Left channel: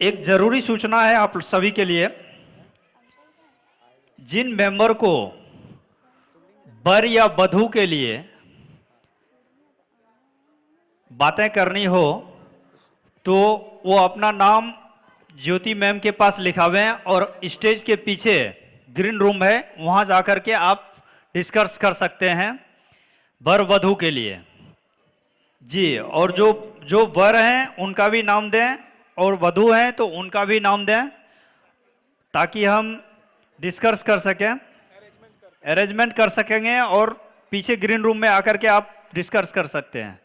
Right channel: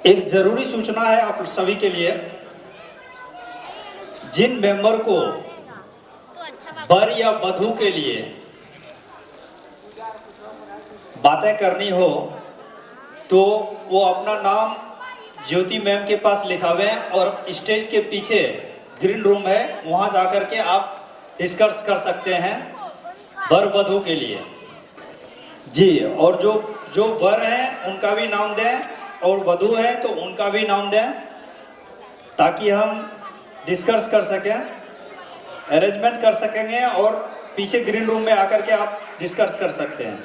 एक जरूरी सूचना है आप सभी के लिए। जिन मेंबर को वर या वधू के लिए बातें करनी हो तो वो अपना नाम ज्योति मैम के पास लिखावें और स्टेज के पीछे ग्रीन रूम है, वहां जाकर के आप डिस्कस कर सकते हैं वर वधू के लिए जी। और जो वर हैं उनका भी नाम दें और वधू हैं तो उनका भी नाम दें ताकि हम डिस्कस कर सकें, अरेंजमेंट कर सकेंगे और पीछे ग्रीन रूम में आकर के आप डिस्कस कर सकते हैं।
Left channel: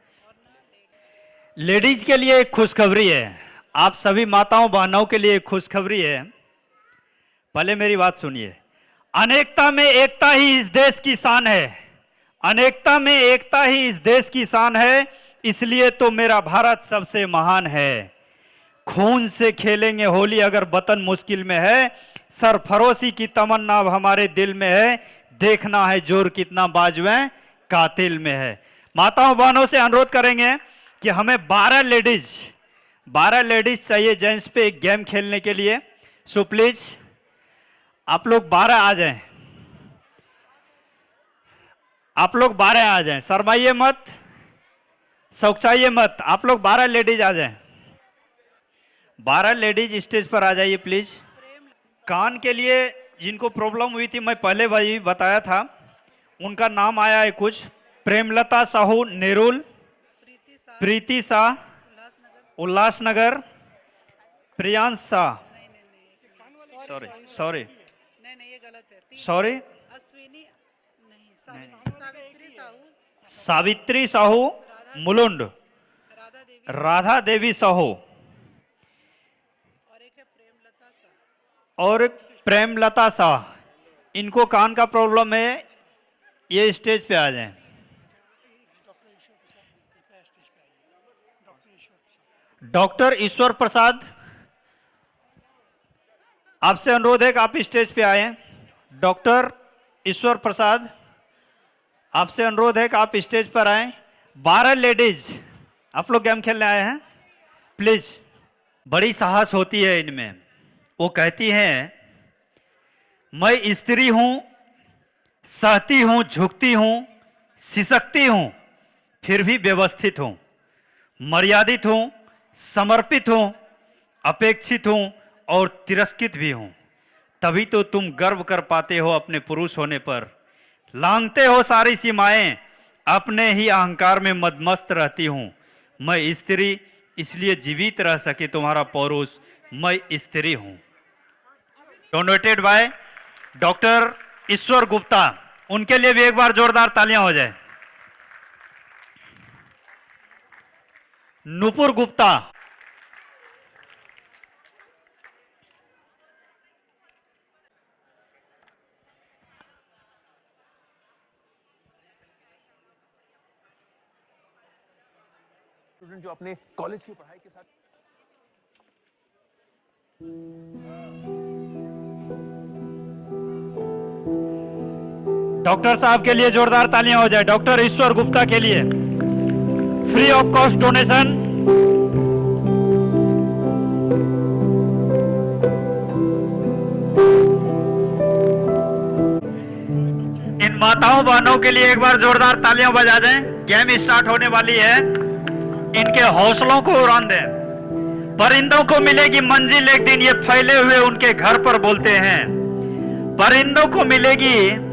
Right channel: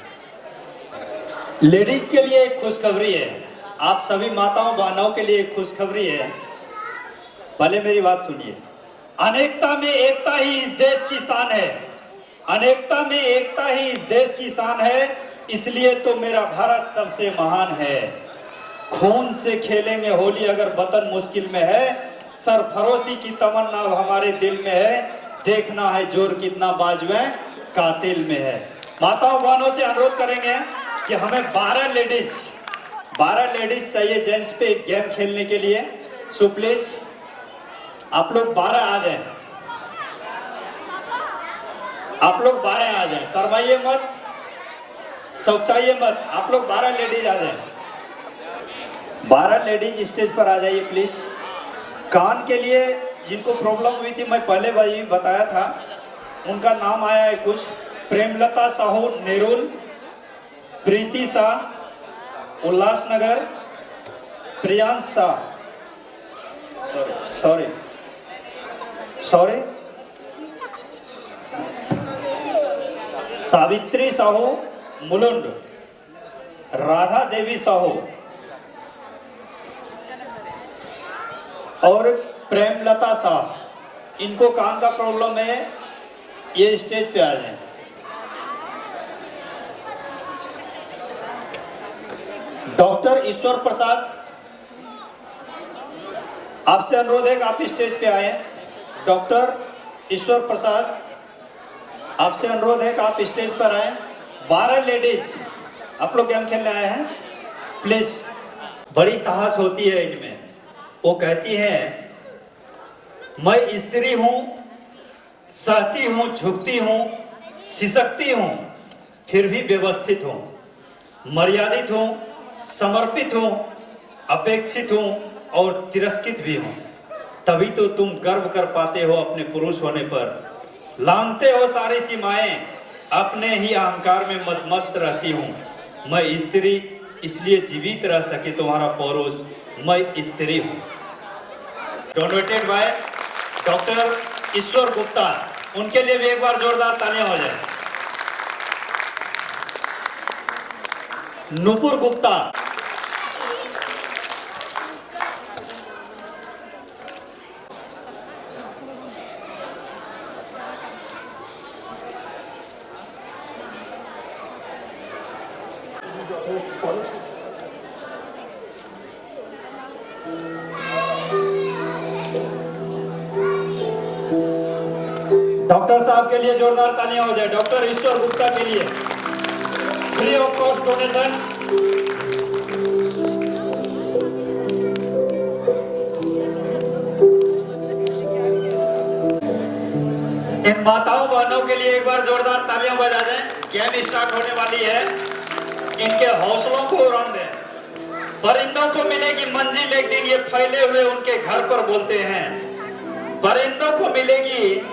लेडीज के लिए एक खुशखबरी है, आप सभी माताओं बहनों के लिए एक खुशखबरी है। पहले मेरी बात सुनिए। अनेकता में एकता ही इस देश की शान है, अनेकता में एकता ही इस देश की शान है, इसलिए तो मेरा भारत सबसे महान है। खून से खेलेंगे होली अगर वतन मुश्किल में है, सरफरोशी की तमन्ना अब हमारे दिल में है, देखना है जोर कितना बाजुए कातिल में है। माताओं बहनों से अनुरोध करेंगे कि हमें 12 लेडीज चाहिए जेंट्स पे एक गेम खेलने के लिए। सो प्लीज आप लोग 12 आ जाएं, आप लोग 12 आ जाएं, शर्माइए मत, सौचाइए मत, आप लोग 12 लेडीज आ जाएं। 12 लेडीज स्टेज पर आ जाइए प्लीज। कान के लिए जिनको प्रॉब्लम हुई थी मैं पहले वही बताया था, उनका नाम आया है कुछ। प्रेमलता साहू नेरुल, प्रीति शाह उल्लासनगर, प्रियांश शाह सॉरी सावित्री साहू मुलुंड, राधा देवी साहू और प्रेमलता शाह। इनको कान का प्रॉब्लम है, ये स्टेज पे आ जाएं। डॉक्टर ईश्वर प्रसाद, आपसे अनुरोध है कि आप स्टेज पे आए। डॉक्टर ईश्वर प्रसाद, आपसे अनुरोध है कि आप स्टेज पर आए। 12 लेडीज आप लोग गेम खेलने आए हैं, प्लीज। बड़ी साहस होती है इनमें। वो कहती हैं मैं स्त्री हूं, सहती हूं, झुकती हूं, सिसकती हूं, फिर भी व्यवस्थित हूं, मर्यादित हूं, समर्पित हूं, अपेक्षित हूं और तिरस्कृत भी हूं। तभी तो तुम गर्व कर पाते हो अपने पुरुष होने पर, लांघते हो सारी सीमाएं, अपने ही अहंकार में मदमस्त रहती हूं। मैं स्त्री इसलिए जीवित रह सके तुम्हारा पुरुष, मैं स्त्री हूं। डोनेटेड बाय डॉक्टर ईश्वर गुप्ता, उनके लिए भी एक बार जोरदार तालियां हो जाए। नुपुर गुप्ता, डॉक्टर साहब के लिए जोरदार तालियां हो जाए। डॉक्टर ईश्वर गुप्ता के लिए फ्री ऑफ कॉस्ट डोनेशन। इन माताओं बहनों के लिए एक बार जोरदार तालियां बजा दें। गेम स्टार्ट होने वाली है, इनके हौसलों को उड़ान दें। परिंदों को मिलेगी मंजिल एक दिन, ये फैले हुए उनके घर पर बोलते हैं। परिंदों को मिलेगी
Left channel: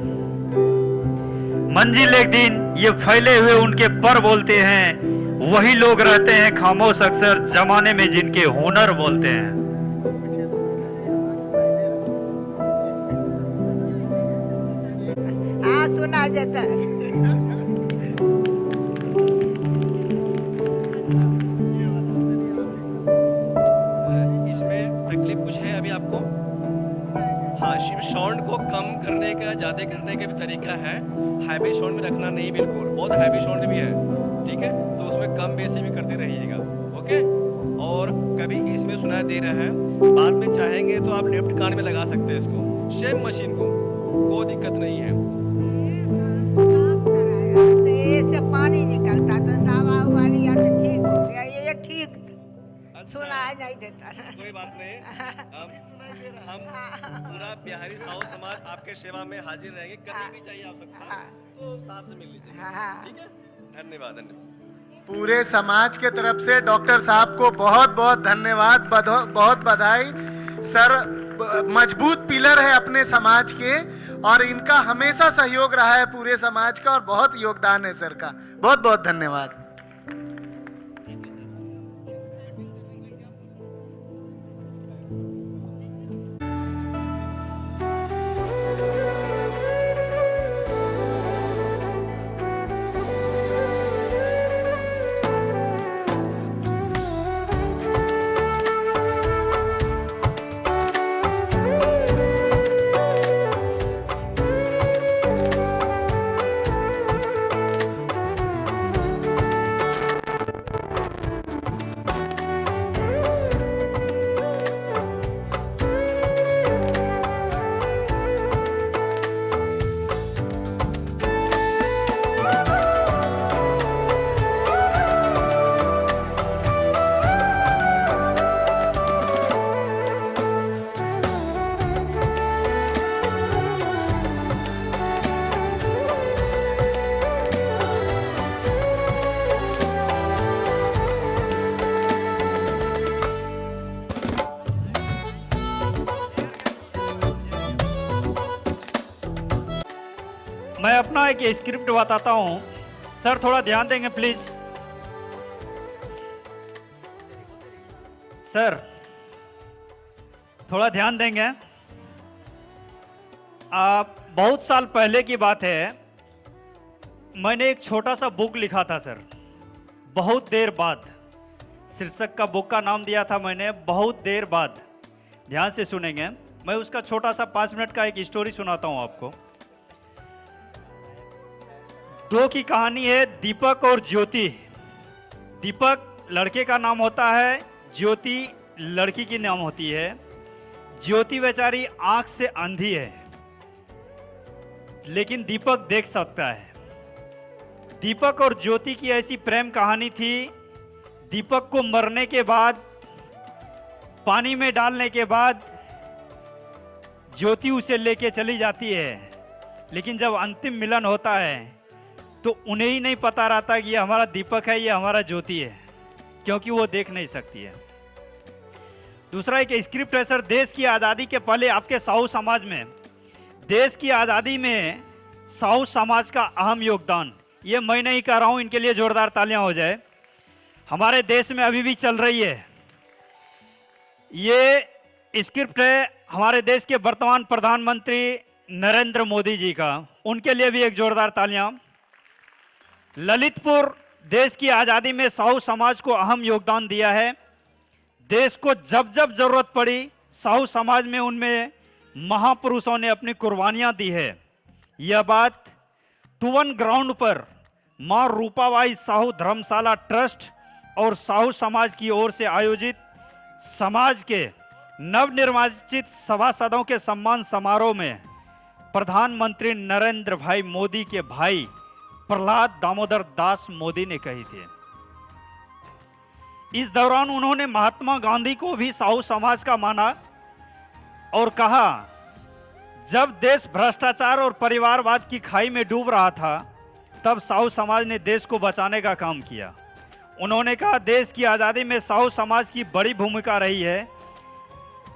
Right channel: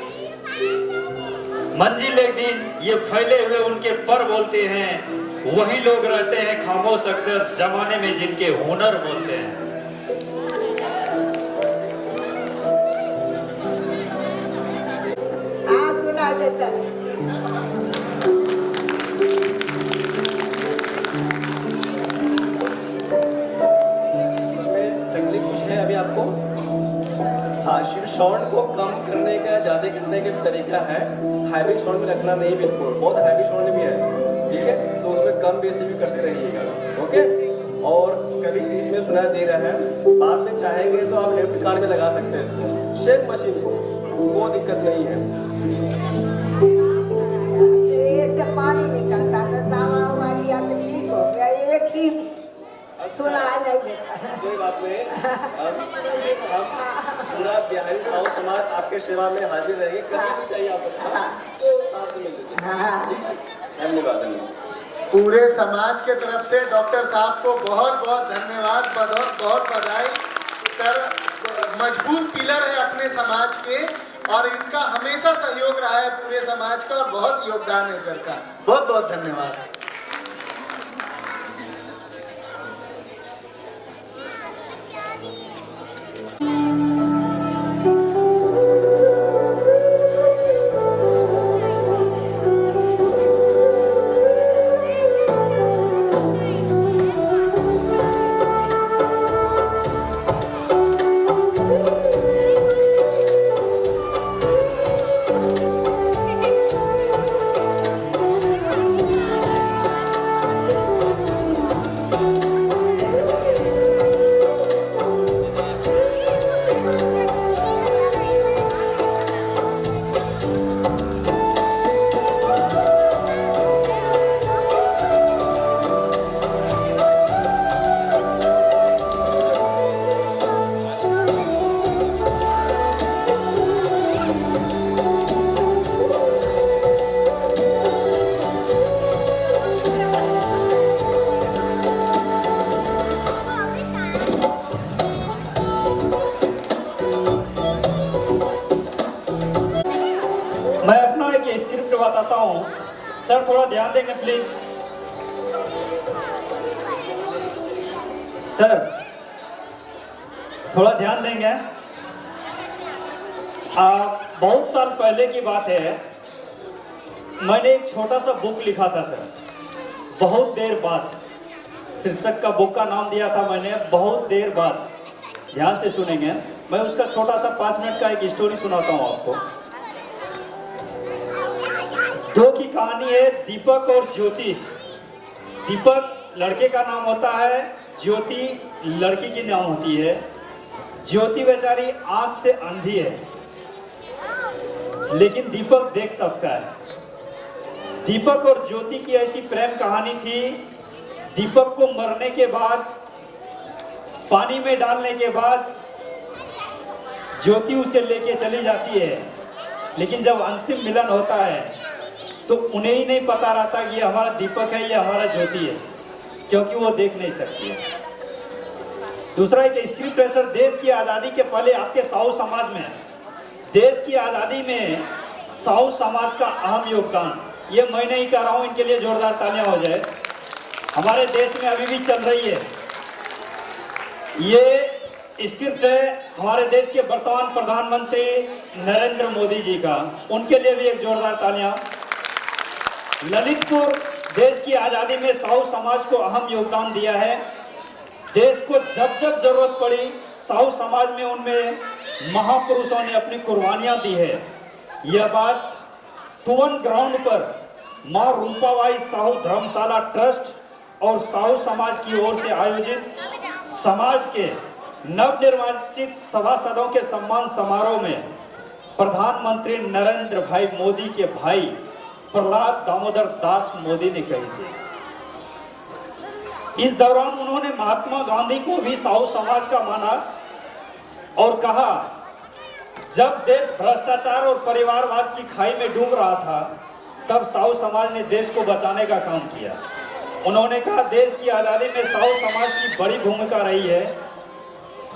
मंजिल एक दिन, ये फैले हुए उनके पर बोलते हैं। वही लोग रहते हैं खामोश अक्सर जमाने में जिनके हुनर बोलते हैं। सुना देता है। तकलीफ कुछ है अभी आपको? साउंड को कम करने का, ज्यादा करने का तरीका है। हैवी साउंड रखना नहीं, बिल्कुल बहुत हैवी साउंड भी है, ठीक है? तो उसमें कम बेसी भी करते रहिएगा, ओके? और कभी भी इसमें सुनाई दे रहा है, बाद में चाहेंगे तो आप डेबिट कार्ड लगा सकते हैं सेम मशीन को, कोई दिक्कत नहीं है। से पानी निकलता था, दावा वाली ठीक हो गया, एक ही सुना देता है। हाँ पूरे समाज के तरफ से डॉक्टर साहब को बहुत बहुत धन्यवाद, बहुत बधाई। सर मजबूत पिलर है अपने समाज के और इनका हमेशा सहयोग रहा है पूरे समाज का और बहुत योगदान है सर का। बहुत बहुत धन्यवाद। मैं अपना एक स्क्रिप्ट बताता हूँ, सर थोड़ा ध्यान देंगे प्लीज। सर थोड़ा ध्यान देंगे। बहुत साल पहले की बात है, मैंने एक छोटा सा बुक लिखा था सर, बहुत देर बाद। शीर्षक का बुक का नाम दिया था मैंने, बहुत देर बाद। ध्यान से सुनेंगे, मैं उसका छोटा सा 5 मिनट का एक स्टोरी सुनाता हूँ आपको। दो की कहानी है, दीपक और ज्योति। दीपक लड़के का नाम होता है, ज्योति लड़की की नाम होती है। ज्योति बेचारी आंख से अंधी है, लेकिन दीपक देख सकता है। दीपक और ज्योति की ऐसी प्रेम कहानी थी। दीपक को मरने के बाद, पानी में डालने के बाद ज्योति उसे लेके चली जाती है, लेकिन जब अंतिम मिलन होता है तो उन्हें ही नहीं पता रहता कि ये हमारा दीपक है, ये हमारा ज्योति है, क्योंकि वो देख नहीं सकती है। दूसरा एक स्क्रिप्ट है सर, देश की आज़ादी के पहले आपके साहू समाज में, देश की आज़ादी में साहू समाज का अहम योगदान, ये मैं नहीं कर रहा हूँ, इनके लिए जोरदार तालियां हो जाए। हमारे देश में अभी भी चल रही है। ये स्क्रिप्ट है हमारे देश के वर्तमान प्रधानमंत्री नरेंद्र मोदी जी का, उनके लिए भी एक जोरदार तालियां। ललितपुर देश की आज़ादी में साहू समाज को अहम योगदान दिया है। देश को जब जब जरूरत पड़ी, साहू समाज में उनमें महापुरुषों ने अपनी कुर्बानियां दी है। यह बात तुवन ग्राउंड पर मां रूपाबाई साहू धर्मशाला ट्रस्ट और साहू समाज की ओर से आयोजित समाज के नवनिर्वाचित सभासदों के सम्मान समारोह में प्रधानमंत्री नरेंद्र भाई मोदी के भाई प्रहलाद दामोदर दास मोदी ने कही थी। इस दौरान उन्होंने महात्मा गांधी को भी साहू समाज का माना और कहा, जब देश भ्रष्टाचार और परिवारवाद की खाई में डूब रहा था, तब साहू समाज ने देश को बचाने का काम किया। उन्होंने कहा, देश की आज़ादी में साहू समाज की बड़ी भूमिका रही है।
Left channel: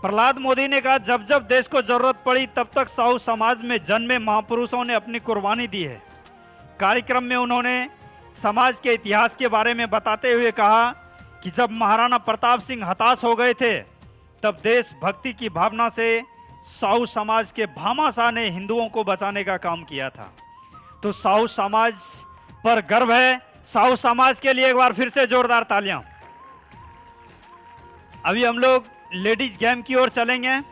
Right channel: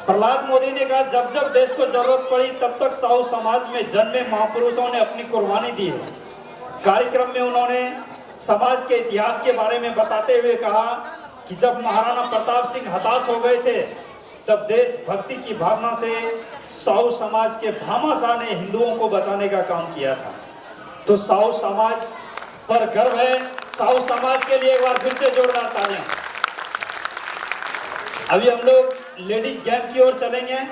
प्रहलाद मोदी ने कहा, जब जब देश को जरूरत पड़ी, तब तक साहू समाज में जन्मे महापुरुषों ने अपनी कुर्बानी दी है। कार्यक्रम में उन्होंने समाज के इतिहास के बारे में बताते हुए कहा कि जब महाराणा प्रताप सिंह हताश हो गए थे, तब देशभक्ति की भावना से साहू समाज के भामाशाह ने हिंदुओं को बचाने का काम किया था। तो साहू समाज पर गर्व है। साहू समाज के लिए एक बार फिर से जोरदार तालियां। अभी हम लोग लेडीज गेम की ओर चलेंगे।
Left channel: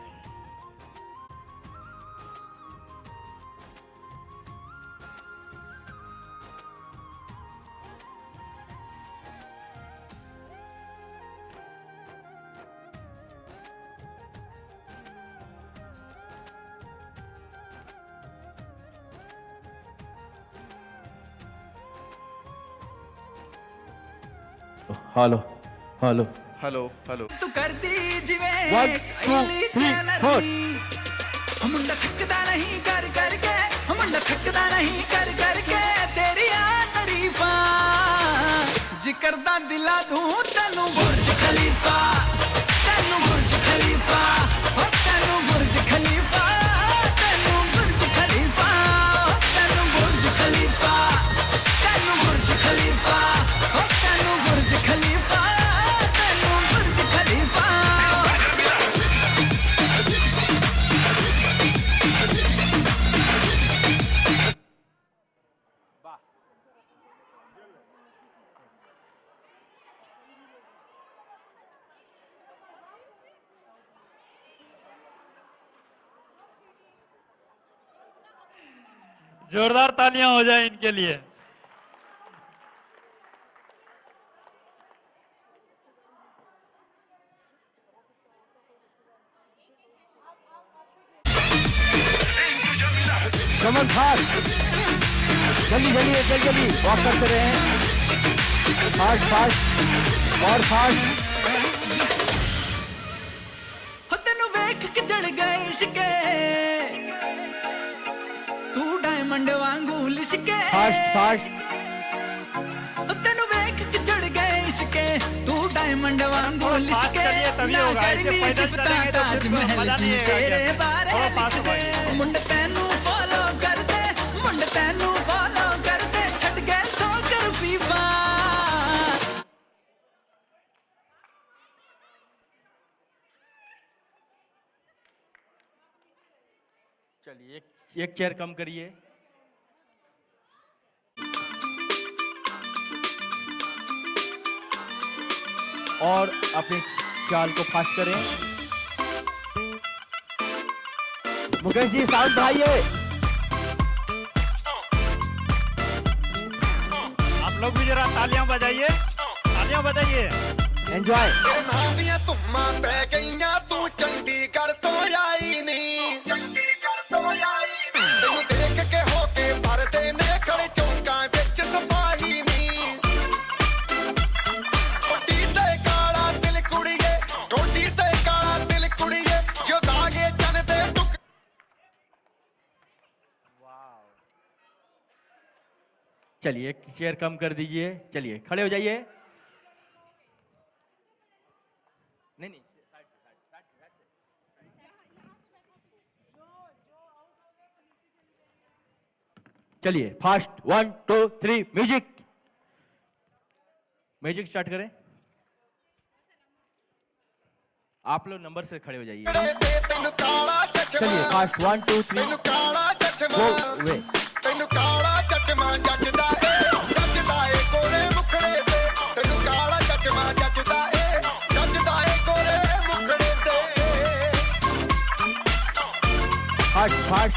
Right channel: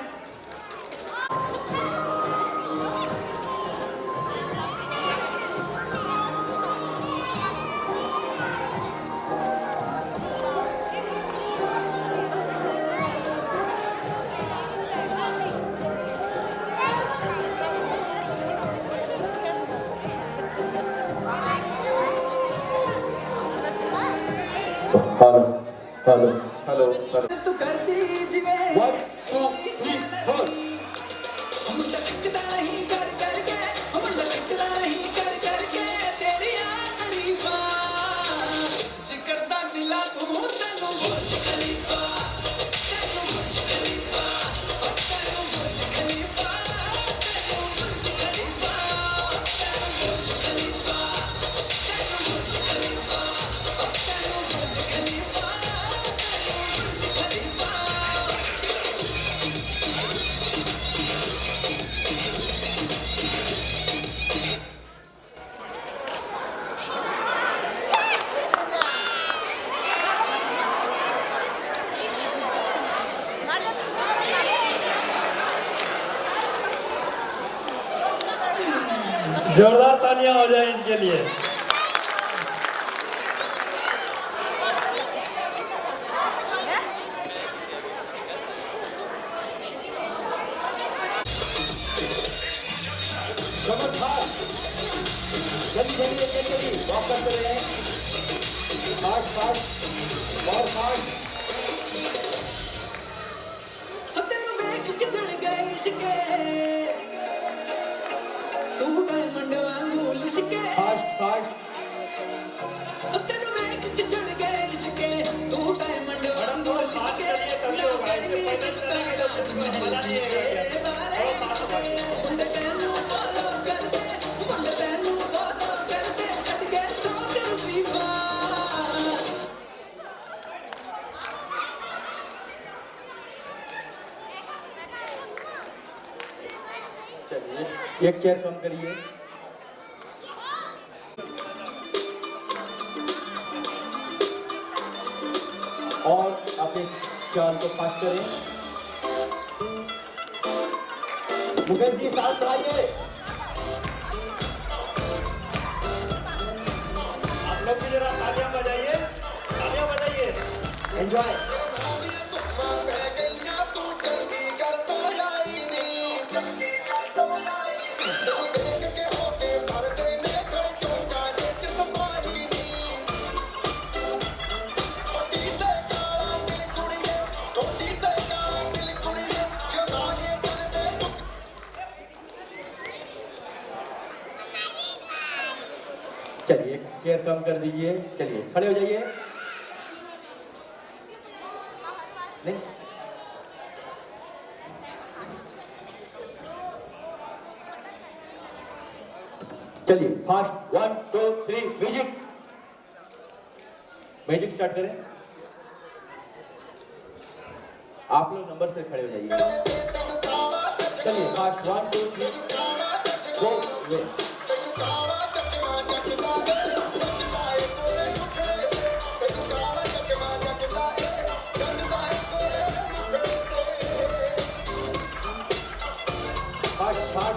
Hello hello hello hello. तू करती जिवे आईली फैनरी हम थकदा नहीं कर करके हम थकदा नहीं कर करके तेरी याद जोरदार तालियां हो जाए इनके लिए। कमल फास्ट, जल्दी वॉक करते रहे, फास्ट और फास्ट। हो तेनू वेख के चढ़ गए इश्के, तू डायमंड वांगू लिशके। फास्ट हो तेनू वेख के चढ़ गए इश्के, तू डायमंड वांगू लिशके। तभी होगा, ऐसे पैदल चलेंगे तो ताज महल मजा नहीं आएगा। तेरे बारे और पास में मुंड तेनू फॉलो कर दे, मुंड तेनू फॉलो कर दे, छट के सो कर फीफा। एक चेयर कम करिए। और अपने चाल को फास्ट करें। मुकेश जी साउंड बढ़ाइए। आप लोग भी जरा तालियां बजाइए, तालियां बजाइए। एंजॉय। चलिए चेयर कम कर दीजिए। चलिए खड़े हो जाइए। चलिए फास्ट 1 2 3 म्यूजिक। म्यूजिक स्टार्ट करें। आप लोग नंबर से खड़े हो जाइए। चलिए fast 1 2 3 go way. Fast fast.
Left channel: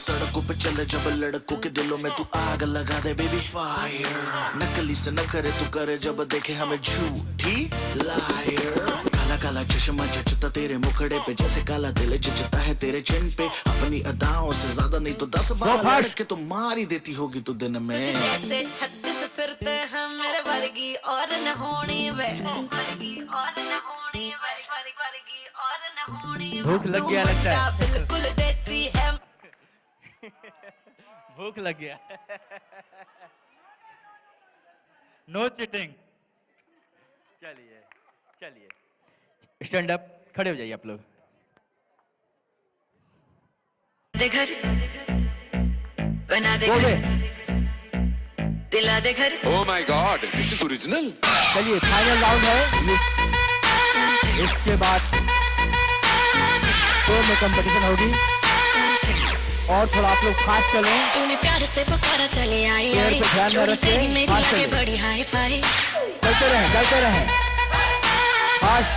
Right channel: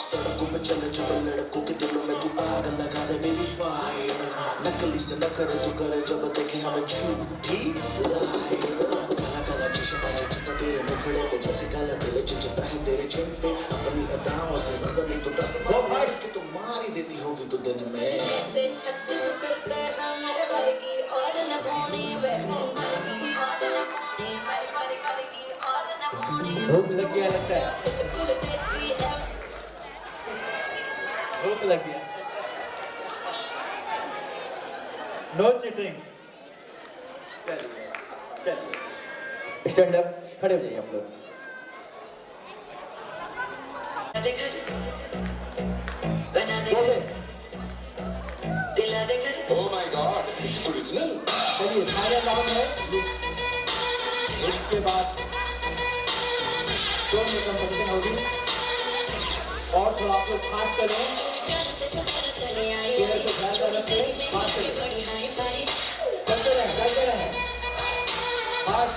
सड़कों में चले जब लड़कों के दिलों में तू आग लगा दे बेबी फायर। नकली से न करे तू करे जब देखे हमें झूठी लायर। काला काला चश्मा जचता तेरे मुखड़े पे जैसे काला दिल जचता है तेरे चिन पे। अपनी अदाओं से ज्यादा नहीं तो 10 बार के तू मार ही देती होगी तू दिन में। जैसे छत्तीस फिरते हैं मेरे वर्गी और न होनी वे, भूख लग गया लगता है। बिल्कुल देसी है। भूख लगी। No cheating. स्टैंड अप, खड़े हो जाइए आप लोग। दे घर बना दे घर, दिला दे घर। Oh my God, this is original. चलिए फाइनल राउंड है। इसके बाद में कंपटीशन होगी और थोड़ा आप लोग फास्ट करें। तूने प्यार से पुकारा चली आई ये आई, तो ध्यान में जोड़ी रखें, तेरी मेरी फास्ट लगे करें। बड़ी हाई फाई। करते रहें फास्ट।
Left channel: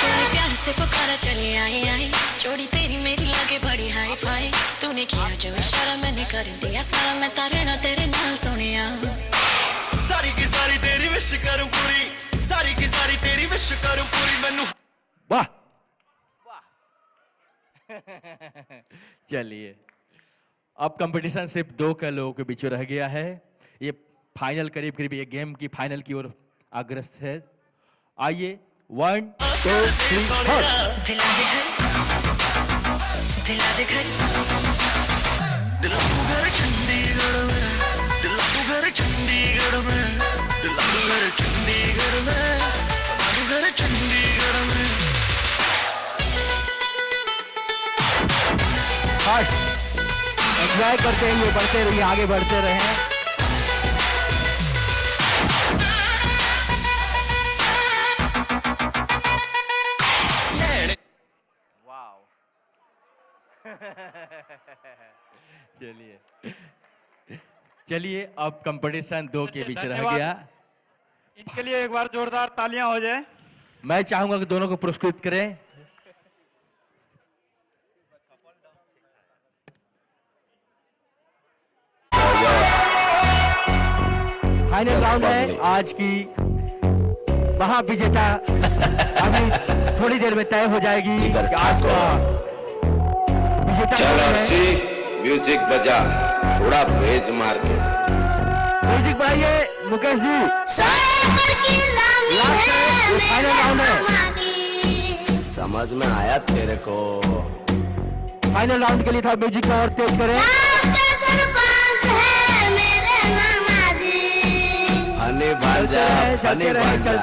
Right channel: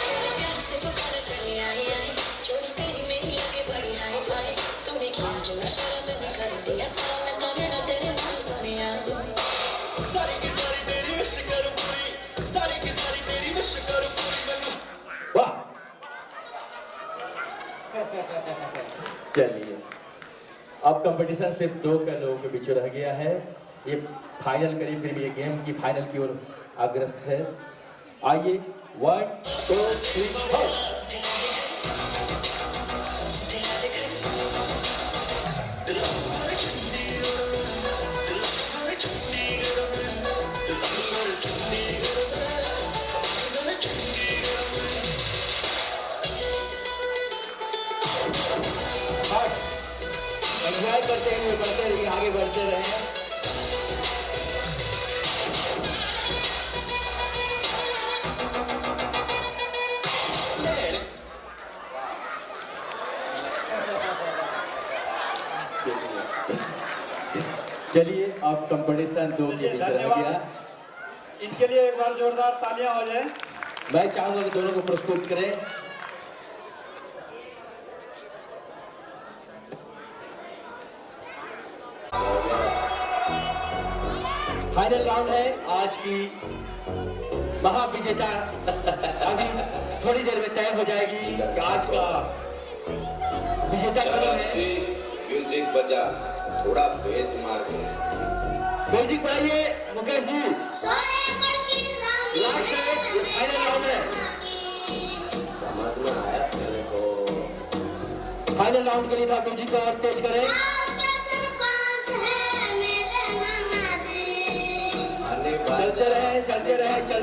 तूने प्यार से पुकारा चली आई आई, जोड़ी तेरी मेरी लगे बड़ी हाई फाई। तूने किया जो इशारा मैंने कर दिया सारा, मैं तारे ना तेरे नाम सुनिया। सारी की सारी तेरी विश करूं पूरी, सारी की सारी तेरी विश करूं पूरी मैनू। वाह। चलिए अब कंपटीशन सिर्फ 2 का लोगों के बीच रह गया है। ये फाइनल करीब करीब ये गेम की फाइनल की ओर अग्रसर है। आइए 1 2 3 4। दिला दे घर, दिला दे घर। दिल को घर चंडीगढ़ में, दिल को घर चंडीगढ़ में, दिल को घर चंडीगढ़ में, घर चंडीगढ़ में। एंजॉय करते हुए बढ़ते रहिए, आगे बढ़ते रहें। चलिए अब कंपटीशन 2 के बीच रह गया। इनके लिए एक बार जोरदार तालियां हो जाए। मैं चाहूंगा कि दोनों को प्रस्तुत करें। आज की महाविजेता हमें थोड़ी देर में तय हो जाएगी कि आज का विजेता चल कौन है। अर्ची म्यूजिक बजा थोड़ा बेज मार के म्यूजिक बढ़ाइए मुकेश जी। समझ में आया तेरे को? फाइनल राउंड के लिए थोड़ा म्यूजिक को और तेज करें। फनी बन जा, फनी बन जा।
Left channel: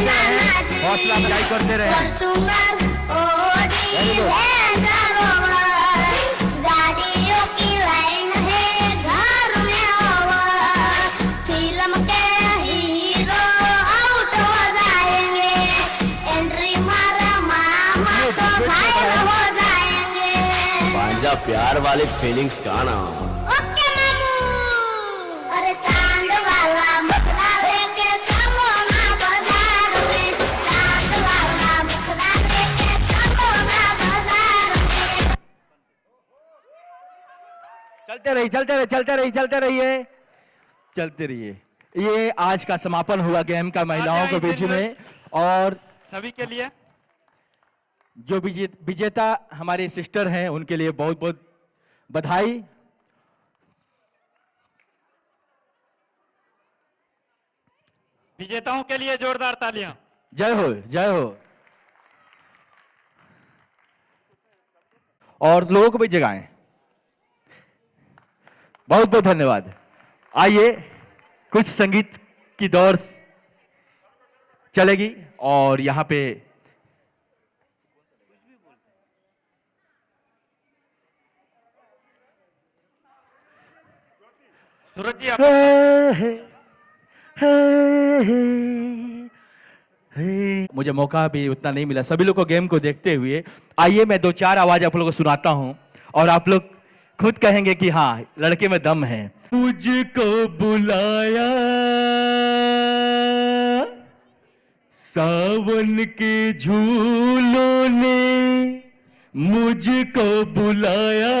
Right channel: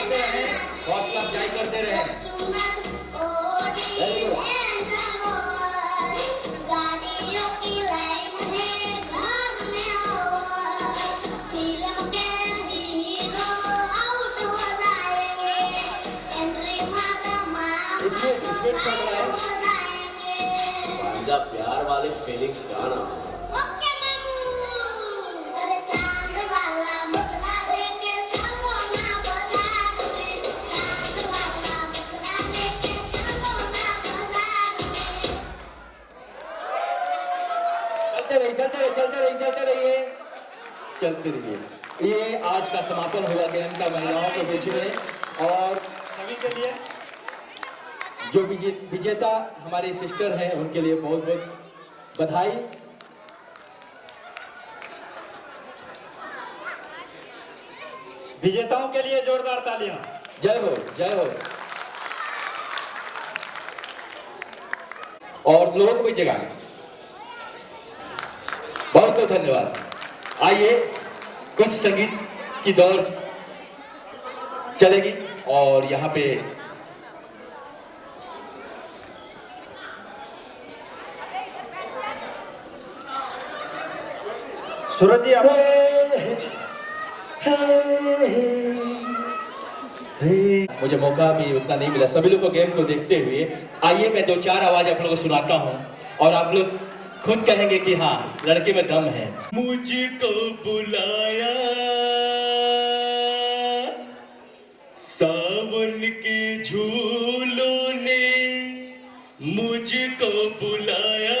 चलते रहे। हौसला अफजाई करते रहे। गाड़ियों की लाइन है घर में ओवर, फिल्म के हीरो आउट हो जाएंगे, एंट्री मारा मामा तो घायल हो जाएंगे। बांजा प्यार वाली फीलिंग्स का ना। ओके मामू, अरे चांद वाला मुखड़ा लेके चलो ना बाजार में, चांद वाला मुखड़ा लेके चलो ना बाजार में। चलते रहिए। ये आज का समापन हुआ गेम का महिलाओं के बीच में, और सभी के लिए जो विजेता हमारे सिस्टर हैं उनके लिए बहुत बहुत बधाई। विजेताओं के लिए जोरदार तालियां। जय हो, जय हो। और लोगों को भी जगाएं। बहुत बहुत धन्यवाद। आइए कुछ संगीत की दौर चलेगी और यहाँ पे सूरज जी मुझे मौका भी उतना नहीं मिला सभी लोग को गेम को देखते हुए। आइए मैं दो चार आवाज आप लोगों को सुनाता हूँ और आप लोग खुद कहेंगे कि हाँ लड़के में दम है। मुझको बुलाया सावन के झूलों ने, मुझको बुलाया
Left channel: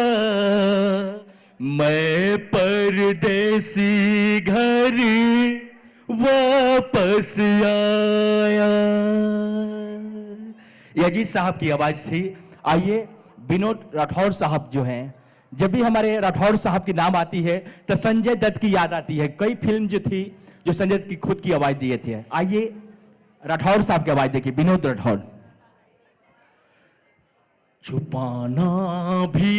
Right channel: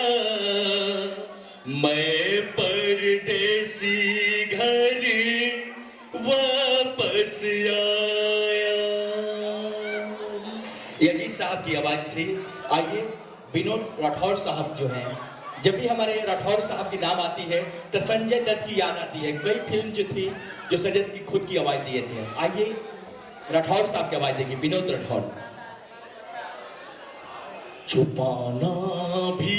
मैं परदेसी घर वापस आया। ये जी साहब की आवाज थी। आइए विनोद राठौर साहब जो हैं, जब भी हमारे राठौर साहब की नाम आती है तो संजय दत्त की याद आती है। कई फिल्म जो थी जो संजय दत्त की खुद की आवाज दिए थे। आइए राठौर साहब की आवाज देखिए, विनोद राठौर। छुपाना भी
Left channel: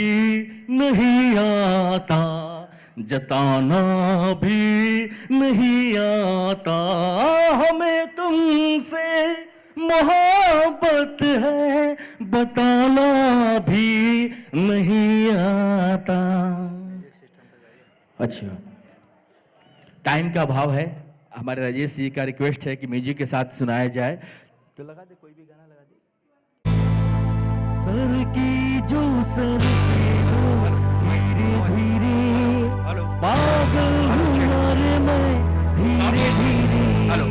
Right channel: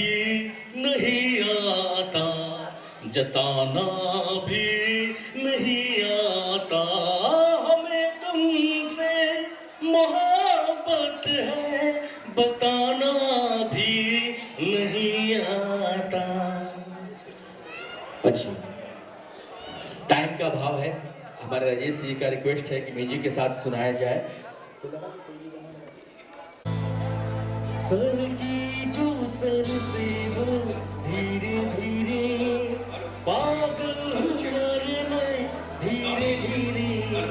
नहीं आता, जताना भी नहीं आता, हमें तुमसे मोहब्बत है बताना भी नहीं आता। अच्छा टाइम का भाव है, हमारे राजेश जी का रिक्वेस्ट है कि म्यूजिक के साथ सुनाया जाए। सर की जो सर से वो धीरे धीरे पागल हुआ रे मैं धीरे धीरे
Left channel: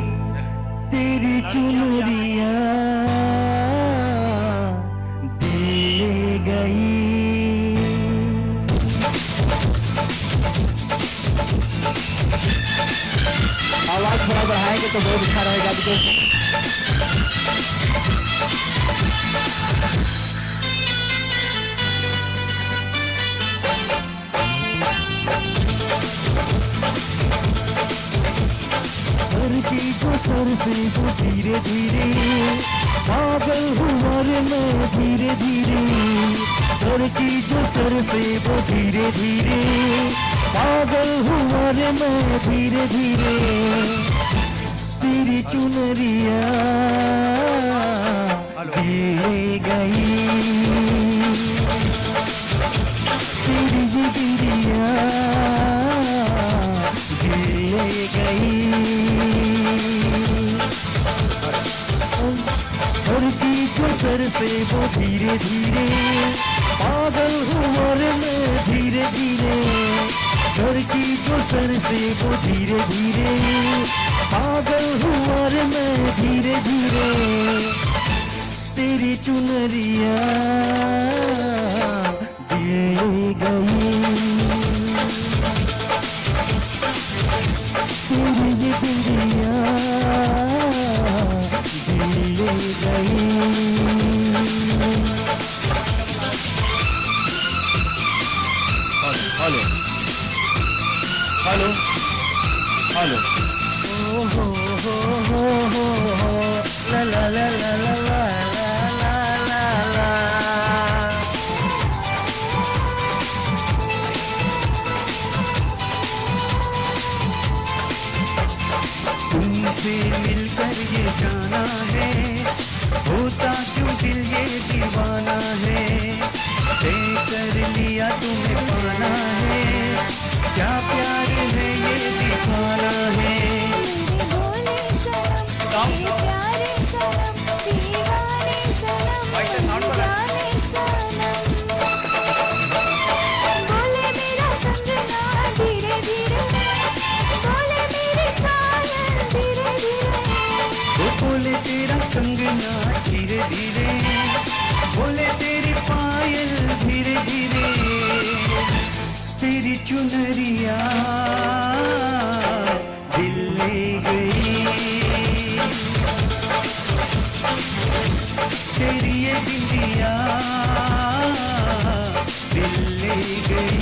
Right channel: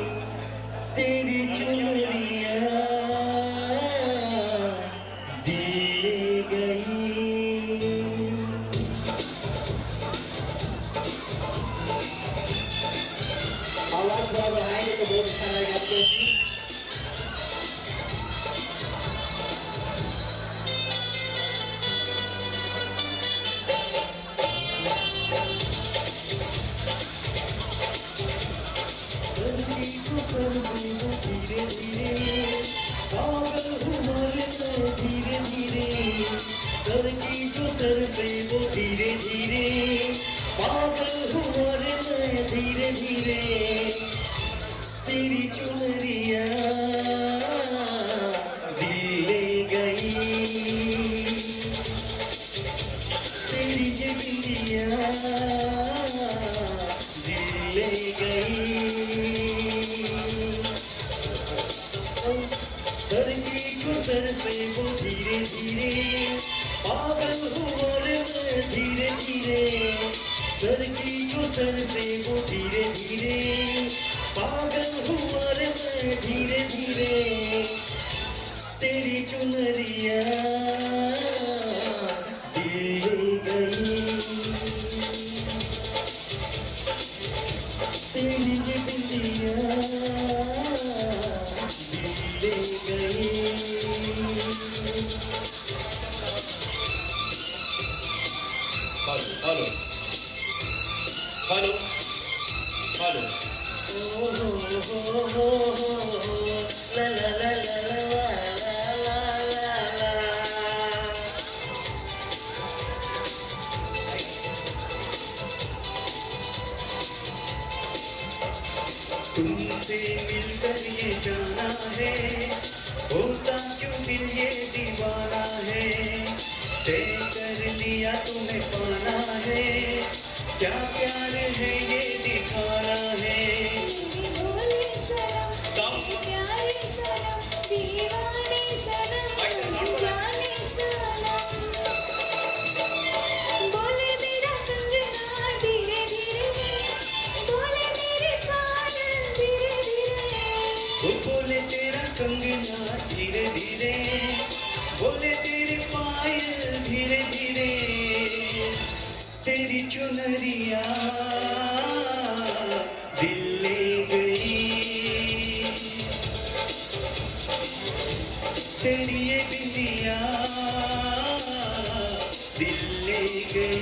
तेरी चुनरिया दे गई। आवाज थोड़ा बढ़ाएंगे तो बहुत अच्छा रहेगा आपको। सर से वो धीरे धीरे पागल हुआ रे मैं धीरे धीरे, सर की तो सर से वो धीरे धीरे पागल हुआ रे मैं धीरे धीरे तेरी चुनरिया दे गई, तेरी बिटिया दे गई। सर से वो धीरे धीरे पागल हुआ रे मैं धीरे धीरे, सर की तो सर से वो धीरे धीरे पागल हुआ रे मैं धीरे धीरे तेरी चुन चुनरिया दिए गई तेरी ये बिंदिया दिए गई हेलो हेलो हेलो ला ला ला ला ला ला ला ला तुमसे मिलकर ये जाना है होता क्यों दिल ये दीवाना है तय कर लिया तुम्हें पाना है क्या प्यार है ये दिखाना है बोले तेरा कंगना धीरे धीरे बोले तेरी पायल धीरे धीरे तेरी चुनरिया दिल ले गई तेरी ये बिंदिया दिल ले गई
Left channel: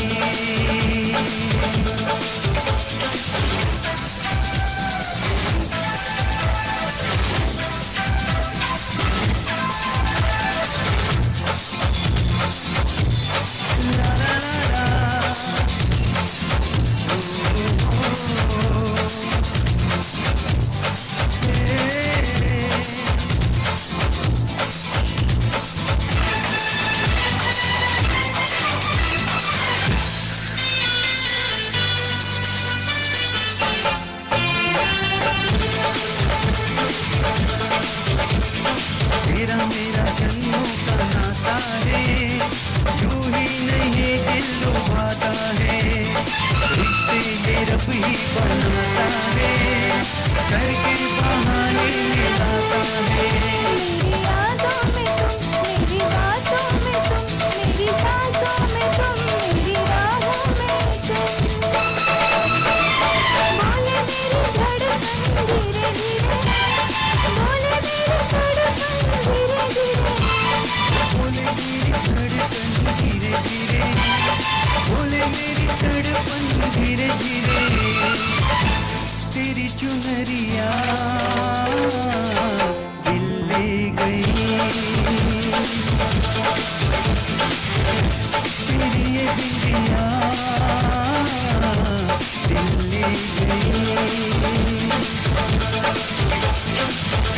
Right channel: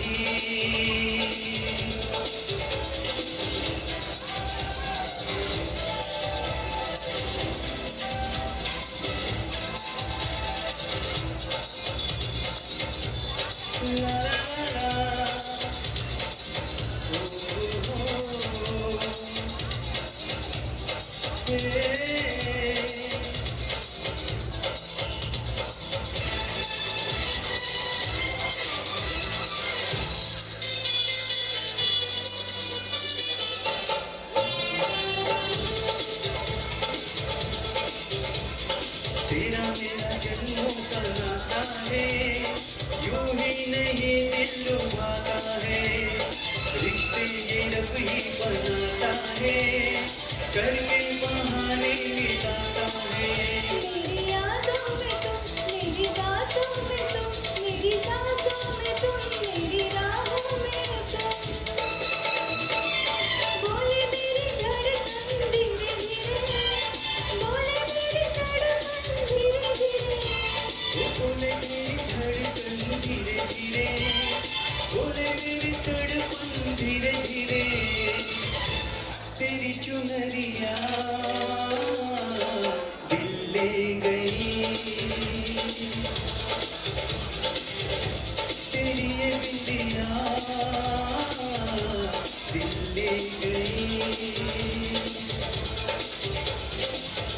तेरा मेरा जन्मों का नाता है यूं ही नहीं दिल लुभाता है रिश्ते में रब ही बनाता है करके बहाने मिलाता है बोले मेरी धड़कन धीरे धीरे बोले मेरी धड़कन धीरे धीरे तेरी चुनरिया दिल ले गई तेरी ये बिंदिया दिल ले गई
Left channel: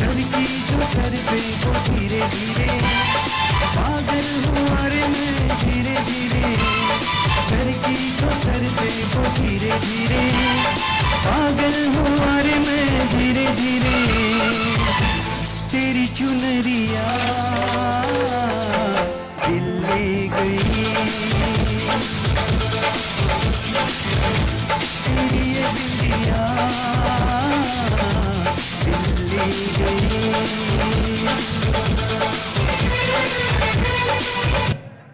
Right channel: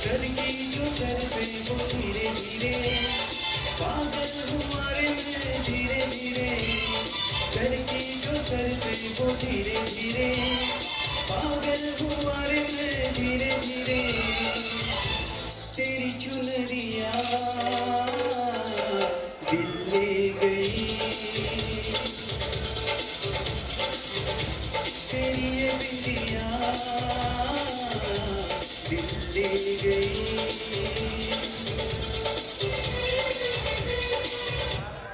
लड़की जो सर पे वो धीरे धीरे पागल हुआ रे मैं धीरे धीरे लड़की जो सर पे वो धीरे धीरे पागल हुआ रे मैं धीरे धीरे तेरी चुनरिया दिल ले गई तेरी ये बिंदिया दिल ले गई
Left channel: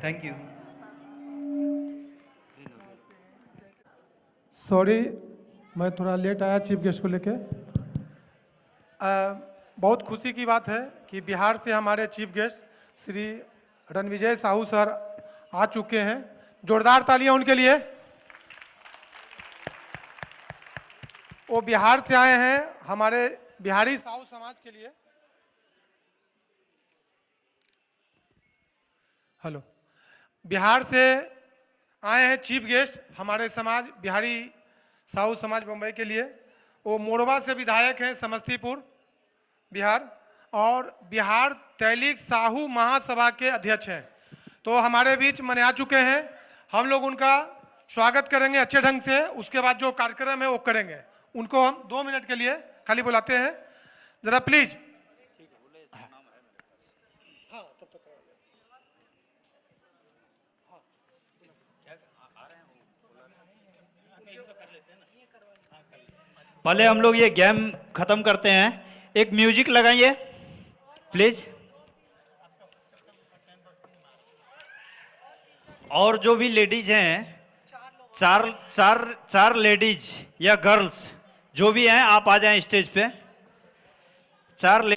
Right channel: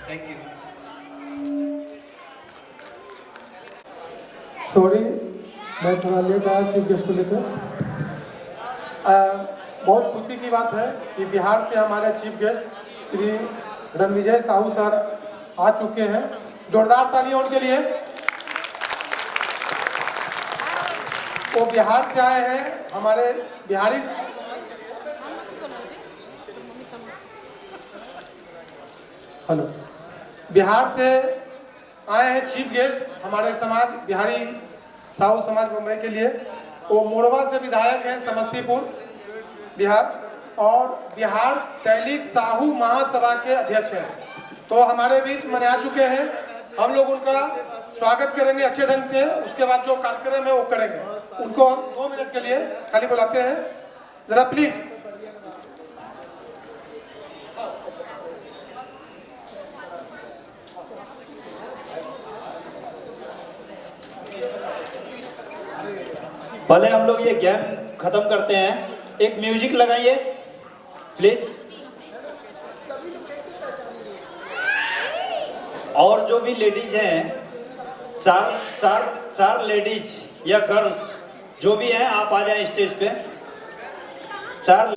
थैंक यू। सॉरी मैं थोड़ा लेट आया चीफ गेस्ट को लेकर। बहुत खुशी की बात है कि बिहार से हमारे chief guest Shri Ranvijay Sahu sir आ चुके हैं। जोरदार तालियां उनके लिए। वो बिहार से आए हैं। हमारे बिहारी हेलो बिहार से आए हैं चीफ गेस्ट हमारे समाज बिहारी साहू समाज घूमने के लिए। वो मुड़वा से विधायक है समस्तीपुर बिहार और बिहार टैली साहू महासभा के अध्यक्ष हैं। तो हमारे बीच में आ चुके हैं। हम लोग उनका स्वागत करेंगे अच्छे ढंग से। उसके बाद जो कार्यक्रम है वो करेंगे। उनको हम 2 मिनट के लिए खाली बुलाते हैं। जरा प्लीज। पहले हम लोग ये गेम खत्म करते हैं। एक म्यूजिक लगाइए प्लीज। और जो भी लेडीज हैं, चार लेडीज या गर्ल्स जो भी हैं, आप आ जाएं स्टेज पे। 4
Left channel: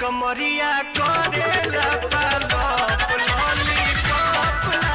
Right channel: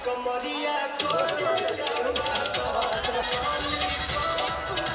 कमरिया करेला पालो लॉलीपॉप ला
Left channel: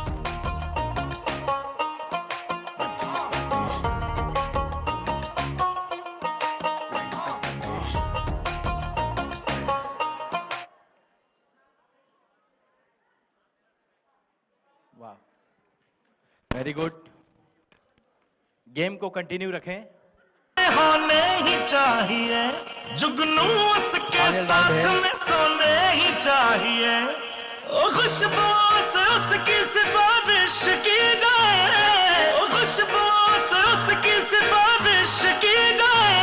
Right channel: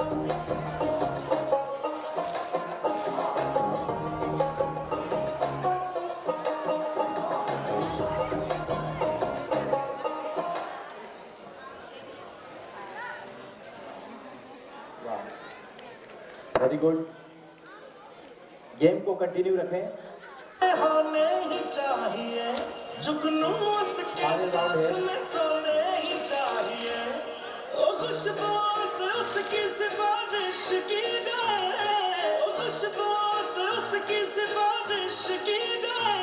Thank you. Very good. Game को कंटिन्यू रखें। होने ही चाहिए जुगनू उसके साथ में सोने ही चाहिए ओ खुशबू से उसकी सिफारिश की जाए ओ खुशबू से उसकी सिफारिश की जाए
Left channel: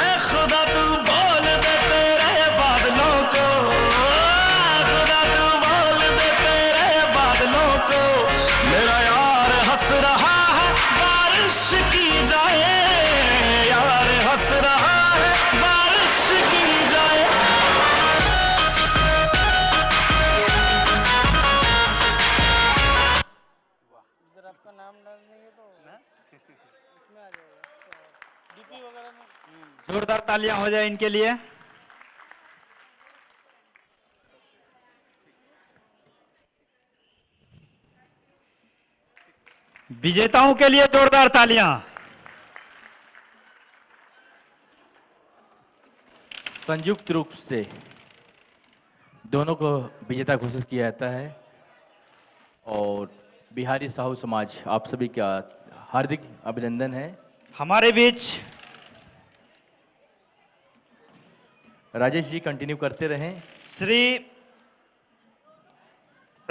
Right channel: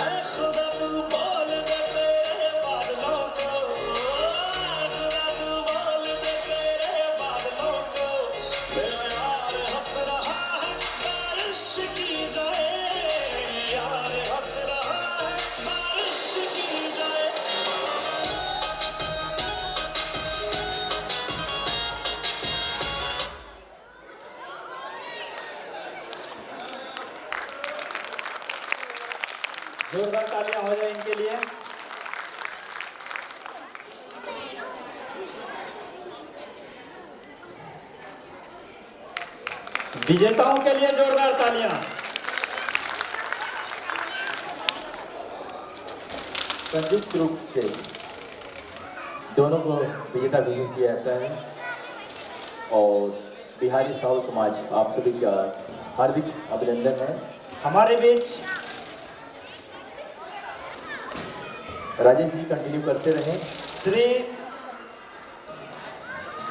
ऐ खुदा तू बोल दे तेरे बादलों को खुदा तू बोल दे तेरे बादलों को मेरा यार हंस रहा है बारिश की जाए यार हंस रहा है बारिश की जाए जोरदार तालियां हो जाए इनके लिए। विजेताओं के लिए जोरदार तालियां। संयुक्त रूप से दोनों को विजेता घोषित किया जाता है और बिहारी साहू समाज आप सभी का हार्दिक अभिनंदन है। हमारे बीच राजेश जी कंटिन्यू करते रहें। श्री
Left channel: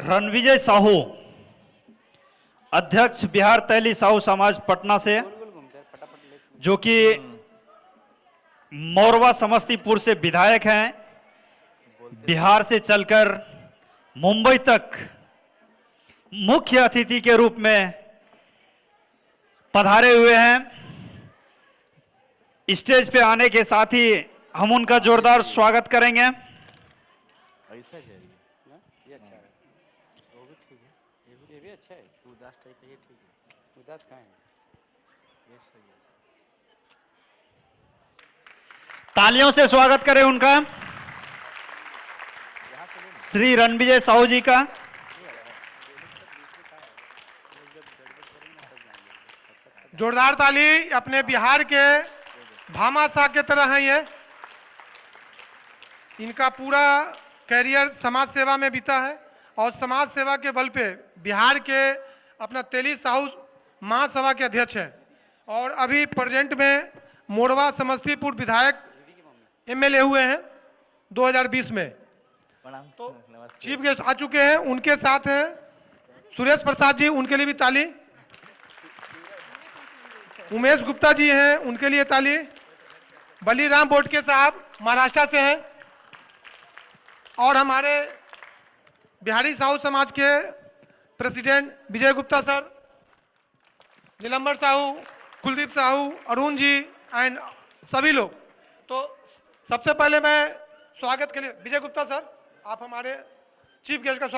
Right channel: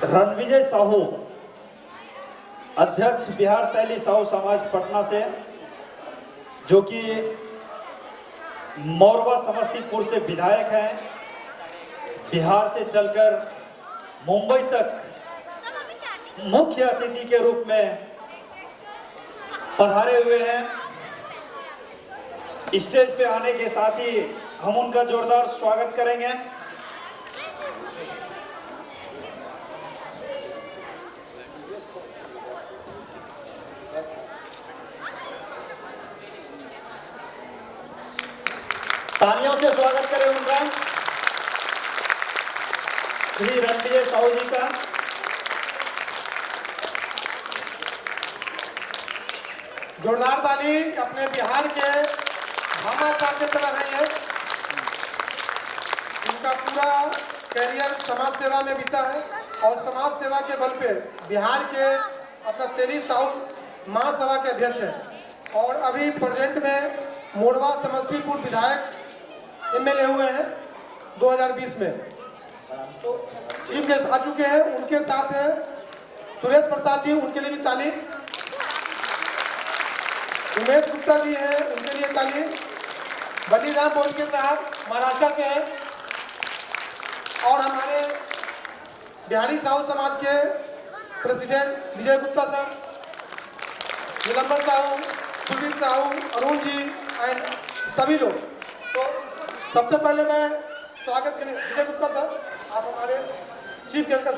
रणविजय साहू, अध्यक्ष बिहार तैली साहू समाज पटना से, जो कि मोरवा समस्तीपुर से विधायक हैं, बिहार से चलकर मुंबई तक मुख्य अतिथि के रूप में पधारे हुए हैं। स्टेज पे आने के साथ ही हम उनका जोरदार स्वागत करेंगे। तालियों से स्वागत करें उनका, श्री रणविजय साहू जी का। जोरदार ताली अपने बिहार के भामाशाह के तरह है ये। इनका पूरा कैरियर समाज सेवा में बीता है और समाज सेवा के बल पे बिहार के अपना तेली साहू महासभा के अध्यक्ष हैं और अभी प्रेजेंट में मोरवा समस्तीपुर विधायक एमएलए हुए हैं 2020 में। चीफ गेस्ट आ चुके हैं, उनके साथ हैं सुरेश प्रसाद जी, उनके लिए भी ताली। उमेश गुप्ता जी हैं, उनके लिए ताली। बलीराम बोटके साहब महाराष्ट्र से हैं और हमारे बिहारी साहू समाज के प्रेसिडेंट विजय गुप्ता साहब, निलंबर साहू, कुलदीप साहू, अरुण जी एंड सभी लोग। तो सबसे पहले मैं स्वागत करें विजय गुप्ता साहब, आप हमारे चीफ गेस्ट का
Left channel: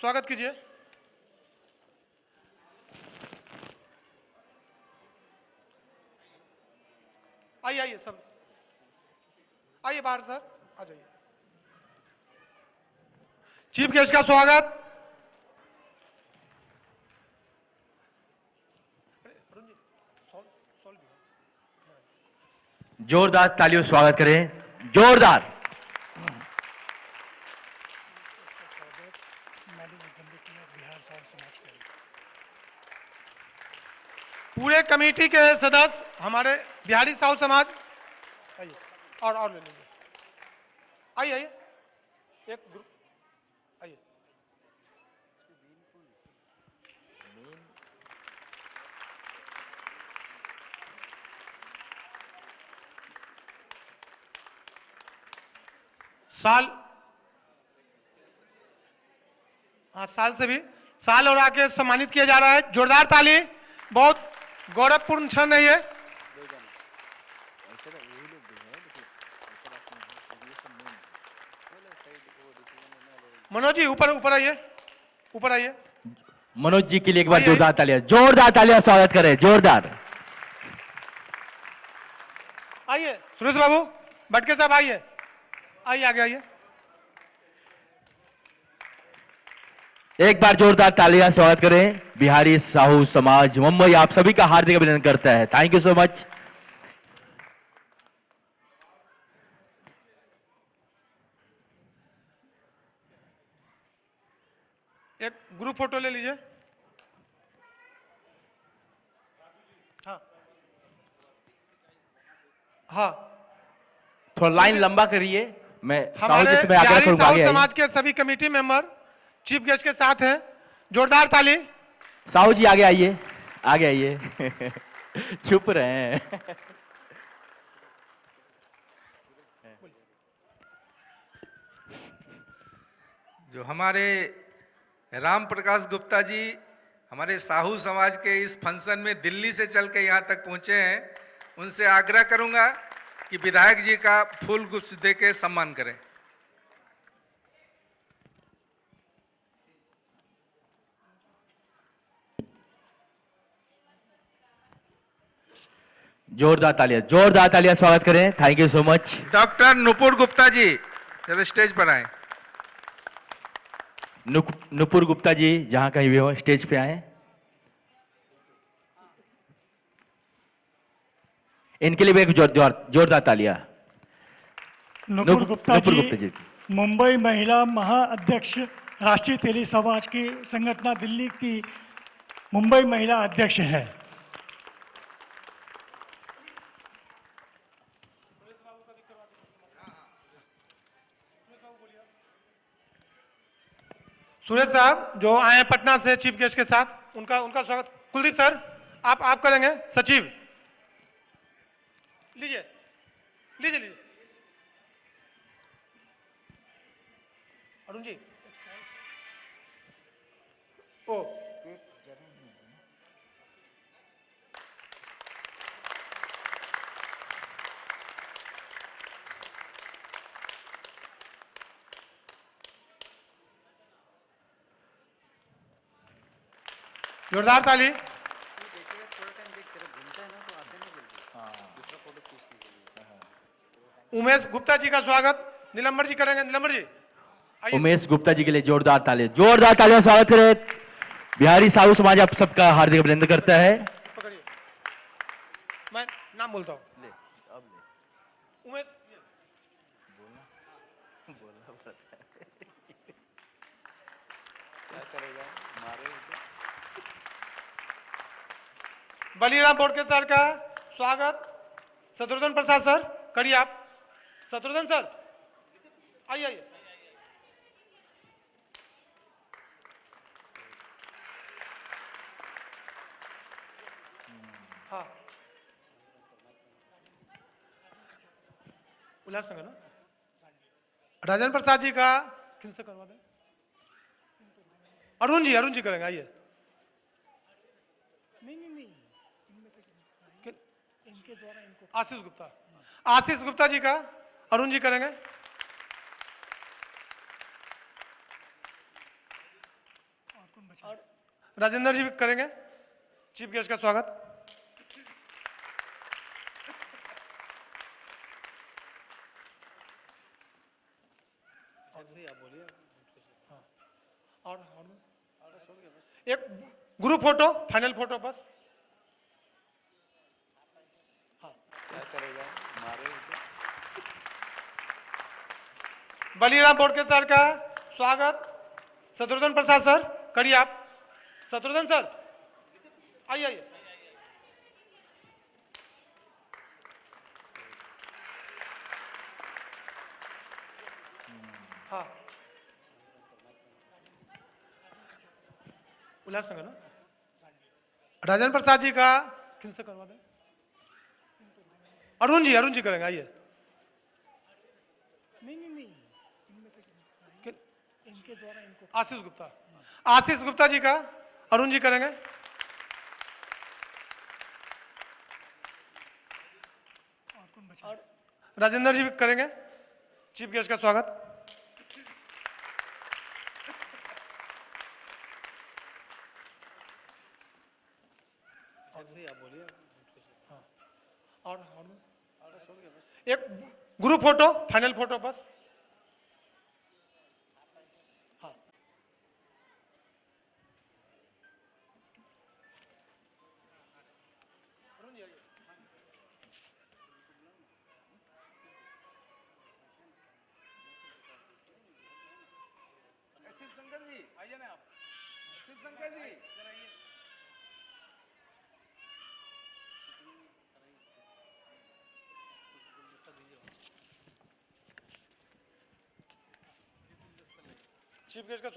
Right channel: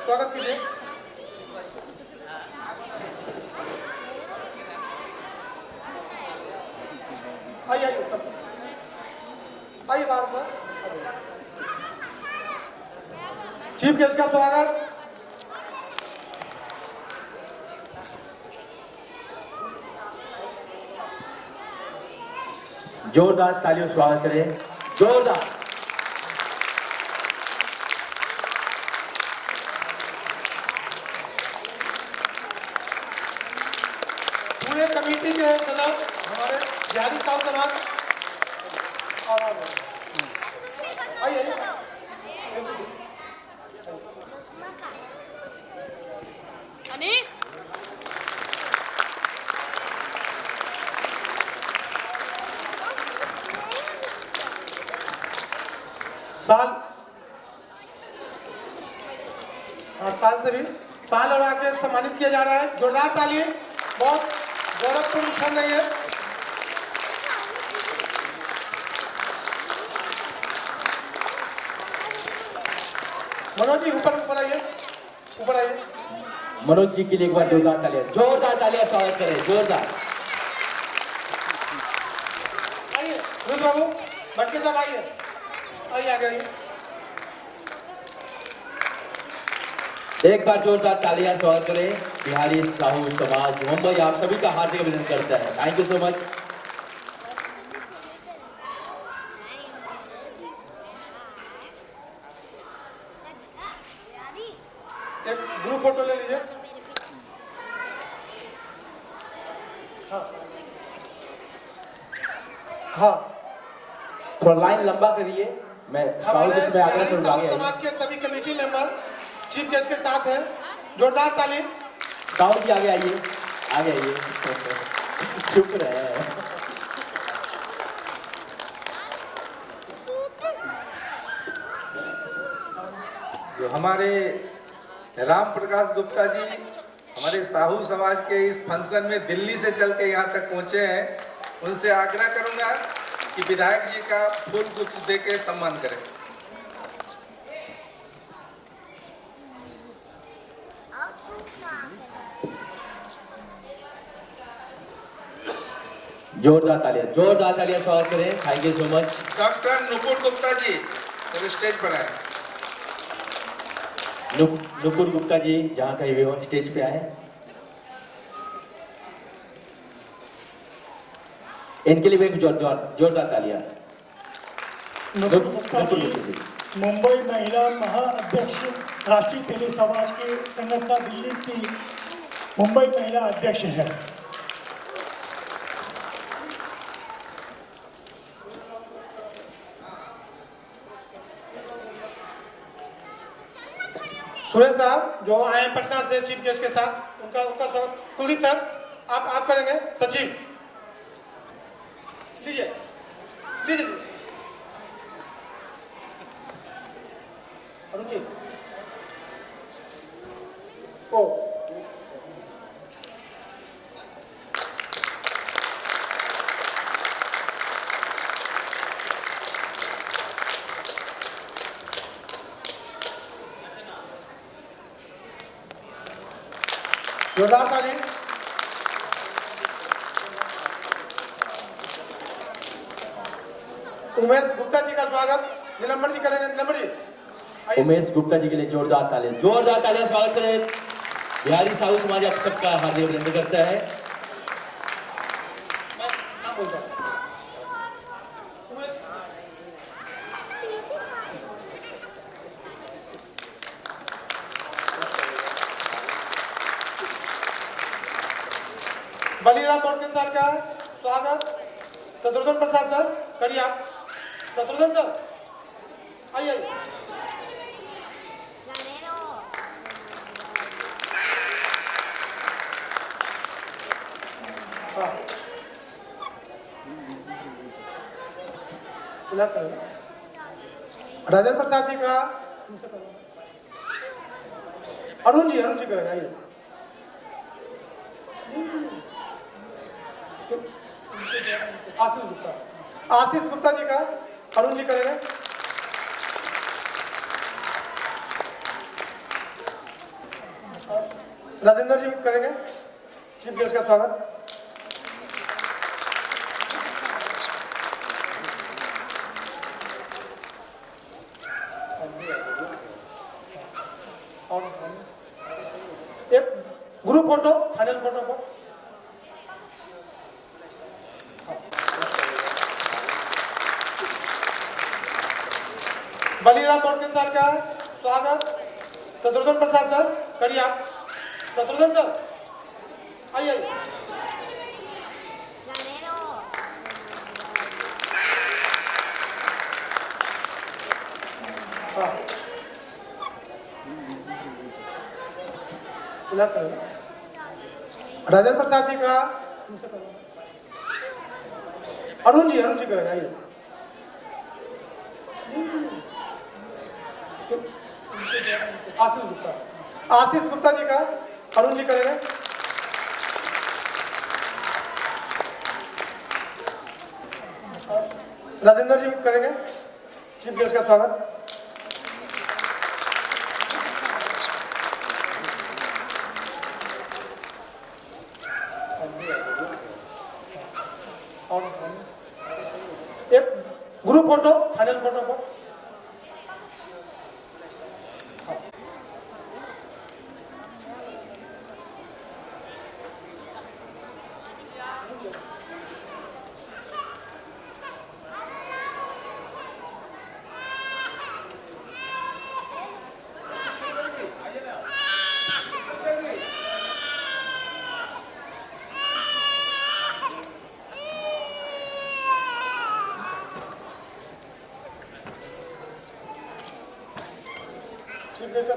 स्वागत कीजिए। आइए बात सर, चीफ गेस्ट का स्वागत। जोरदार तालियों से स्वागत करें, जोरदार। पूरे कमेटी के सदस्य हमारे बिहारी साहू समाज, आइए। अनीस साल से भी साल और आके सम्मानित किया जा रहा है। जोरदार ताली, बहुत गौरवपूर्ण क्षण है ये। मनोज जी ऊपर आइए, ऊपर आइए। मनोज जी के लिए एक बार जोरदार तालियां, जोरदार तालियां स्वागत करें, जोरदार। आइए सुरेश बाबू, भटके साहब आइए, आगे आइए। एक बार जोरदार तालियां स्वागत करें। बिहारी साहू समाज मुंबई आप सभी का हार्दिक अभिनंदन करता है। Thank you so much. एक ग्रुप हाँ, थोड़ा लाइन लंबा करिए। मैं हमारे साउथ में आगे बिहारी थोड़ा साहू आगे समाज के सभी कमेटी मेंबर चीफ गेस्ट के साथ हैं। जोरदार ताली। साहू जी आगे आइए, आगे आइए। चुप रहे हैं। हमारे राम प्रकाश गुप्ता जी हमारे साहू समाज के इस फंक्शन में दिल्ली से चल के यहाँ तक पहुँचे हैं। उनसे आग्रह करूँगा कि विधायक जी का फूल कुछ दे के सम्मान करें। जोरदार तालियां स्वागत करें। Thank you so much. Doctor Nupur Gupta ji जब स्टेज पर आए। नुपुर गुप्ता जी जहां कहीं भी हो स्टेज पे आए। इनके लिए भी जोरदार तालियां। नुपुर गुप्ता जी मुंबई महिला महाअध्यक्ष राष्ट्रीय तेली समाज की संगठन दिल्ली की मुंबई महिला अध्यक्ष है। सुरेश साहब जो आए पटना से चीफ गेस्ट के साथ, उनका स्वागत। कुलदीप सर आप करेंगे। सचिव लीजिए लीजिए। ओ जोरदार ताली। उमेश गुप्ता जी का स्वागत नीलंबर जी करेंगे। नीलंबर जी उमेश गुप्ता जी के लिए जोरदार तालियां स्वागत करें। बिहारी साहू समाज आप सबका हार्दिक अभिनंदन करता है। बलिराम बोडके सर का स्वागत। शत्रुघ्न प्रसाद सर करिए आप। शत्रुघ्न सर आइए। राजेंद्र प्रसाद जी का अरुण जी करेगा। आइए। आशीष गुप्ता जी का अरुण जी करेंगे। राजेंद्र जी करेंगे। चीफ गेस्ट का स्वागत। एक ग्रुप फोटो, फाइनल फोटो बस। बलिराम बोडके सर का स्वागत। शत्रुघ्न प्रसाद सर करिए आप। शत्रुघ्न सर आइए। राजेंद्र प्रसाद जी का अरुण जी करेगा। आइए। आशीष गुप्ता जी का अरुण जी करेंगे। राजेंद्र जी करेंगे। चीफ गेस्ट का स्वागत। एक ग्रुप फोटो, फाइनल फोटो बस। Thank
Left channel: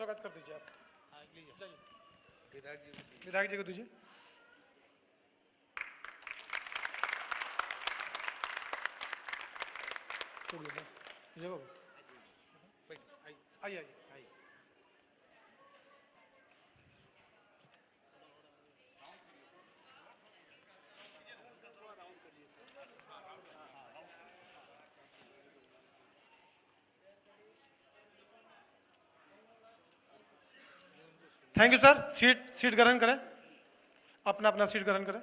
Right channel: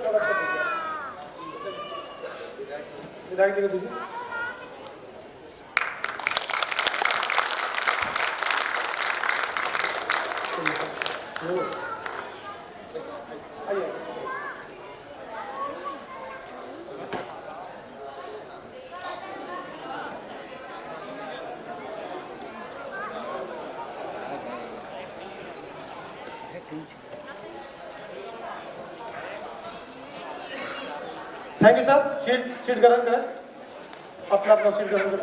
you sir. सीट ग्रहण करें। आपका सीट ग्रहण करें।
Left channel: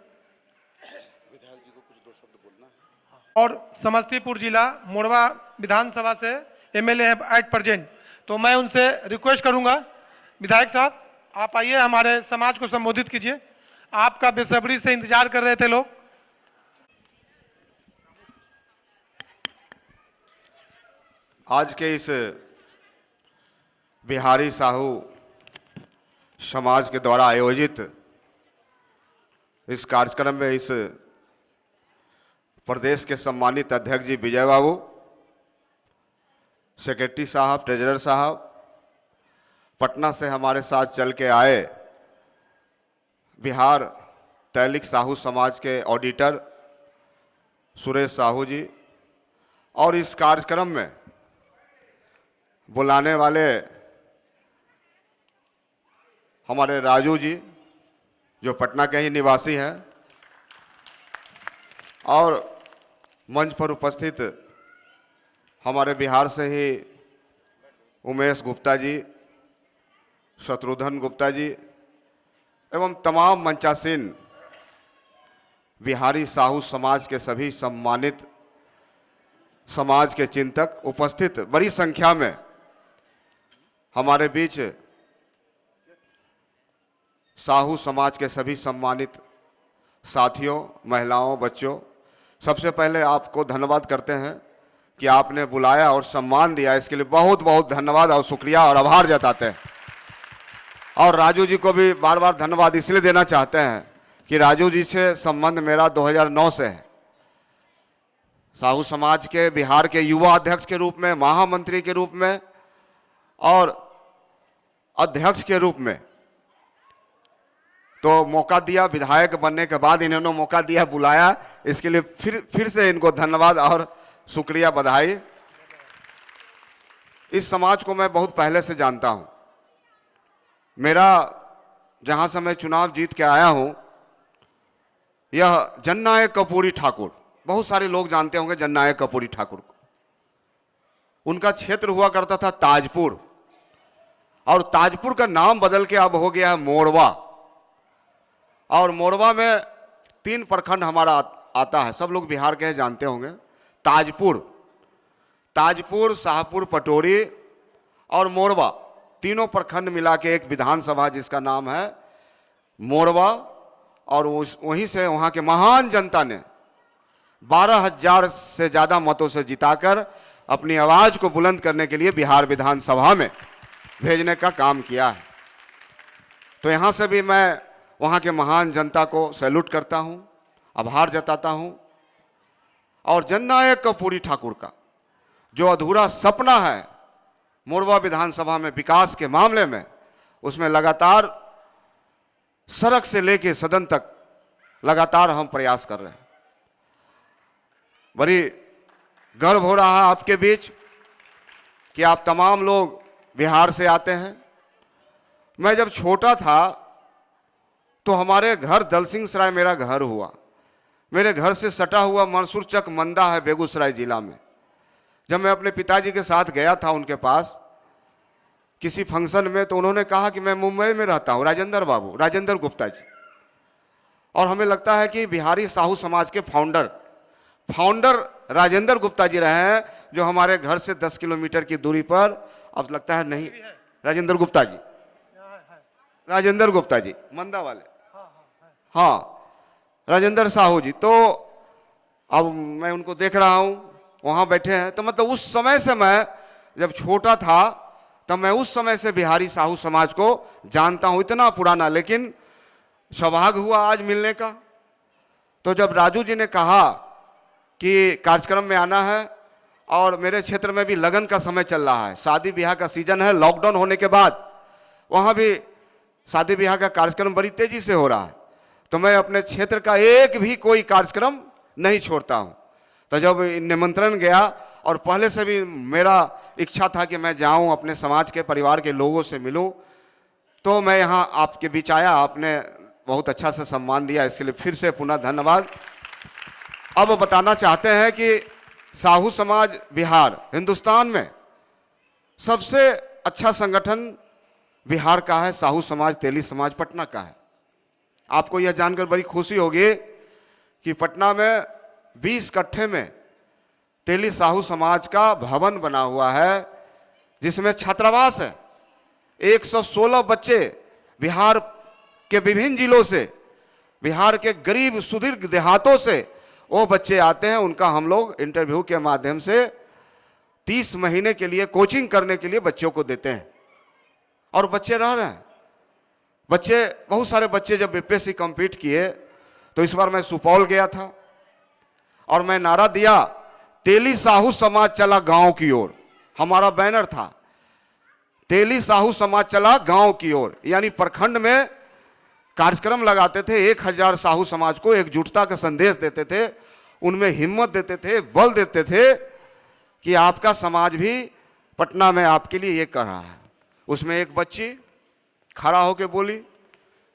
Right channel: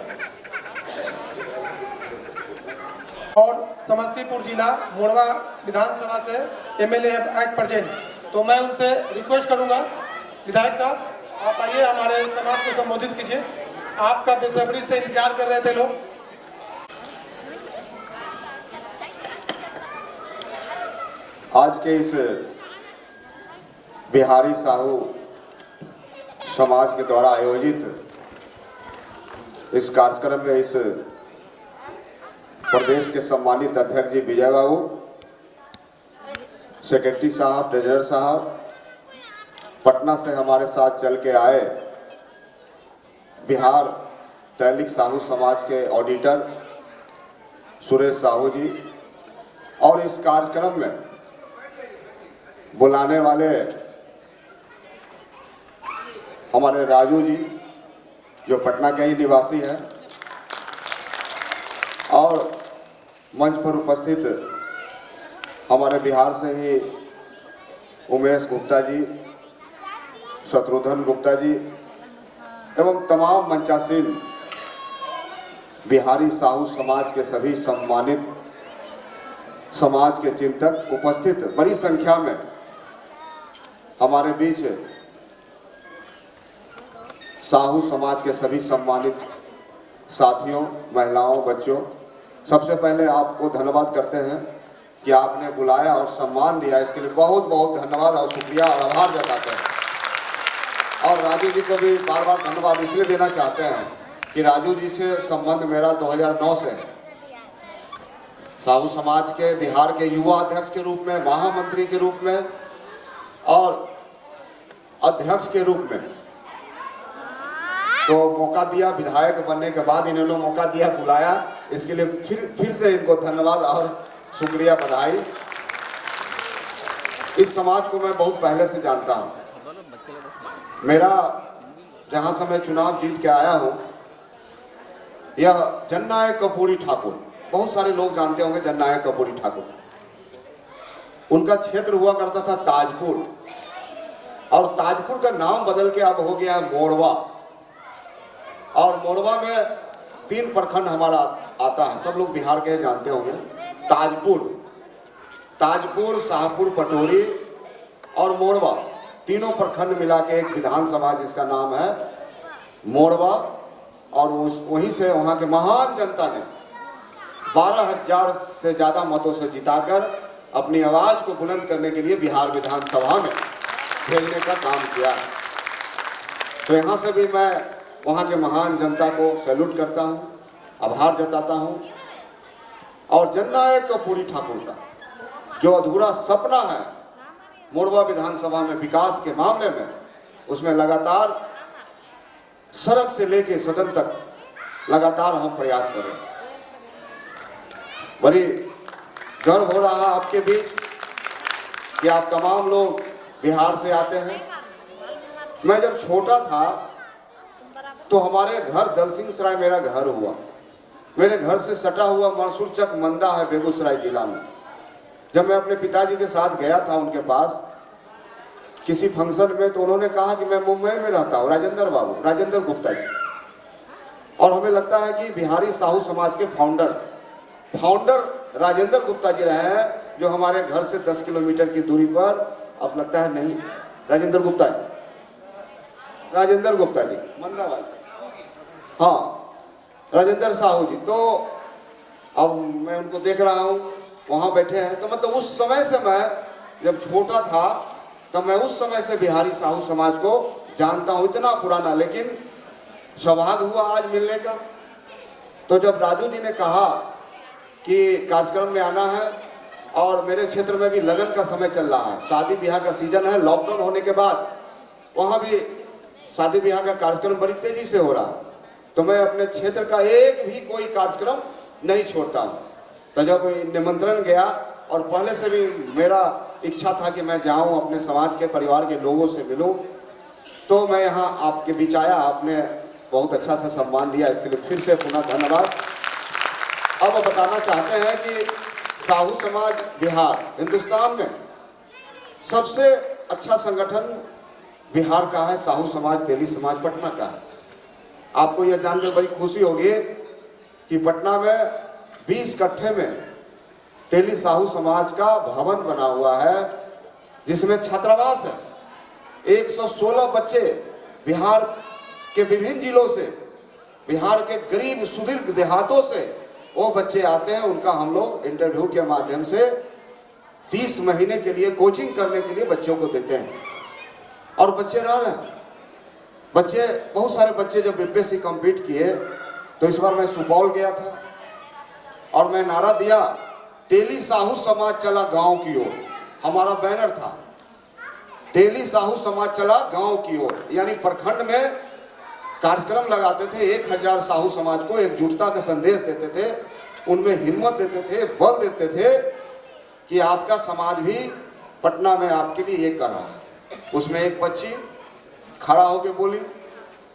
और समस्तीपुर जिला मोड़वा विधानसभा से एमएलए एट प्रेजेंट, तो मैं उनसे रिक्वेस्ट करूंगा, विधायक साहब आप आइए, हमारे समाज को संबोधित कीजिए। आपका बेसब्री से इंतजार कर रहे थे लोग। आज के इस बिहारी साहू समाज के द्वारा आयोजित इस कार्यक्रम में इस प्रदेश के सम्मानित अध्यक्ष जी विजय बाबू, सेक्रेटरी साहब, ट्रेजरर साहब, पटना से हमारे साथ चल के आए बिहार तैलिक साहू समाज के ऑडिटर सुरेश साहू जी, और इस कार्यक्रम में बुलाने वाले हमारे राजू जी जो पटना के ही निवासी हैं, और मंच पर उपस्थित हमारे बिहार से ही उमेश गुप्ता जी, शत्रुघ्न गुप्ता जी एवं तमाम मंचासीन बिहारी साहू समाज के सभी सम्मानित समाज के चिंतक उपस्थित बड़ी संख्या में हमारे बीच साहू समाज के सभी सम्मानित साथियों, महिलाओं, बच्चों, सबसे पहले आपको धन्यवाद करते हैं कि आपने बुलाया और सम्मान दिया। इसके लिए बहुत बहुत धन्यवाद और शुक्रिया और आभार जताते हैं। और राजू जी को भी बार बार धन्यवाद इसलिए देना चाहते हैं कि राजू जी से संबंध मेरा 2009 से है। साहू समाज के बिहार के युवा अध्यक्ष के रूप में, महामंत्री के रूप में और अध्यक्ष के रूप में तो मौका दिया। विधायक बनने के बाद इन्होंने मौका दिया, बुलाया, इसके लिए फिर से इनको धन्यवाद और शुक्रिया, बधाई। इस समाज को मैं बहुत पहले से जानता हूं। मेरा जहां से मैं चुनाव जीत के आया हूं, यह जननायक कपूरी ठाकुर, बहुत सारे लोग जानते होंगे जननायक कपूरी ठाकुर, उनका क्षेत्र हुआ करता था ताजपुर, और ताजपुर का नाम बदल के अब हो गया है मोड़वा। और मोड़वा में 3 प्रखंड हमारा आता है, सब लोग बिहार के जानते होंगे। ताजपुर, शाहपुर, पटोरी और मोड़वा, तीनों प्रखंड मिला के एक विधानसभा जिसका नाम है मोड़वा। और वहीं से वहां के महान जनता ने 12,000 से ज्यादा मतों से जिताकर अपनी आवाज को बुलंद करने के लिए बिहार विधानसभा में भेजने का काम किया है। तो यहां से भी मैं वहां के महान जनता को सैल्यूट करता हूं, आभार जताता हूं। और जननायक कपूरी ठाकुर का जो अधूरा सपना है मोड़वा विधानसभा में विकास के मामले में, उसमें लगातार सड़क से लेके सदन तक लगातार हम प्रयास कर रहे हैं। बड़ी गर्व हो रहा है आपके बीच कि आप तमाम लोग बिहार से आते हैं। मैं जब छोटा था तो हमारे घर दलसिंह सराय मेरा घर हुआ, मेरे घर से सटा हुआ मंसूर चक मंदा है बेगूसराय जिला में। जब मैं अपने पिताजी के साथ गया था उनके पास किसी फंक्शन में, तो उन्होंने कहा कि मैं मुंबई में रहता हूँ, राजेंद्र बाबू, राजेंद्र गुप्ता जी। और हमें लगता है कि बिहारी साहू समाज के फाउंडर राजेंद्र गुप्ता जी रहे हैं, जो हमारे घर से 10 किलोमीटर की दूरी पर, अब लगता है नहीं, राजेंद्र गुप्ता जी मंदावाल, हाँ, राजेंद्र साहू जी। तो अब मैं उनको देख रहा हूँ वहाँ बैठे हैं। तो मतलब उस समय से, मैं जब छोटा था तब मैं उस समय से बिहारी साहू समाज को जानता हूँ, इतना पुराना। लेकिन सौभाग्य हुआ आज मिलने का। तो जब राजू जी ने कहा कि कार्यक्रम में आना है, और मेरे क्षेत्र में भी लगन का समय चल रहा है, शादी ब्याह का सीजन है, लॉकडाउन होने के बाद वहाँ भी शादी ब्याह का कार्यक्रम बड़ी तेजी से हो रहा है, तो मैं अपने क्षेत्र का एक भी कोई कार्यक्रम नहीं छोड़ता हूँ। तो जब निमंत्रण गया, और पहले से भी मेरा इच्छा था कि मैं जाऊँ, अपने समाज के परिवार के लोगों से मिलूँ, तो मैं यहाँ आपके बीच आया। आपने बहुत अच्छा से सम्मान दिया, इसके लिए फिर से पुनः धन्यवाद। अब बताना चाहते हैं कि साहू समाज बिहार हिंदुस्तान में सबसे अच्छा संगठन बिहार का है। साहू समाज, तेली समाज पटना का है। आपको यह जानकर बड़ी खुशी होगी कि पटना में 20 कट्ठे में तेली साहू समाज का भवन बना हुआ है, जिसमें छात्रावास है। 116 बच्चे बिहार के विभिन्न जिलों से, बिहार के गरीब सुदीर्घ देहातों से वो बच्चे आते हैं। उनका हम लोग इंटरव्यू के माध्यम से 30 महीने के लिए कोचिंग करने के लिए बच्चों को देते हैं, और बच्चे रह रहे हैं। बच्चे, बहुत सारे बच्चे जब बीपीएससी कंप्लीट किए, तो इस बार मैं सुपौल गया था और मैं नारा दिया, तेली साहू समाज चला गांव की ओर। हमारा बैनर था, तेली साहू समाज चला गांव की ओर, यानी प्रखंड में कार्यक्रम लगाते थे। 1000 साहू समाज को एकजुटता का संदेश देते थे, उनमें हिम्मत देते थे, बल देते थे कि आपका समाज भी पटना में आपके लिए ये कर रहा है। उसमें एक बच्ची खड़ा होकर बोली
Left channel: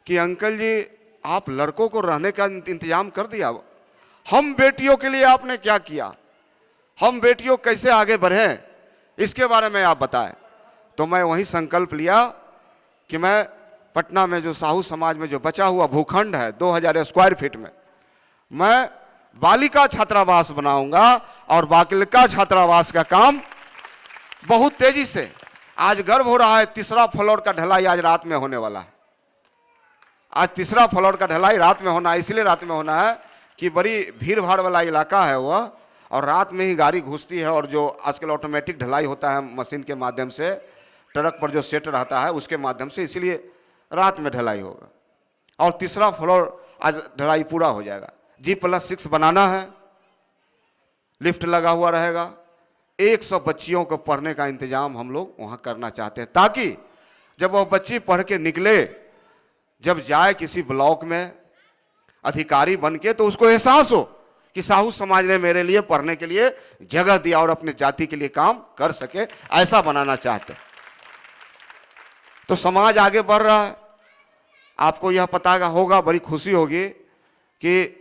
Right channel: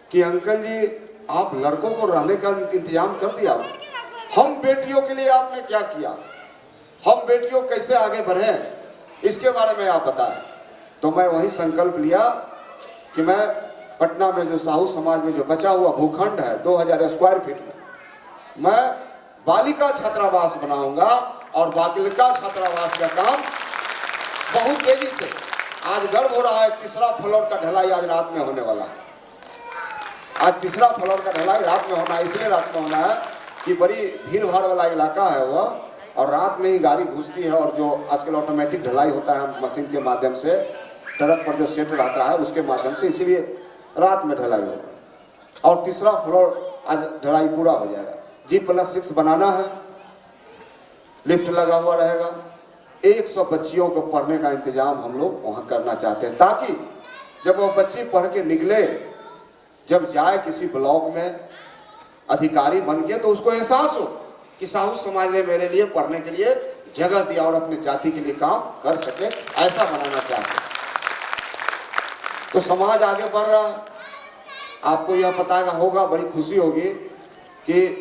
कि अंकल जी, आप लड़कों को रहने का इंतजाम कर दिया, हम बेटियों के लिए आपने क्या किया, हम बेटियों कैसे आगे बढ़े, इसके बारे में आप बताएं। तो मैं वही संकल्प लिया कि मैं पटना में जो साहू समाज में जो बचा हुआ भूखंड है 2000 स्क्वायर फीट में, मैं बालिका छात्रावास बनाऊंगा, और बालिका छात्रावास का काम बहुत तेजी से, आज गर्व हो रहा है, 3रा फ्लोर का ढलाई आज रात में होने वाला है। आज 3रा फ्लोर का ढलाई रात में होना है, इसलिए रात में होना है कि बड़ी भीड़ भाड़ वाला इलाका है वो, और रात में ही गाड़ी घुसती है, और जो आजकल ऑटोमेटिक ढलाई होता है मशीन के माध्यम से, ट्रक पर जो सेट रहता है उसके माध्यम से, इसलिए रात में ढलाई होगा। और 3रा फ्लोर आज ढलाई पूरा हो जाएगा। G+6 बनाना है, लिफ्ट लगा हुआ रहेगा। 100 बच्चियों को पढ़ने का इंतजाम हम लोग वहाँ करना चाहते हैं, ताकि जब वो बच्ची पढ़ के निकले, जब जाए किसी ब्लॉक में अधिकारी बन के, तो उसको एहसास हो कि साहू समाज ने मेरे लिए पढ़ने के लिए जगह दिया और अपने जाति के लिए काम कर सके, ऐसा बनाना चाहते हैं। तो समाज आगे बढ़ रहा है। आपको यह पता होगा, बड़ी खुशी होगी कि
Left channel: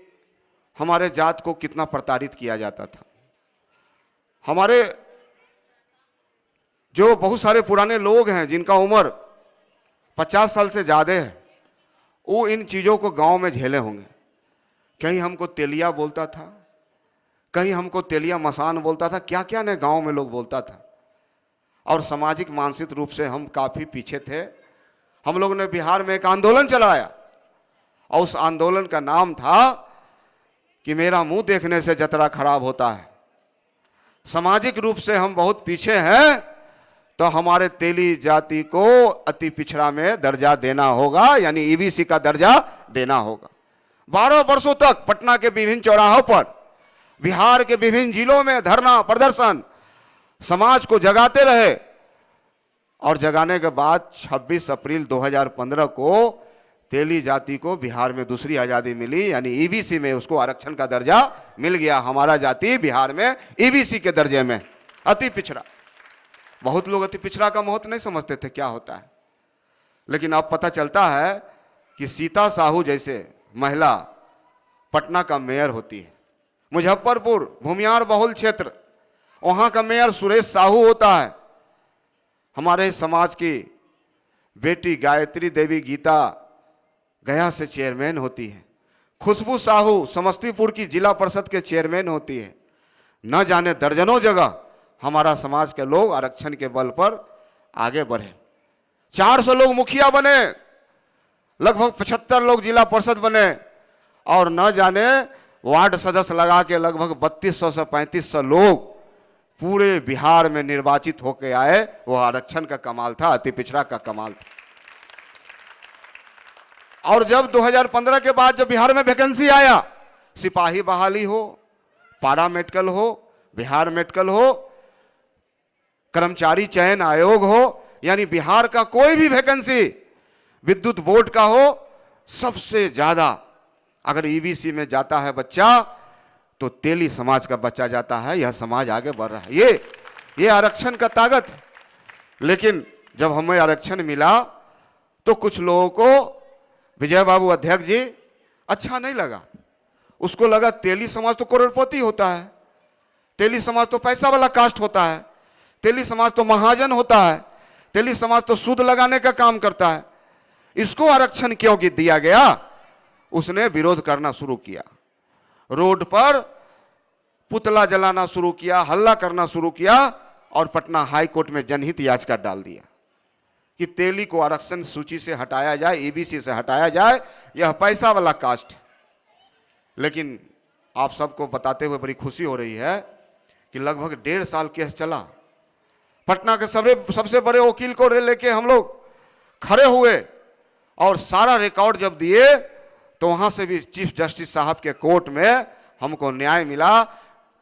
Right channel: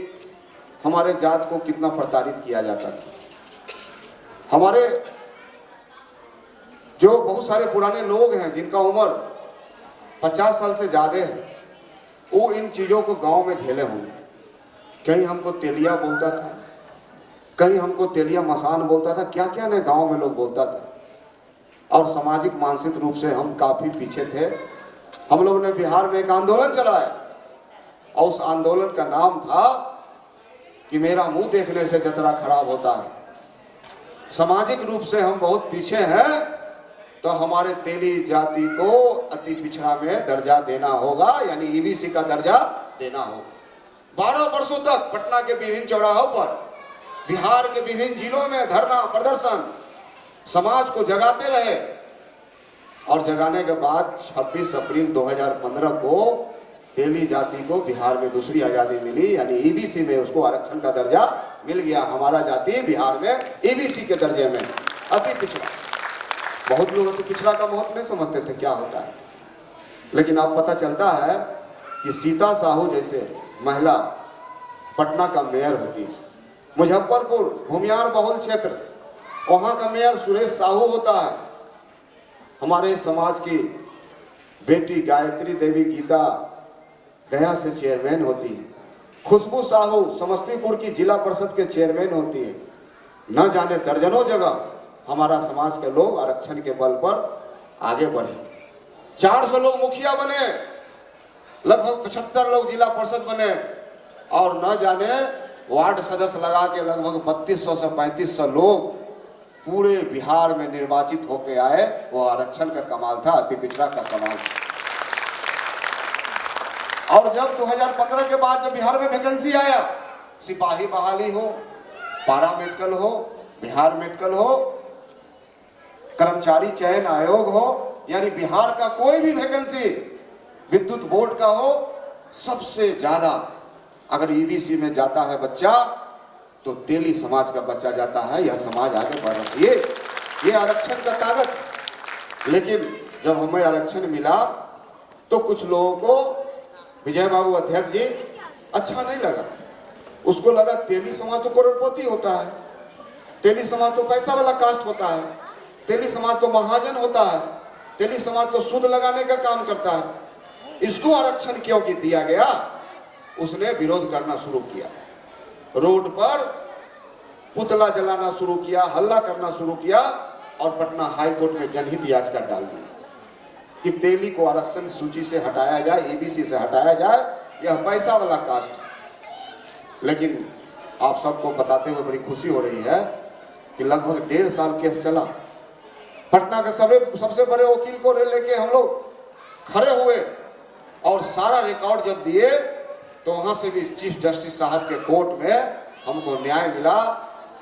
हमारे जात को कितना प्रताड़ित किया जाता था। हमारे जो बहुत सारे पुराने लोग हैं जिनका उम्र 50 साल से ज़्यादा है, वो इन चीज़ों को गांव में झेले होंगे। कहीं हमको तेलिया बोलता था, कहीं हमको तेलिया मसान बोलता था, क्या क्या ने गांव में लोग बोलता था। और सामाजिक मानसिक रूप से हम काफ़ी पीछे थे। हम लोगों ने बिहार में एक आंदोलन चलाया, और उस आंदोलन का नाम था कि मेरा मुंह देखने से जतरा खराब होता है। सामाजिक रूप से हम बहुत पीछे हैं, तो हमारे तेली जाति को अति पिछड़ा में दर्जा देना होगा, यानी ईबीसी का दर्जा देना होगा। 12 वर्षों तक पटना के विभिन्न चौराहों पर, बिहार के विभिन्न जिलों में धरना प्रदर्शन, समाज को जगाते रहे। और जगाने के बाद 26 अप्रैल 2015 को तेली जाति को बिहार में दूसरी आज़ादी मिली, यानी ईबीसी में उसको आरक्षण का दर्जा मिल गया। हमारा जाति बिहार में ईबीसी के दर्जे में अति पिछड़ा। बहुत लोग अति पिछड़ा का महत्व नहीं समझते थे क्या होता है, लेकिन अब पता चलता है कि सीता साहू जैसे महिला पटना का मेयर होती है। मुजफ्फरपुर भूमियार बहुल क्षेत्र, वहाँ का मेयर सुरेश साहू होता है। हमारे समाज की बेटी गायत्री देवी गीता गया से चेयरमैन होती है। खुशबू साहू समस्तीपुर की जिला परिषद के चेयरमैन होती है। न जाने दर्जनों जगह हमारा समाज के लोग आरक्षण के बल पर आगे बढ़े। 400 लोग मुखिया बने, लगभग 75 लोग जिला परिषद बने, और न जाने वार्ड सदस्य लगा के लगभग 3200 से 3500 लोग पूरे बिहार में निर्वाचित होके आए। वो आरक्षण का कमाल था, अति पिछड़ा का कमाल था। और जब 2015 के बाद जब बिहार में वैकेंसी आया, सिपाही बहाली हो, पारा मेडिकल हो, बिहार मेडिकल हो, कर्मचारी चयन आयोग हो, यानी बिहार का कोई भी वैकेंसी विद्युत बोर्ड का हो, सबसे ज्यादा अगर ईबीसी में जाता है बच्चा तो तेली समाज का बच्चा जाता है। यह समाज आगे बढ़ रहा है, ये आरक्षण का ताकत। लेकिन जब हमें आरक्षण मिला तो कुछ लोगों को विजय बाबू अध्यक्ष जी अच्छा नहीं लगा। उसको लगा तेली समाज तो करोड़पति होता है, तेली समाज तो पैसा वाला कास्ट होता है, तेली समाज तो महाजन होता है, तेली समाज तो सूद लगाने का काम करता है, इसको आरक्षण क्यों दिया गया? उसने विरोध करना शुरू किया, रोड पर पुतला जलाना शुरू किया, हल्ला करना शुरू किया और पटना हाई कोर्ट में जनहित याचिका डाल दी कि तेली को आरक्षण सूची से हटाया जाए, ईबीसी से हटाया जाए, यह पैसा वाला कास्ट। लेकिन आप सबको बताते हुए बड़ी खुशी हो रही है कि लगभग 1.5 साल केस चला। पटना के सबसे बड़े वकील को लेके हम लोग खड़े हुए और सारा रिकॉर्ड जब दिए तो वहां से भी चीफ जस्टिस साहब के कोर्ट में हमको न्याय मिला।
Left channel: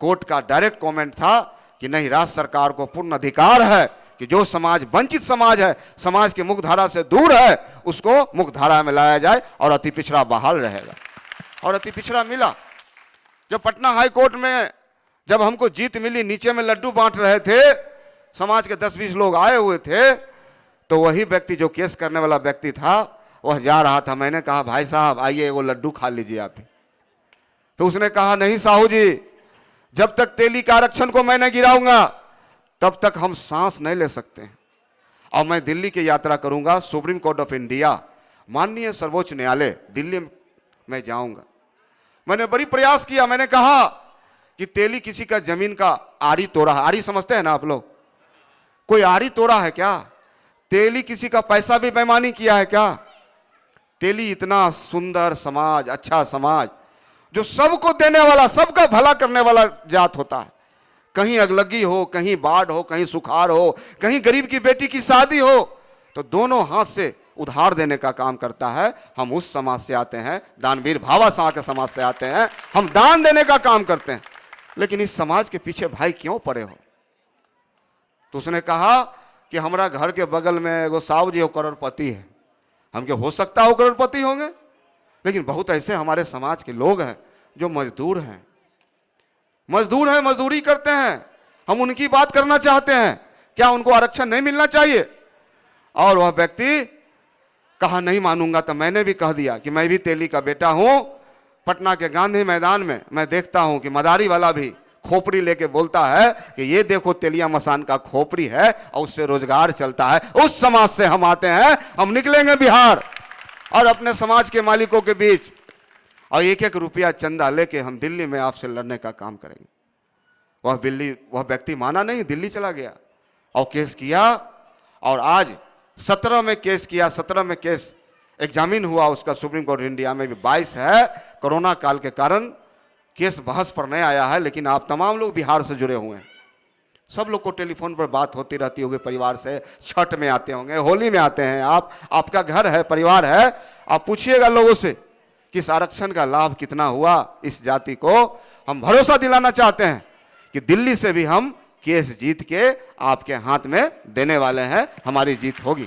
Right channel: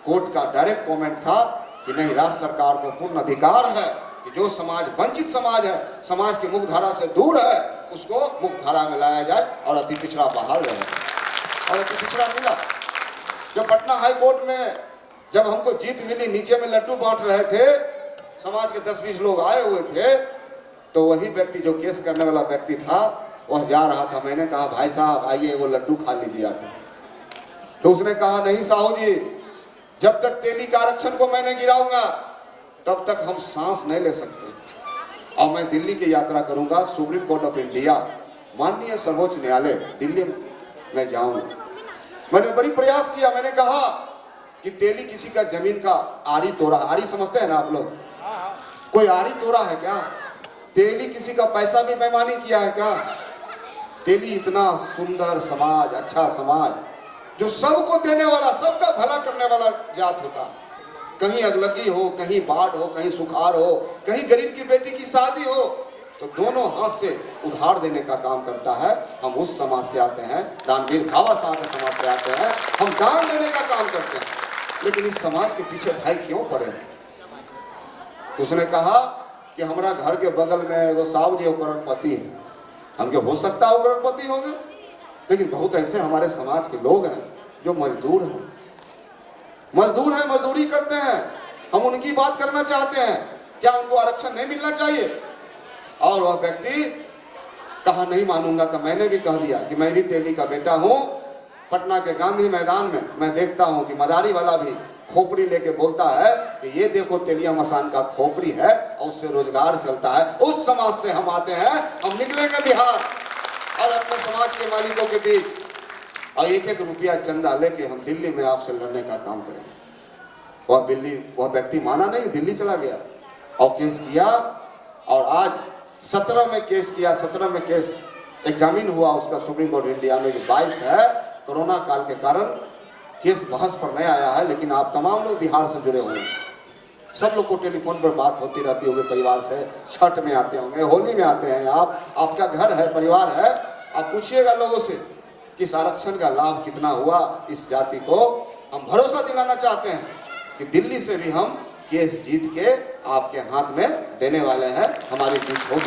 कोर्ट का डायरेक्ट कमेंट था कि नहीं, राज्य सरकार को पूर्ण अधिकार है कि जो समाज वंचित समाज है, समाज की मुख्य धारा से दूर है, उसको मुख्य धारा में लाया जाए और अति पिछड़ा बहाल रहे। और अति पिछड़ा मिला। जब पटना हाई कोर्ट में जब हमको जीत मिली, नीचे में लड्डू बांट रहे थे, समाज के 10-20 लोग आए हुए थे, तो वही व्यक्ति जो केस करने वाला व्यक्ति था वह जा रहा था। मैंने कहा भाई साहब आइए वो लड्डू खा लीजिए आप। तो उसने कहा नहीं साहू जी, जब तक तेली का आरक्षण को मैं नहीं गिराऊंगा तब तक हम सांस नहीं ले सकते। और मैं दिल्ली की यात्रा करूंगा, सुप्रीम कोर्ट ऑफ इंडिया, माननीय सर्वोच्च न्यायालय दिल्ली में जाऊंगा। मैंने बड़ी प्रयास किया, मैंने कहा कि तेली किसी का जमीन का आरी तोड़ा, आरी समझते हैं ना आप लोग, कोई आरी तोड़ा है क्या? तेली किसी का पैसा भी बेईमानी किया है क्या? तेली इतना सुंदर समाज, अच्छा समाज, जो सबको देने वाला, सबका भला करने वाला जात होता। कहीं अगलगी हो, कहीं बाढ़ हो, कहीं सुखाड़ हो, कहीं गरीब की बेटी की शादी हो, तो दोनों हाथ से उधार देने का काम करता है। हम उस समाज से आते हैं, दानवीर भावा साह के समाज से आते हैं, हम दान देने का काम करते हैं। लेकिन इस समाज के पीछे भाई क्यों पड़े हो? उसने कहा कि हमारा घर के बगल में वो साहू जी करोड़पति है, हम हो सकता है वो करोड़पति होंगे, लेकिन बहुत ऐसे हमारे समाज के लोग हैं जो मजदूर हैं, मजदूरी करते हैं। हम उनकी बात करना चाहते हैं, क्या उनको आरक्षण नहीं मिलना चाहिए? और वह व्यक्ति कहा नहीं मानूंगा। तो मैंने भी कह दिया कि मैं भी तेली का बेटा हूं। पटना के गांधी मैदान में मैं देखता हूं कि मदारी वाला भी खोपड़ी लेके बोलता है कि ये देखो तेलिया मसान का खोपड़ी है और उससे रोजगार चलता है। उस समाज से हम आते हैं। हम निकलेंगे बिहार और अपने समाज के मालिकों के बीच और 1-1 रुपया चंदा लेके हम दिल्ली में आपसे लड़ने का काम करेंगे। वह व्यक्ति माना नहीं, दिल्ली चला गया और केस किया और आज 17 में केस किया। 17 में केस एग्जामिन हुआ उसका सुप्रीम कोर्ट इंडिया में। 22 है, कोरोना काल के कारण केस बहस पर नहीं आया है। लेकिन आप तमाम लोग बिहार से जुड़े होंगे, सब लोग को टेलीफोन पर बात होती रहती होगी परिवार से। छठ में आते होंगे, होली में आते हैं, आपका घर है, परिवार है। आप पूछिएगा लोगों से कि इस आरक्षण का लाभ कितना हुआ इस जाति को। हम भरोसा दिलाना चाहते हैं कि दिल्ली से भी हम केस जीत के आपके हाथ में देने वाले हैं। हमारी जीत होगी,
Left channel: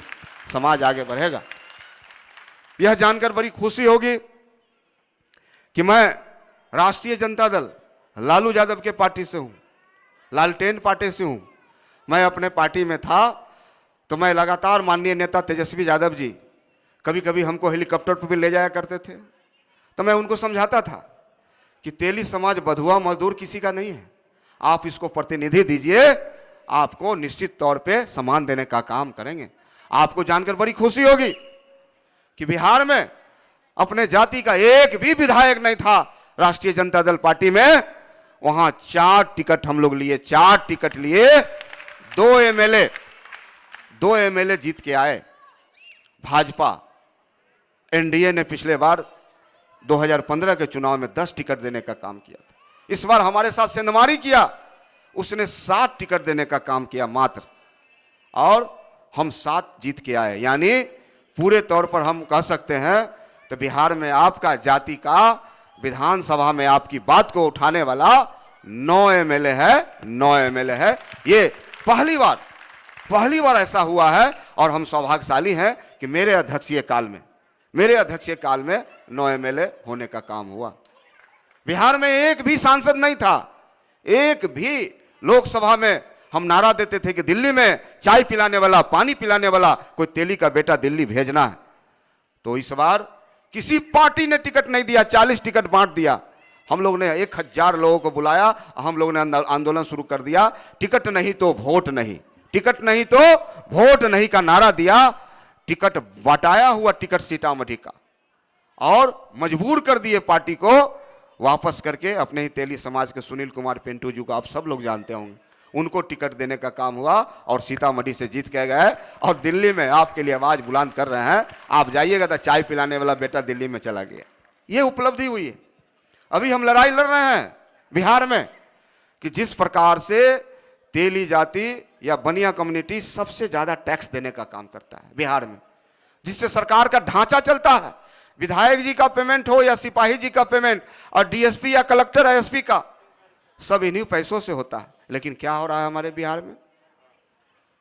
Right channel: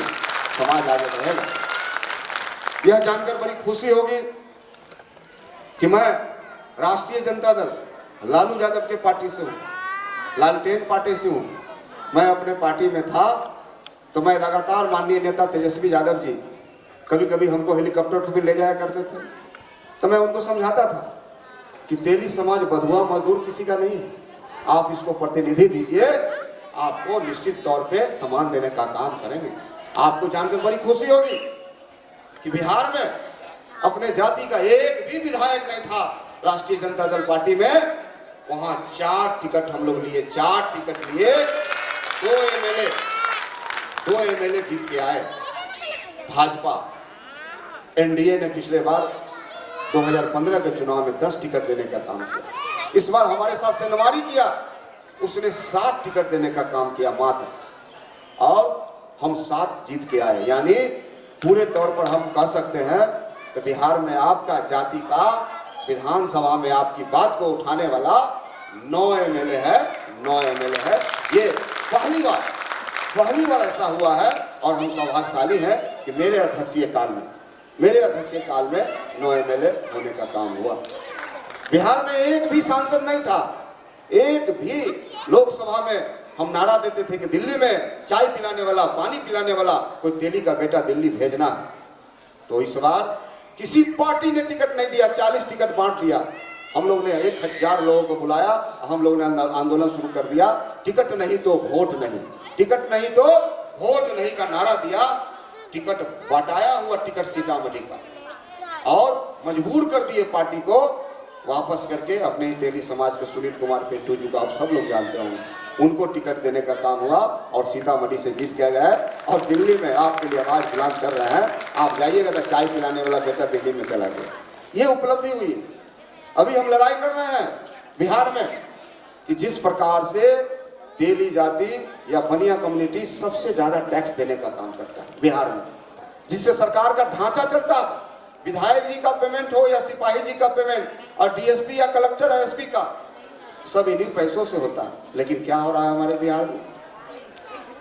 समाज आगे बढ़ेगा। यह जानकर बड़ी खुशी होगी कि मैं राष्ट्रीय जनता दल लालू यादव के पार्टी से हूँ, लालटेन पार्टी से हूँ। मैं अपने पार्टी में था तो मैं लगातार माननीय नेता तेजस्वी यादव जी कभी कभी हमको हेलीकॉप्टर पर भी ले जाया करते थे। तो मैं उनको समझाता था कि तेली समाज बधुआ मजदूर किसी का नहीं है, आप इसको प्रतिनिधि दीजिए, आपको निश्चित तौर पे सम्मान देने का काम करेंगे। आपको जानकर बड़ी खुशी होगी कि बिहार में अपने जाति का एक भी विधायक नहीं था राष्ट्रीय जनता दल पार्टी में। वहां 4 टिकट हम लोग लिए, 4 टिकट लिए, 2 एमएलए जीत के आए। भाजपा एनडीए ने पिछले बार 2015 के चुनाव में 10 टिकट देने का काम किया। इस बार हमारे साथ सेंधमारी किया, उसने 7 टिकट देने का काम किया मात्र, और हम 7 जीत के आए। यानी पूरे तौर पर हम कह सकते हैं कि बिहार में आपका जाति का विधानसभा में आपकी बात को उठाने वाला 9 एमएलए है। 9 एमएलए है। ये पहली बार पहली बार ऐसा हुआ है और हम सौभाग्यशाली हैं कि मेरे अध्यक्षीय काल में 9 MLA होने का काम हुआ। बिहार में एक भी सांसद नहीं था, एक भी लोकसभा में हम नारा देते थे कि दिल्ली में चाय पिलाने वाला, पानी पिलाने वाला कोई तेली का बेटा दिल्ली भेजना। तो इस बार किसी पार्टी ने टिकट नहीं दिया, 40 टिकट बांट दिया। हम लोग ने 1000 लोगों को बुलाया, हम लोग ने आंदोलन शुरू कर दिया, टिकट नहीं तो वोट नहीं, टिकट नहीं तो वोट नहीं का नारा दिया। टिकट बटाया हुआ टिकट सीतामढ़ी का और मजबूर कर दिए पार्टी को वापस करके अपने ही तेली समाज के सुनील कुमार पिंटू जी को आप सब लोग जानते होंगे, उनको टिकट देने का काम हुआ और सीतामढ़ी से जीत के गए और दिल्ली में आपके लिए आवाज बुलंद कर रहे हैं। आप जाइएगा तो चाय पिलाने वाला बेटा दिल्ली में चला गया। ये उपलब्धि हुई। अभी हम लड़ाई लड़ रहे हैं बिहार में कि जिस प्रकार से तेली जाति या बनिया कम्युनिटी सबसे ज्यादा टैक्स देने का काम करता है बिहार में, जिससे सरकार का ढांचा चलता है। विधायक जी का पेमेंट हो या सिपाही जी का पेमेंट और डीएसपी या कलेक्टर एसपी का, सब इन्हीं पैसों से होता है। लेकिन क्या हो रहा है हमारे बिहार में?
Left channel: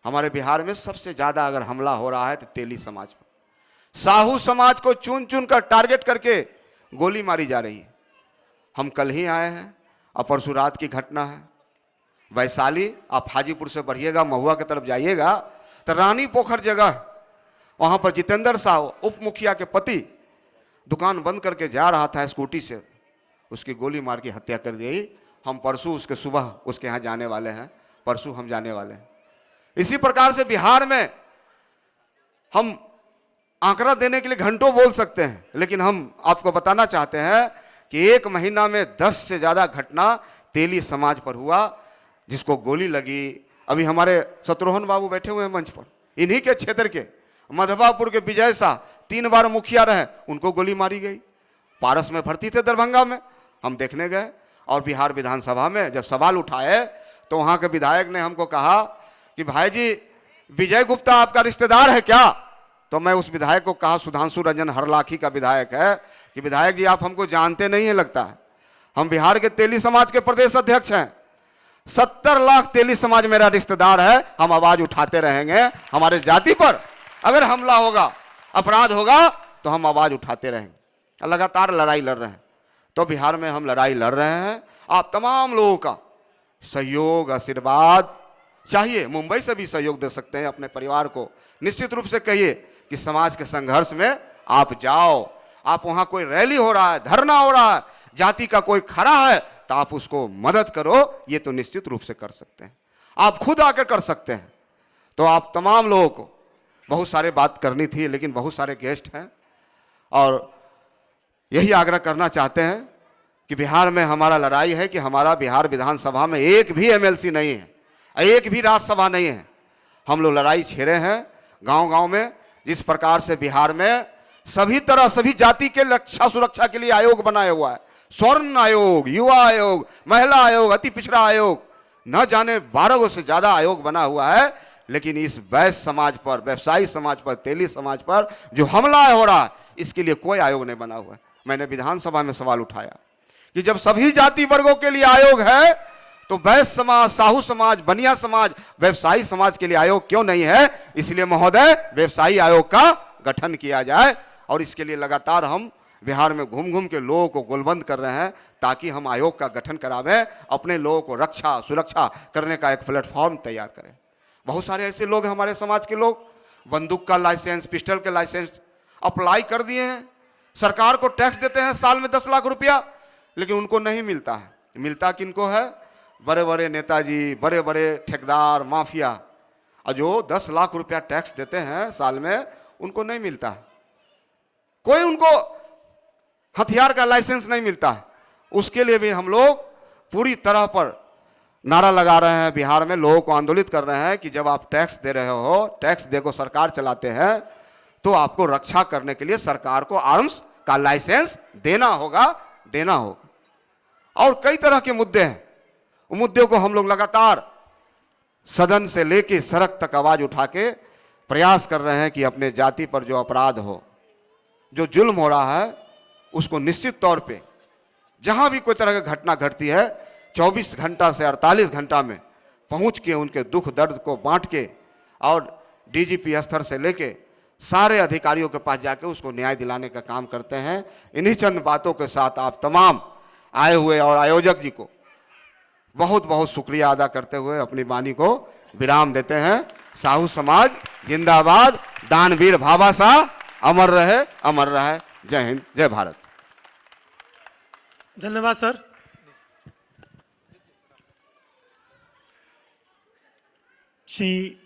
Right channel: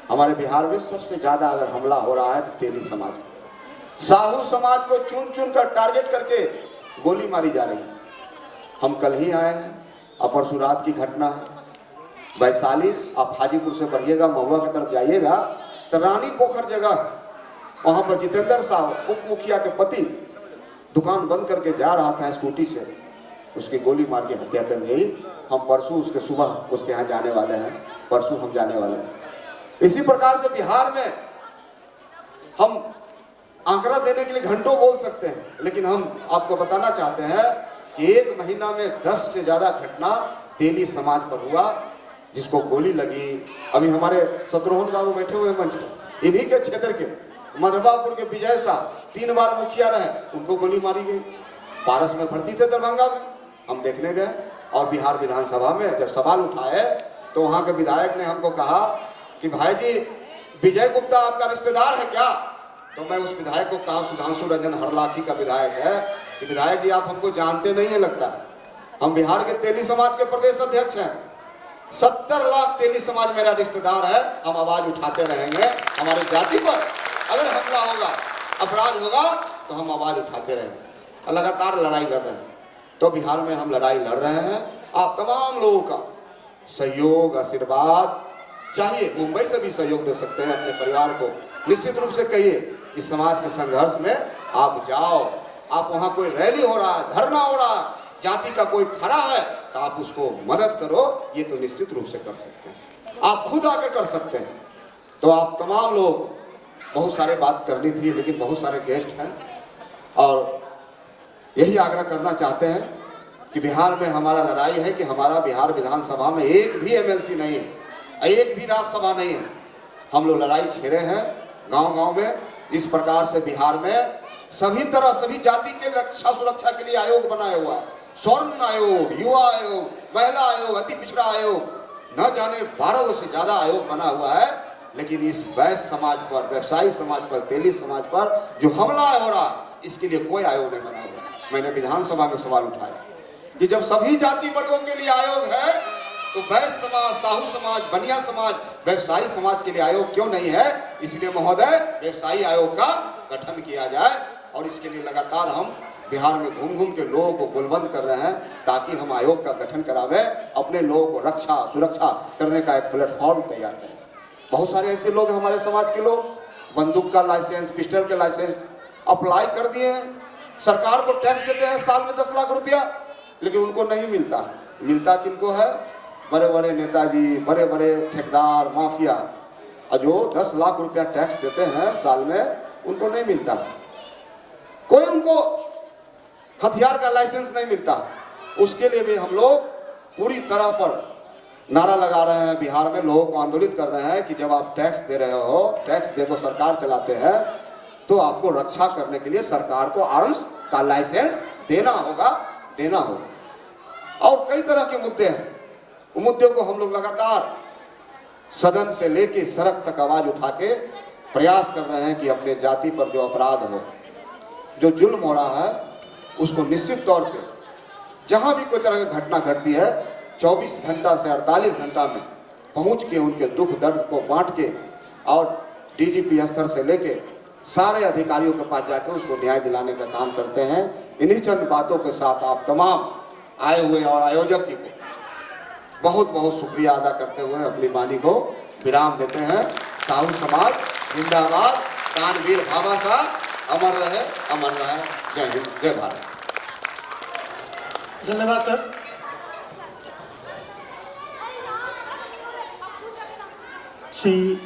हमारे बिहार में सबसे ज्यादा अगर हमला हो रहा है तेली समाज, साहू समाज को चुन चुन कर टारगेट करके गोली मारी जा रही है। हम कल ही आए हैं, परसों रात की घटना है वैशाली। आप हाजीपुर से बढ़िएगा, महुआ की तरफ जाइएगा तो रानी पोखर जगह, वहां पर जितेंद्र साहब उप मुखिया के पति दुकान बंद करके जा रहा था स्कूटी से, उसकी गोली मार के हत्या कर दी। हम परसों उसके सुबह उसके यहाँ जाने वाले हैं, परसों हम जाने वाले हैं। इसी प्रकार से बिहार में हम आंकड़ा देने के लिए घंटों बोल सकते हैं, लेकिन हम आपको बताना चाहते हैं कि 1 महीना में 10 से ज्यादा घटना तेली समाज पर हुआ, जिसको गोली लगी। अभी हमारे शत्रुघ्न बाबू बैठे हुए मंच पर, इन्हीं के क्षेत्र के मधवापुर के विजय शाह 3 बार मुखिया रहे, उनको गोली मारी गई। पारस में भर्ती थे दरभंगा में, हम देखने गए और बिहार विधानसभा में जब सवाल उठाए तो वहां के विधायक ने हमको कहा कि भाई जी विजय गुप्ता आपका रिश्तेदार है क्या? तो मैं उस विधायक को कहा, सुधांशु रंजन हरलाखी का विधायक है, कि विधायक जी आप हमको जानते नहीं है लगता। हम बिहार के तेली समाज के प्रदेश अध्यक्ष हैं, 70 लाख तेली समाज मेरा रिश्तेदार है। हम आवाज उठाते रहेंगे, हमारे जाति पर अगर हमला होगा, अपराध होगा तो हम आवाज उठाते रहेंगे। लगातार लड़ाई लड़ रहे हैं, तो बिहार में हम लड़ाई लड़ रहे हैं। आप तमाम लोगों का सहयोग आशीर्वाद चाहिए, मुंबई से भी सहयोग दे सकते हैं अपने परिवार को। निश्चित रूप से कहिए कि समाज के संघर्ष में आप जाओ, आप वहां कोई रैली हो रहा है, धरना हो रहा है, जाति का कोई खड़ा है तो आप उसको मदद करो, ये तो निश्चित रूप से कर सकते हैं, आप खुद आकर कर सकते हैं। तो आप तमाम लोगों को बहुत सारे बात करनी थी, लेकिन बहुत सारे गेस्ट हैं और यही आग्रह करना चाहते हैं कि बिहार में हमारा लड़ाई है कि हमारा बिहार विधानसभा में एक भी एमएलसी नहीं है, एक भी राज्यसभा नहीं है। हम लोग लड़ाई छेड़े हैं गांव-गांव में। जिस प्रकार से बिहार में सभी तरह सभी जाति के रक्षा सुरक्षा के लिए आयोग बनाया हुआ है, स्वर्ण आयोग, युवा आयोग, महिला आयोग, अति पिछड़ा आयोग, न जाने 12 से ज्यादा आयोग बना हुआ है। लेकिन इस वैश्य समाज पर, व्यवसायी समाज पर, तेली समाज पर जो हमला हो रहा है, इसके लिए कोई आयोग नहीं बना हुआ। मैंने विधानसभा में सवाल उठाया कि जब सभी जाति वर्गों के लिए आयोग है तो वैश्य समाज, साहू समाज, बनिया समाज, व्यवसायी समाज के लिए आयोग क्यों नहीं है? इसलिए महोदय व्यवसायी आयोग का गठन किया जाए और इसके लिए लगातार हम बिहार में घूम घूम के लोगों को गोलबंद कर रहे हैं ताकि हम आयोग का गठन करावे, अपने लोगों को रक्षा सुरक्षा करने का एक प्लेटफॉर्म तैयार करें। बहुत सारे ऐसे लोग हैं हमारे समाज के लोग, बंदूक का लाइसेंस, पिस्टल के लाइसेंस अप्लाई कर दिए हैं, सरकार को टैक्स देते हैं साल में 10 लाख रुपया, लेकिन उनको नहीं मिलता। मिलता किनको है? बड़े बड़े नेताजी, बड़े बड़े ठेकेदार, माफिया, जो 10 लाख रुपया टैक्स देते हैं साल में, उनको नहीं मिलता। कोई उनको हथियार का लाइसेंस नहीं मिलता। उसके लिए भी हम लोग पूरी तरह पर नारा लगा रहे हैं, बिहार में लोगों को आंदोलित कर रहे हैं कि जब आप टैक्स दे रहे हो, टैक्स देकर सरकार चलाते हैं, तो आपको रक्षा करने के लिए सरकार को आर्म्स का लाइसेंस देना होगा। और कई तरह के मुद्दे हैं, मुद्दों को हम लोग लगातार सदन से लेके सड़क तक आवाज उठा के प्रयास कर रहे हैं कि अपने जाति पर जो अपराध हो, जो जुल्म हो रहा है, उसको निश्चित तौर पे जहां भी कोई तरह की घटना घटती है 24 घंटा से 48 घंटा में पहुंच के उनके दुख दर्द को बांट के और डीजीपी स्तर से लेके सारे अधिकारियों के पास जाकर उसको न्याय दिलाने का काम करते हैं। इन्हीं चंद बातों के साथ आप तमाम आए हुए और आयोजक जी को बहुत बहुत शुक्रिया अदा करते हुए अपनी वाणी को विराम देते हैं। साहू समाज जिंदाबाद, दानवीर भाभा साहब अमर रहे, अमर रहे। जय हिंद, जय भारत। धन्यवाद सर। श्री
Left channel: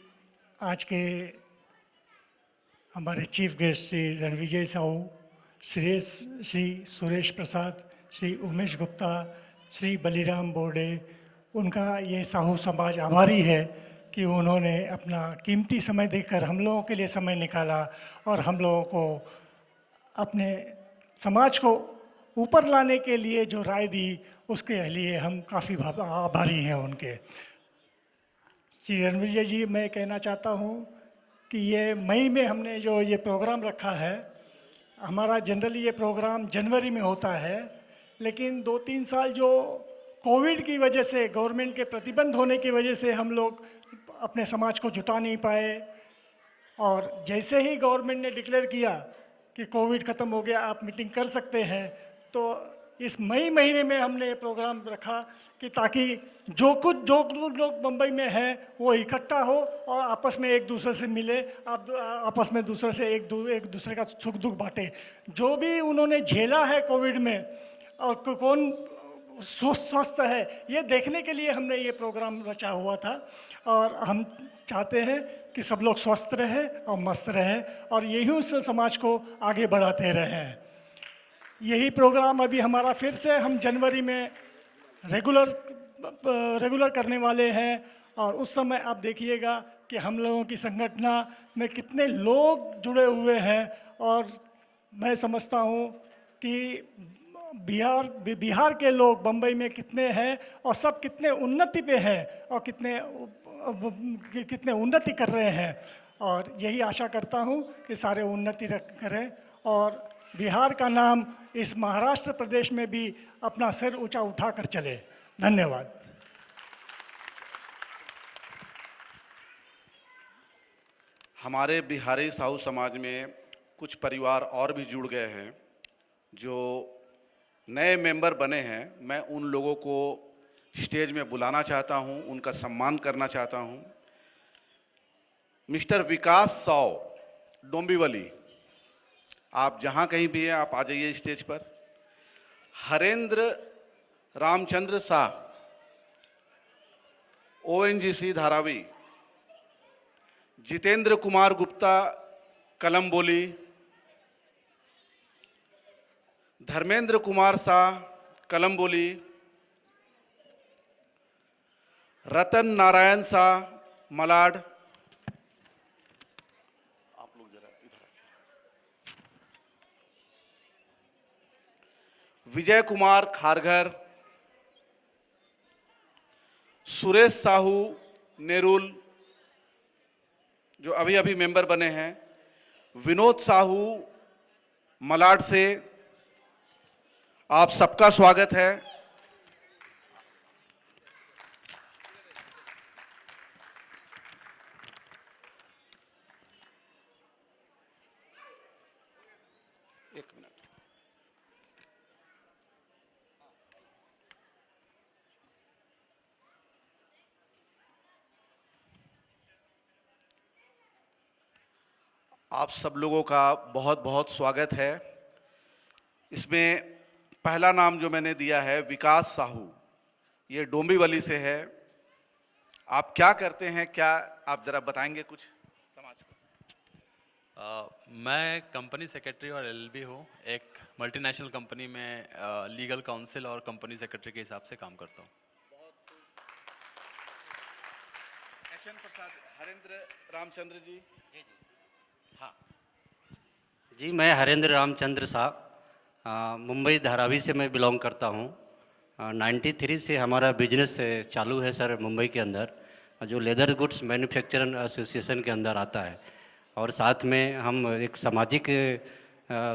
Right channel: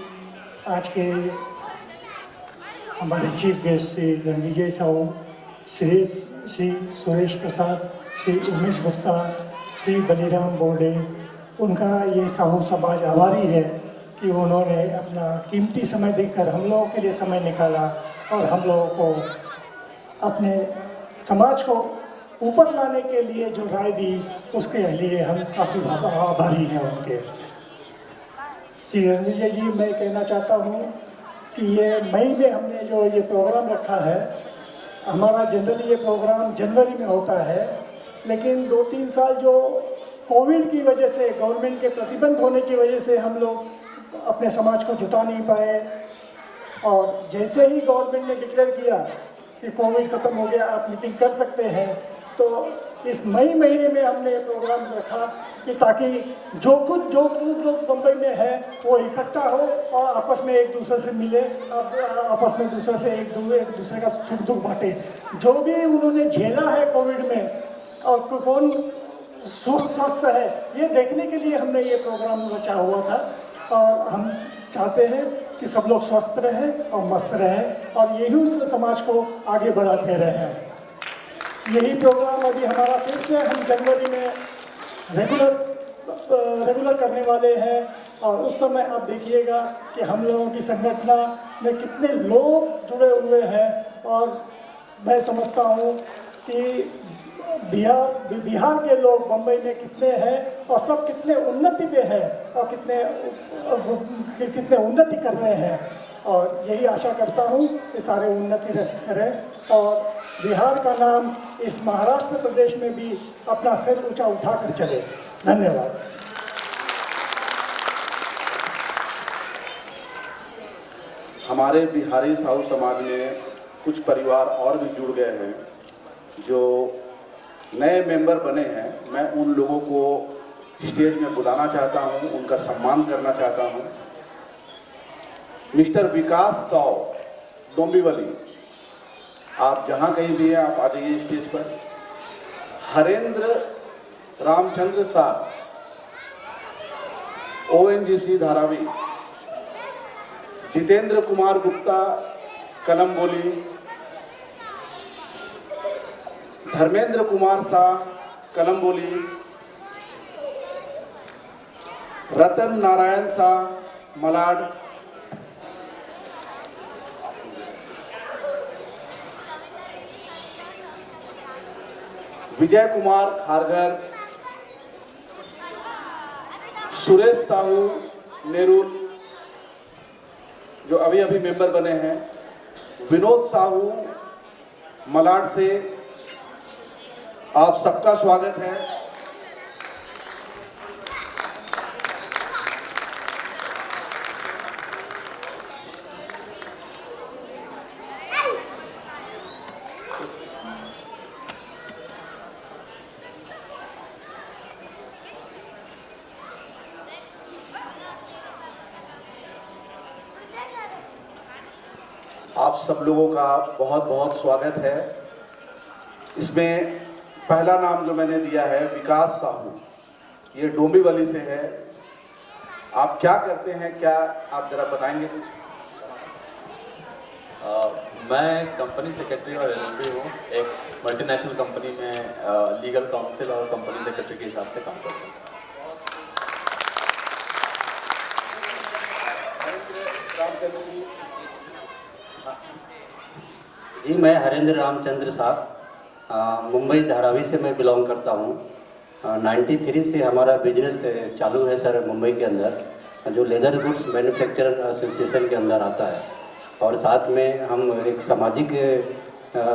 आज के हमारे चीफ गेस्ट श्री रणविजय साहू, श्री सुरेश प्रसाद, श्री उमेश गुप्ता, श्री बलिराम बोर्डे, उनका ये साहू समाज आभारी है कि उन्होंने अपना कीमती समय देकर हम लोगों के लिए समय निकाला और हम लोगों को अपने समाज को ऊपर लाने के लिए जो राय दी उसके लिए हम काफ़ी आभारी हैं उनके। श्री रणविजय जी, मैं कहना चाहता हूँ कि ये मई में हमने जो ये प्रोग्राम रखा है, हमारा जनरली ये प्रोग्राम जनवरी में होता है, लेकिन 2-3 साल जो कोविड की वजह से, गवर्नमेंट के प्रतिबंध होने की वजह से हम लोग अपने समाज को जुटा नहीं पाए। और जैसे ही गवर्नमेंट ने डिक्लेयर किया कि कोविड खत्म हो गया, आप मीटिंग कर सकते हैं, तो इस मई महीने में हमने ये प्रोग्राम रखा कि ताकि जो लोग मुंबई में है वो इकट्ठा हो और आपस में एक दूसरे से मिले, आपस में दूसरे से एक दूसरे का सुख दुख बांटे। जो भी उन्होंने झेला है कोविड में और कौन स्वस्थ है, ये देखने के लिए हमने ये प्रोग्राम रचा हुआ था। और हम चाहते हैं कि सब लोग स्वस्थ रहें और मस्त रहें और यही उस समाज को आगे बढ़ाते रहें। यही प्रोग्राम अभी हमारा फिर से हम जनवरी में रेगुलर करने वाले हैं। और उस समय आप देखिएगा कि हम लोगों की संगठन में कितने लोग जुड़े हुए हैं। और मैं समझता हूँ कि बिहार के लोग बम्बई में कितने हैं और सब कितने उन्नति पे हैं और कितने उन्नति कर रहे हैं। और यही आशा करता हूँ कि सारे उन्नति करें और बिहार का नाम इस महाराष्ट्र प्रदेश में भी अपना सिर ऊंचा उठाकर चले। धन्यवाद। हमारे बिहारी साहू समाज में कुछ परिवार और भी जुड़ गए हैं जो नए मेंबर बने हैं। मैं उन लोगों को स्टेज में बुलाना चाहता हूं, उनका सम्मान करना चाहता हूं। मिस्टर विकास साव डोंबिवली, आप जहां कहीं भी हैं आप आ जाइए स्टेज पर। हरेंद्र रामचंद्र साह ONGC धारावी, जितेंद्र कुमार गुप्ता कलम्बोली, धर्मेंद्र कुमार शाह कलम्बोली, रतन नारायण शाह मलाड, विजय कुमार खारघर, सुरेश साहू नेरुल जो अभी अभी मेंबर बने हैं, विनोद साहू मलाड से, आप सबका स्वागत है। आप सब लोगों का बहुत बहुत स्वागत है। इसमें पहला नाम जो मैंने दिया है विकास साहू, ये डोंबिवली से है। आप क्या करते हैं, क्या आप जरा बताएंगे कुछ? मैं कंपनी सेक्रेटरी हूँ, एक मल्टीनेशनल कंपनी में लीगल काउंसिल और कंपनी सेक्रेटरी के हिसाब से काम करता हूँ। मैं हरेंद्र रामचंद्र साहब, मुंबई धारावी से मैं बिलोंग करता हूँ। 93 से हमारा बिजनेस चालू है सर मुंबई के अंदर, जो लेदर गुड्स मैन्युफैक्चरर एसोसिएशन के अंदर आता है। और साथ में हम एक सामाजिक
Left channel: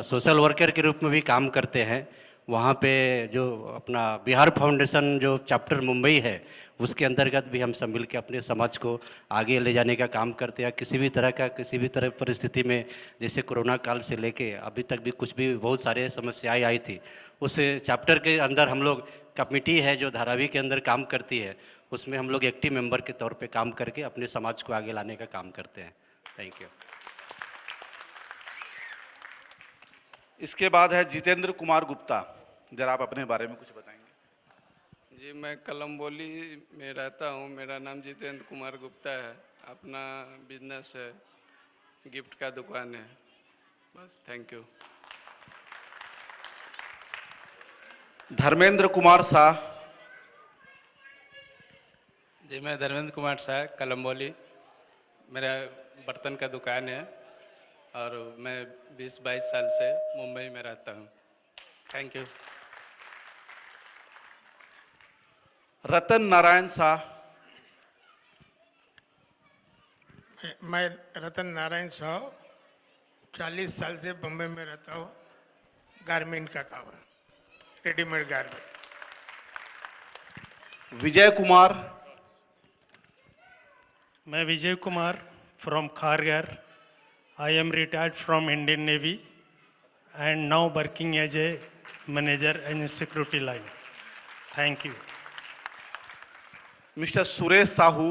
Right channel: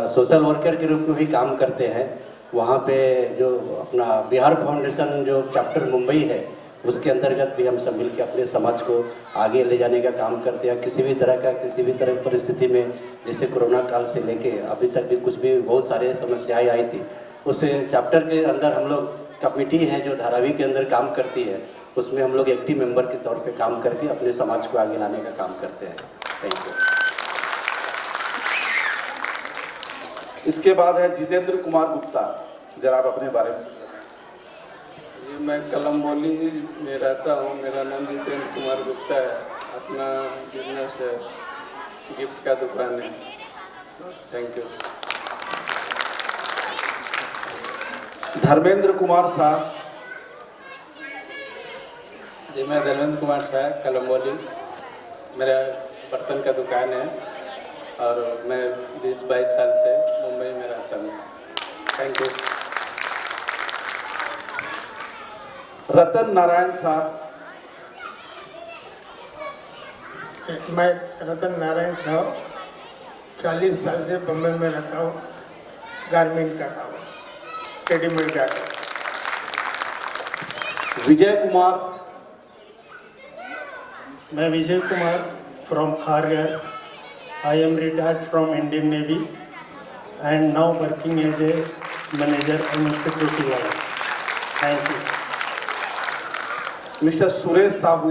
सोशल वर्कर के रूप में भी काम करते हैं। वहाँ पे जो अपना बिहार फाउंडेशन जो चैप्टर मुंबई है, उसके अंतर्गत भी हम सब मिलकर अपने समाज को आगे ले जाने का काम करते हैं। किसी भी तरह की परिस्थिति में, जैसे कोरोना काल से लेके अभी तक भी कुछ भी बहुत सारे समस्याएं आई थी, उस चैप्टर के अंदर हम लोग कमेटी है जो धारावी के अंदर काम करती है, उसमें हम लोग एक्टिव मेंबर के तौर पे काम करके अपने समाज को आगे लाने का काम करते हैं। Thank you. इसके बाद है जितेंद्र कुमार गुप्ता, जरा आप अपने बारे में। जी, मैं कलम्बोली में रहता हूँ। मेरा नाम जितेंद्र कुमार गुप्ता है। अपना बिजनेस है, गिफ्ट का दुकान है। Thank you. धर्मेंद्र कुमार शाह। जी, मैं धर्मेंद्र कुमार शाह, कलम्बोली। मेरा बर्तन का दुकान है और मैं 20-22 साल से मुंबई में रहता हूँ। Thank you. रतन नारायण शाह। मैं रतन नारायण साहब 40 साल से बम्बई में रहता हूँ। गारमेंट का काम, रेडीमेड का काम। विजय कुमार। मैं Vijay Kumar from Khariar. I am retired from Indian Navy and now working as a manager in security guard. Thank you. Mister Suresh Sahu.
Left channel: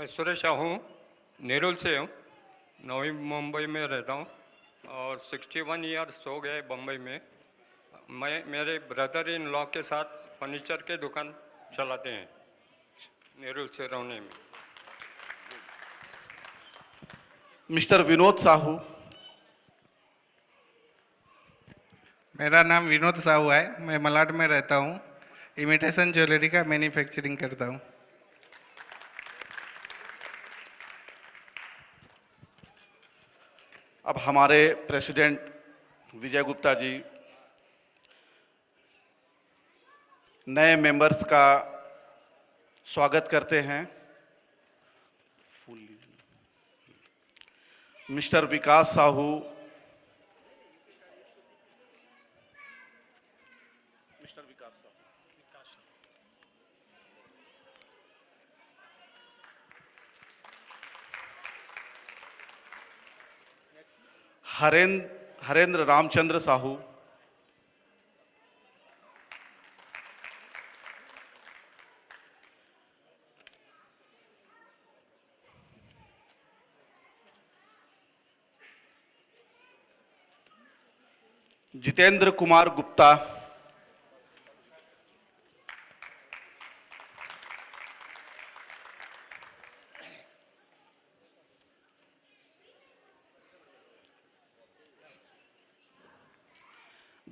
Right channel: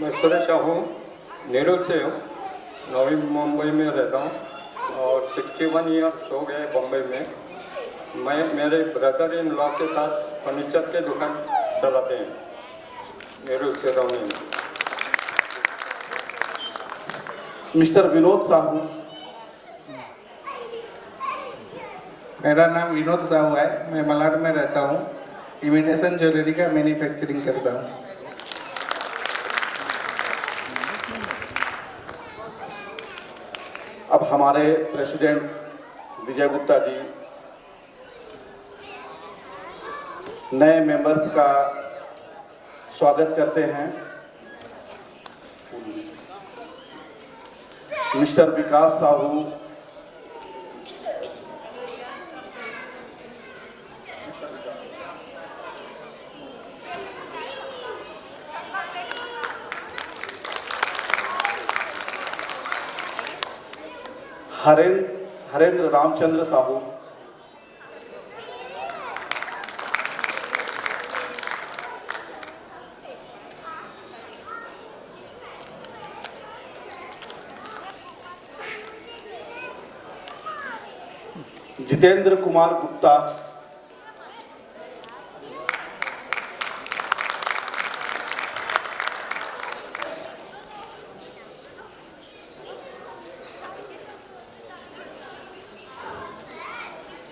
मैं सुरेश साहू नेहरू से हूँ। नवी मुंबई में रहता हूँ और 61 ईयर्स हो गए बॉम्बे में। मैं मेरे ब्रदर इन लॉ के साथ फर्नीचर के दुकान चलाते हैं नेहरू से रहने में। मिस्टर विनोद साहू। मेरा नाम विनोद साहू है। मैं मलाड में रहता हूँ। इमिटेशन ज्वेलरी का मैन्युफैक्चरिंग करता हूँ। अब हमारे प्रेसिडेंट विजय गुप्ता जी नए मेंबर्स का स्वागत करते हैं। मिस्टर विकास साहू। हरेंद्र रामचंद्र साहू। जितेंद्र कुमार गुप्ता।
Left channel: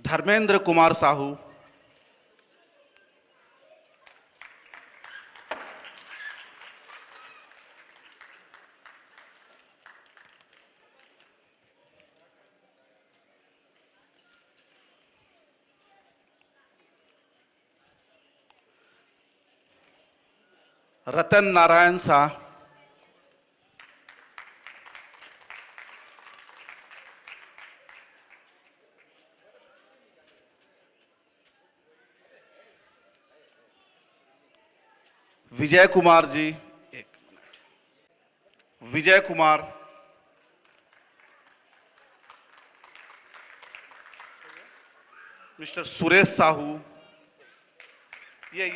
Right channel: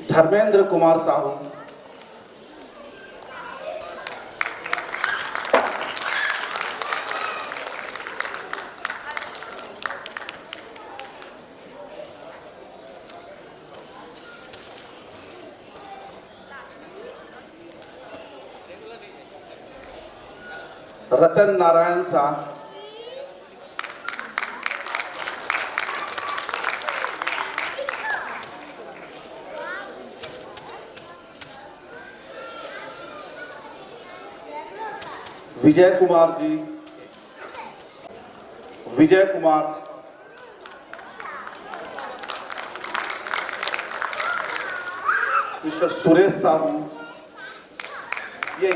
धर्मेंद्र कुमार साहू। रतन नारायण शाह। विजय कुमार जी। विजय कुमार। मिस्टर सुरेश साहू। ये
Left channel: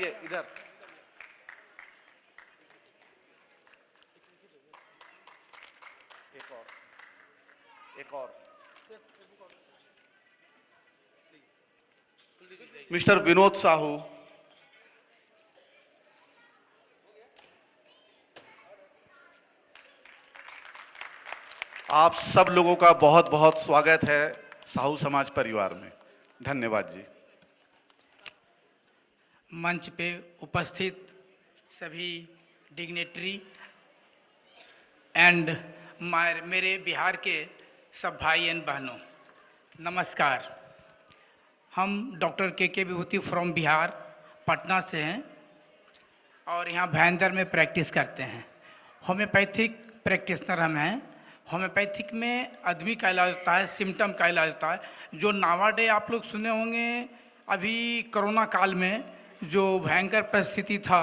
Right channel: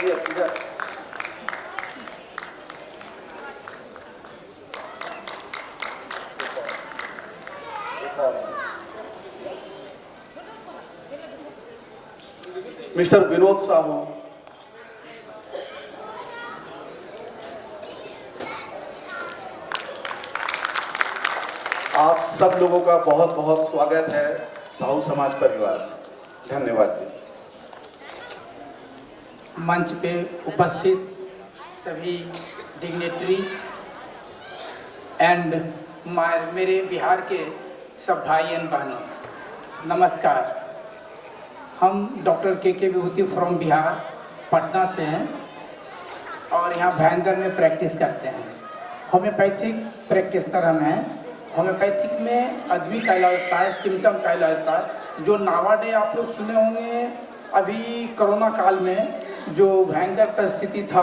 मिस्टर विनोद साहू। आप सब लोगों का बहुत बहुत स्वागत है साहू समाज परिवार में। धन्यवाद जी। मंच पे उपस्थित सभी डिग्नेटरी एंड मेरे बिहार के सब भाई एंड बहनों, नमस्कार। हम डॉक्टर के विभूति फ्रॉम बिहार पटना से हैं और यहाँ भयंकर में प्रैक्टिस करते हैं। होम्योपैथिक प्रैक्टिस कर रहे हैं। होम्योपैथिक में आदमी का इलाज होता है, सिम्टम का इलाज होता है। जो नावाडे आप लोग सुने होंगे अभी कोरोना काल में जो भयंकर परिस्थिति था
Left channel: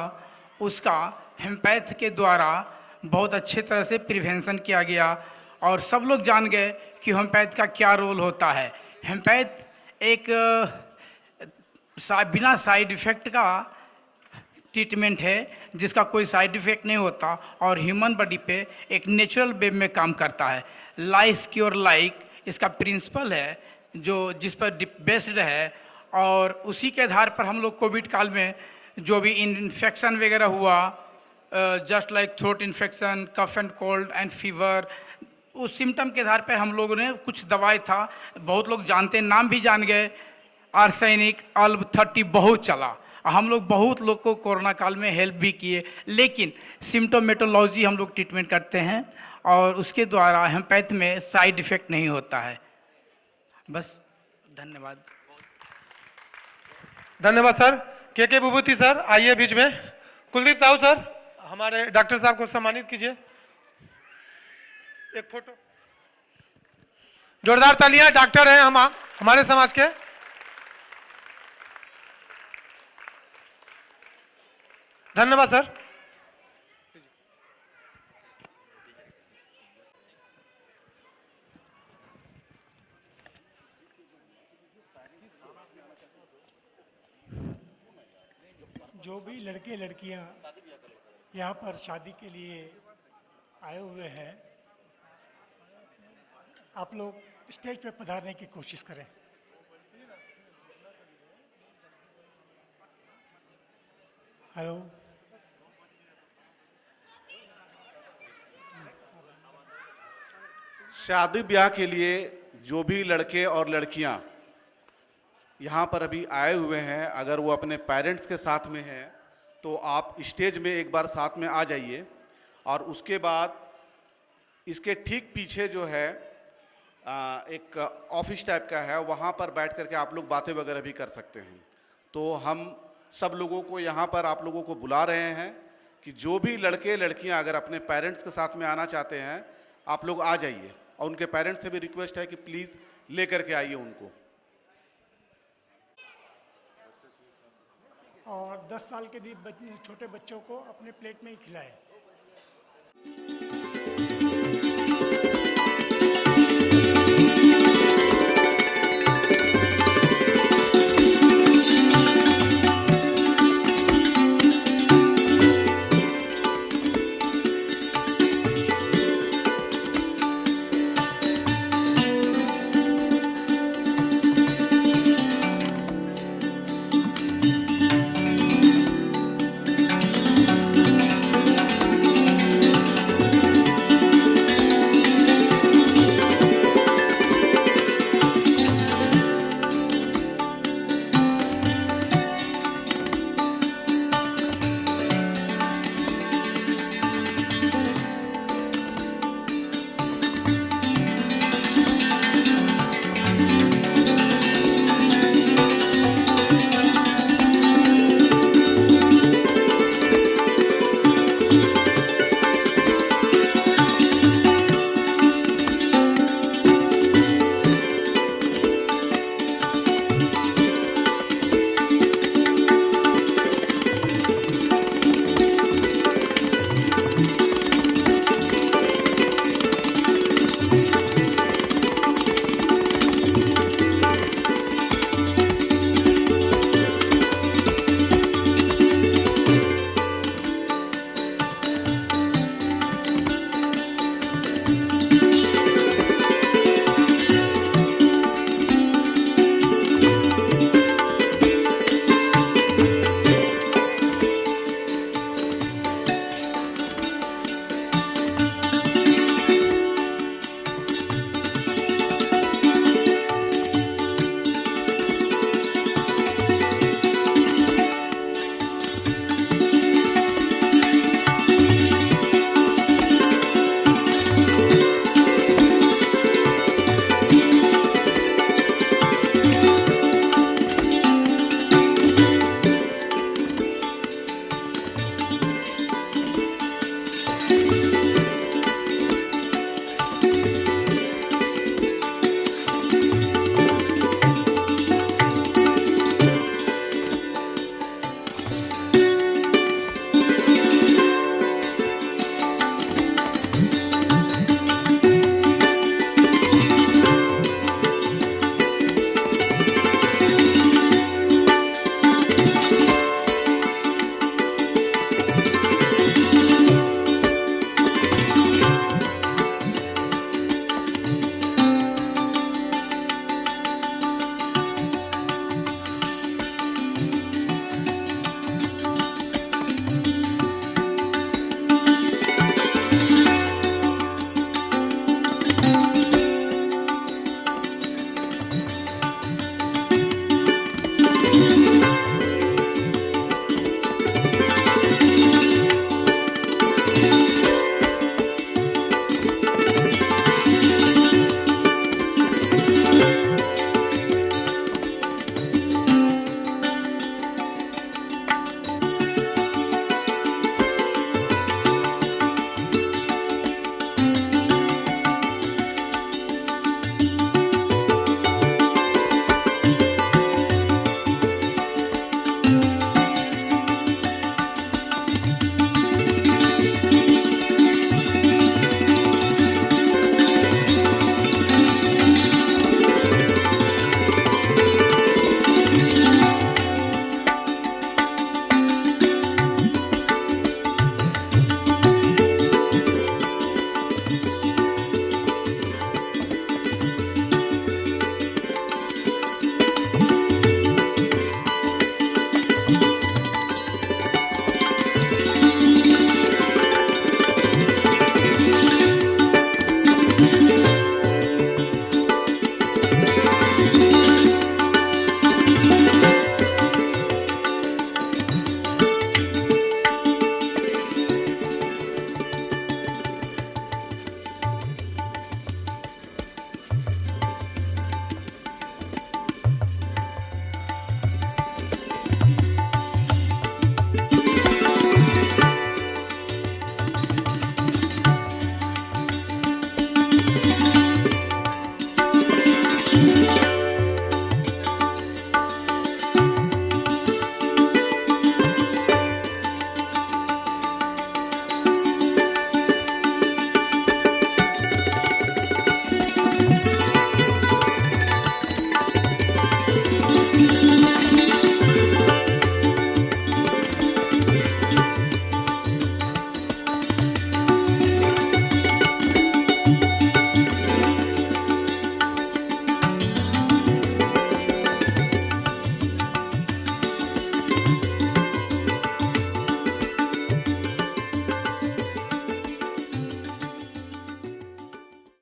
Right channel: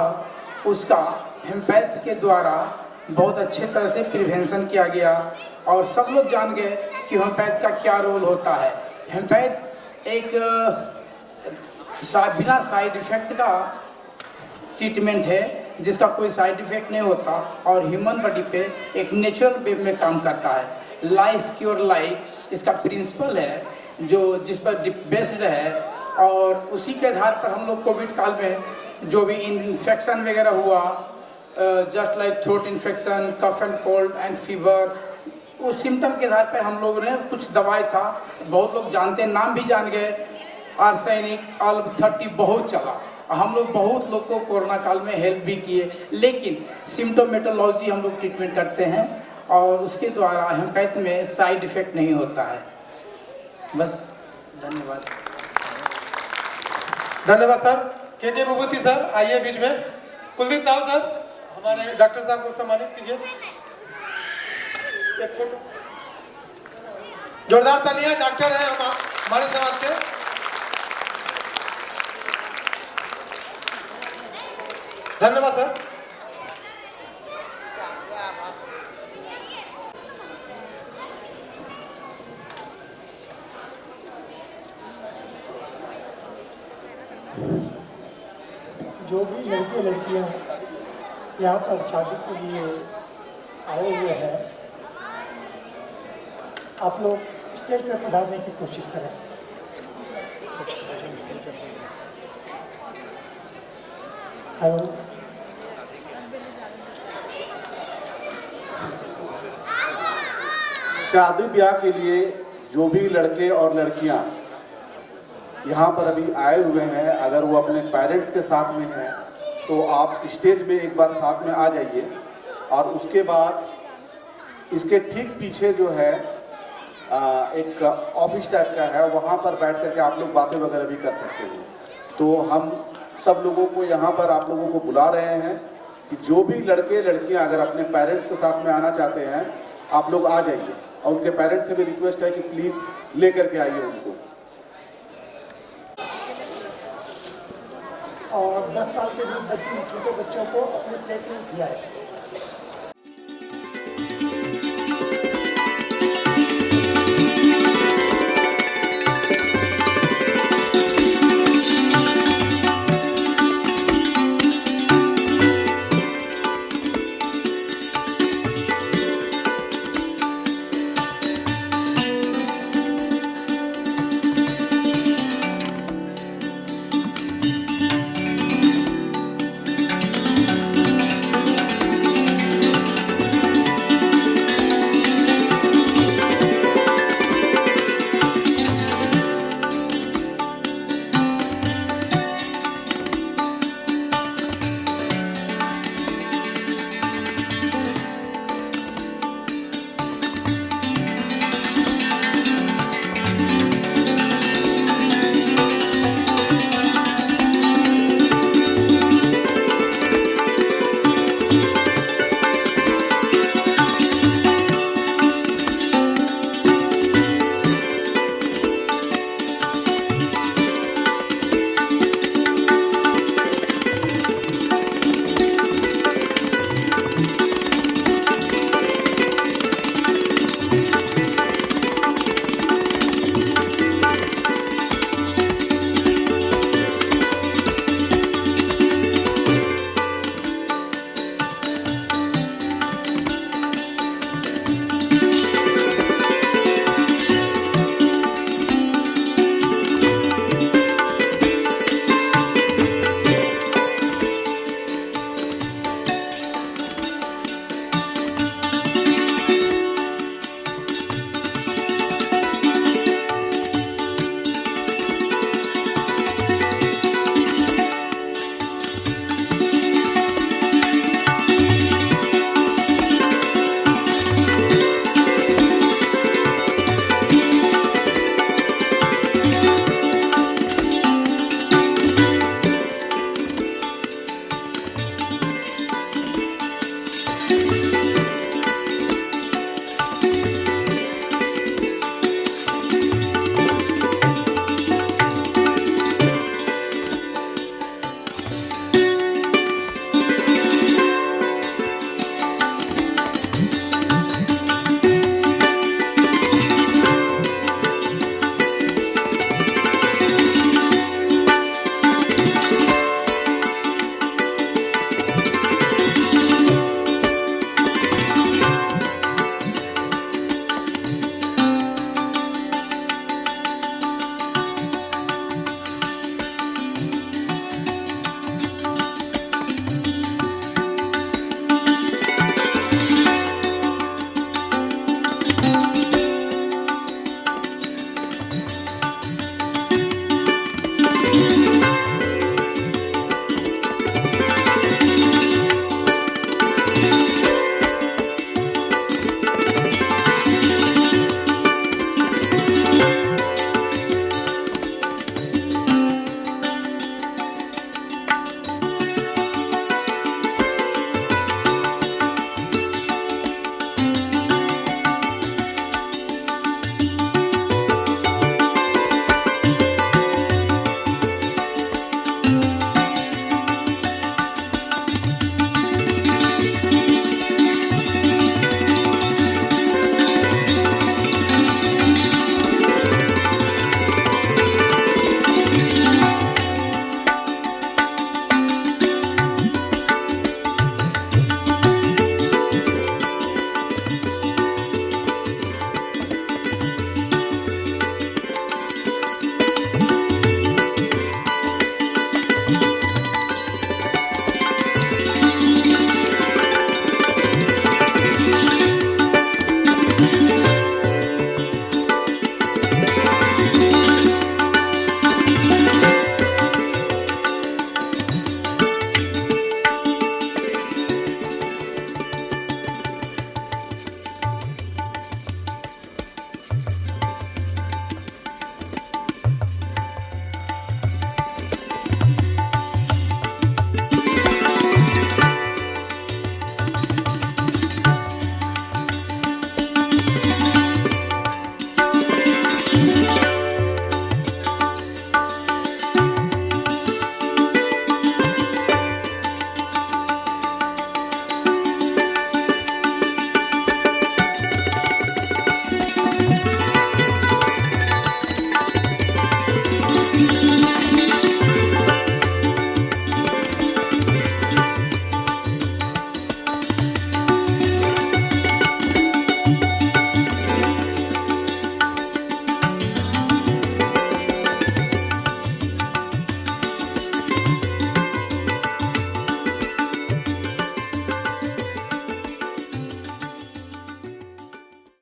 उसका हेम्पैथ के द्वारा बहुत अच्छे तरह से प्रिवेंशन किया गया और सब लोग जान गए कि हेम्पैथ का क्या रोल होता है। हेम्पैथ एक बिना साइड इफेक्ट का ट्रीटमेंट है जिसका कोई साइड इफेक्ट नहीं होता और ह्यूमन बॉडी पे एक नेचुरल वे में काम करता है। लाइफ क्योर लाइफ इसका प्रिंसिपल है जो जिस पर बेस्ड है और उसी के आधार पर हम लोग कोविड काल में जो भी इन्फेक्शन वगैरह हुआ just like throat infection, cough and cold and fever, उस सिम्टम के आधार पे हम लोगों ने कुछ दवाई था, बहुत लोग जानते हैं, नाम भी जान गए, आर्सेनिक, अल्ब 30 बहुत चला। हम लोग बहुत लोग को कोरोना काल में हेल्प भी किए, लेकिन सिम्टोमेटोलॉजी हम लोग ट्रीटमेंट करते हैं और उसके द्वारा हेम्पैथ में साइड इफेक्ट नहीं होता है। बस धन्यवाद। धन्यवाद सर। के विभूति सर आइए बीच में। कुलदीप साहू सर हमारे डॉक्टर साहब को सम्मानित कीजिए। जोरदार तालियां, डॉक्टर हैं हमारे समाज के। धन्यवाद सर। जो भी लड़के लड़कियां यहाँ पर शादी के लिए आए हुए हैं, आप लोग स्टेज पर खिलाने की कोशिश करें। हेलो, शादी ब्याह के लिए जो भी लड़के और लड़कियां यहाँ पर अभी आए हुए हैं, अगर वो अपने पेरेंट्स के साथ में हैं तो आप स्टेज में एक बार साथ में आ जाइए और उसके बाद इसके ठीक पीछे जो है एक ऑफिस टाइप का है, वहाँ पर बैठ करके आप लोग बातें वगैरह भी कर सकते हो। तो हम सब लोगों को यहाँ पर आप लोगों को बुला रहे हैं कि जो भी लड़के लड़कियाँ अगर अपने पेरेंट्स के साथ में आना चाहते हैं आप लोग आ जाइए और उनके पेरेंट्स से भी रिक्वेस्ट है कि प्लीज़ ले करके आइए उनको। और 10 साल के जो छोटे बच्चों को अपने स्टेज में दिया है।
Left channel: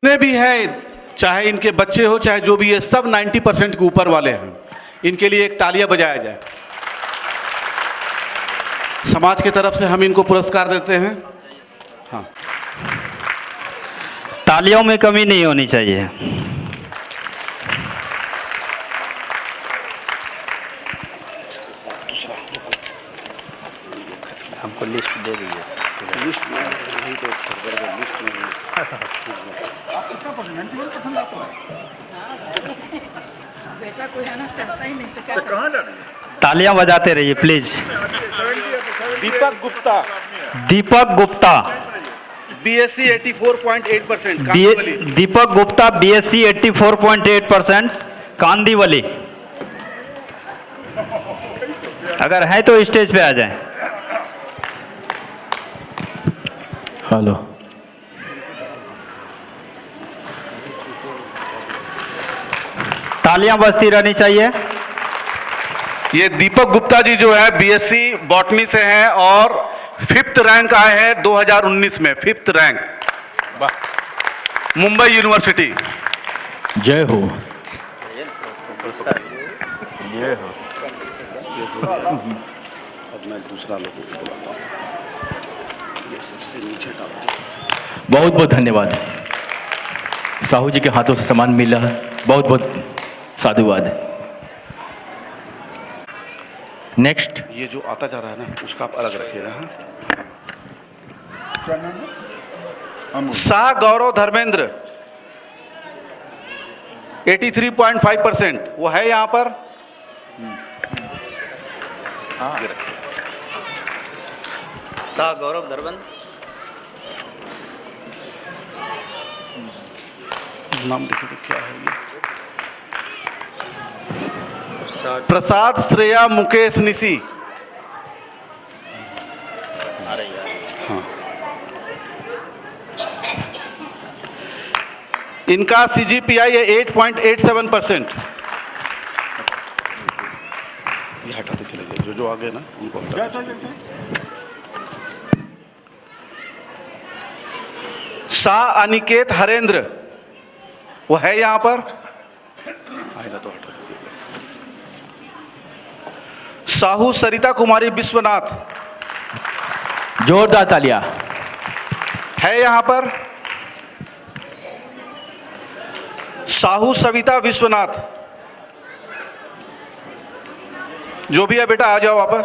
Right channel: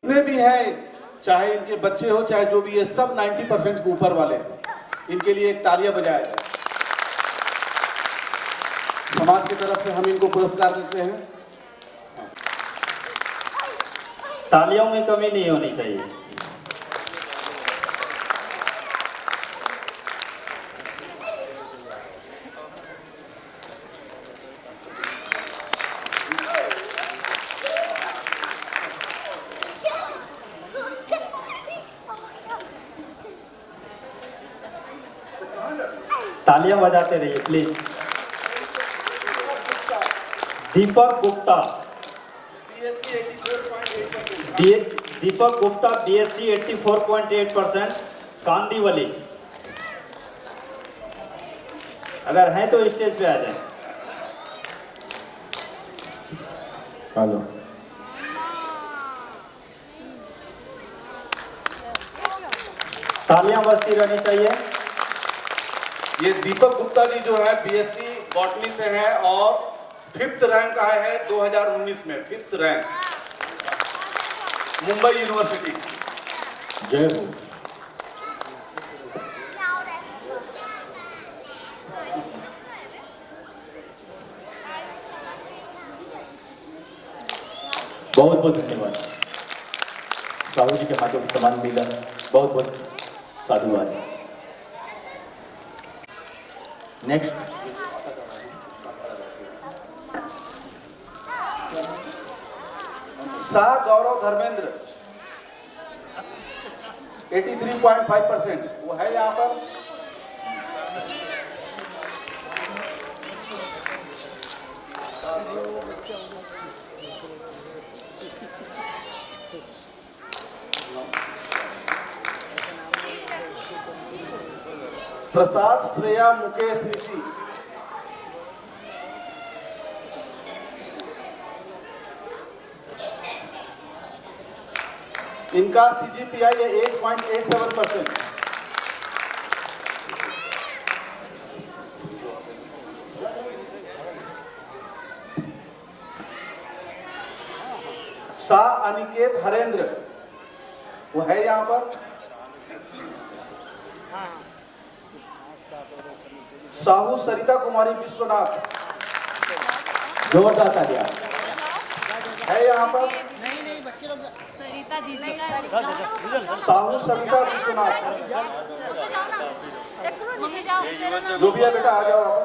जितने भी हैं, चाहे इनके बच्चे हो चाहे जो भी है, सब 90% के ऊपर वाले हैं। इनके लिए एक तालियां बजाया जाए। समाज की तरफ से हम इनको पुरस्कार देते हैं। हाँ, तालियों में कमी नहीं होनी चाहिए। हमको लिस्ट दे दीजिए। बेटा कोई आना चाहता ही नहीं तो क्या तालियां बजाते रहिए please. Deepak Gupta, Deepak Gupta, BSc 84.8%, Deepak Gupta BSc 84.8%, Kandivali. अगर है तो स्टेज पे आ जाए। हेलो, तालियां बजती रहनी चाहिए। ये दीपक गुप्ता जी जो है BSc बॉटनी से हैं और 5th रैंक आए हैं 2019 में, 5th रैंक, मुंबई यूनिवर्सिटी। जय हो। जय हो। अब मैं दूसरा बहुत बहुत धन्यवाद। साहू जी के हाथों से सम्मान मिला, बहुत बहुत साधुवाद। नेक्स्ट, ये जो आता जा रहा है ना, उसका आप अलग रखिएगा। शाह गौरव धर्मेंद्र 83.5%, वो है यहाँ पर। शाह गौरव धर्मेंद्र, नाम देखिए क्या है। प्रसाद श्रेया मुकेश निशी। हाँ, इनका CGPI है 8.87%। ये हटाते चले जाइए, जो आगे ना उनको हटा। शाह अनिकेत हरेंद्र, वो है यहाँ पर। आएगा तो हटा। साहू सरिता कुमारी विश्वनाथ, जोरदार तालियां। है यहाँ पर। साहू सविता विश्वनाथ, जो भी है बेटा आ जाओ वापस।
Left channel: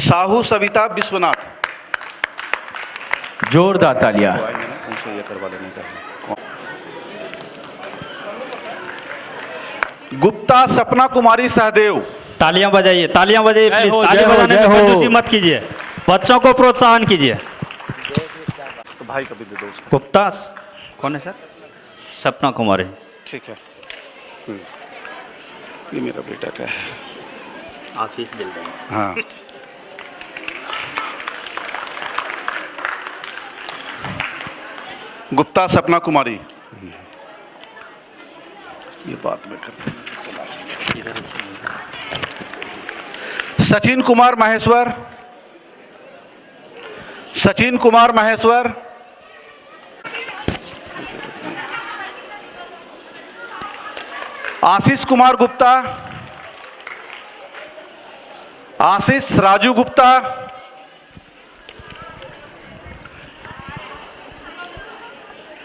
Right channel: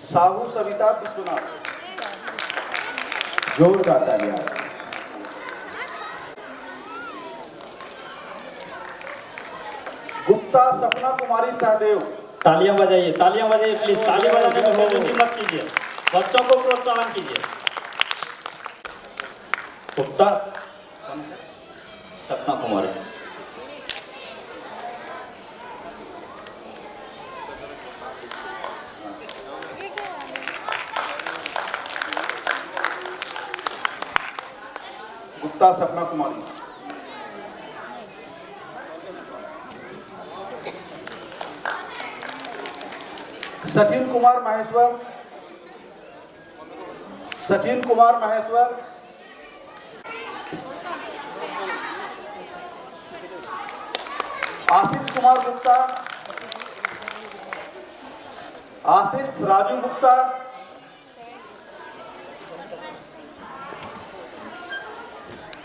साहू सविता विश्वनाथ, जोरदार तालियां। गुप्ता सपना कुमारी सहदेव। तालियां बजाइए, तालियां बजाइए प्लीज। तालियां बजाने में कंजूसी मत कीजिए, बच्चों को प्रोत्साहन कीजिए। तो भाई कभी दे दो। गुप्ता कौन है सर? सपना कुमारी। ठीक है, ये मेरा बेटा का है। ऑफिस दे दो। हाँ, गुप्ता सपना कुमारी, ये बात में करते हैं। सचिन कुमार महेश्वर, सचिन कुमार महेश्वर, आशीष कुमार गुप्ता, आशीष राजू गुप्ता,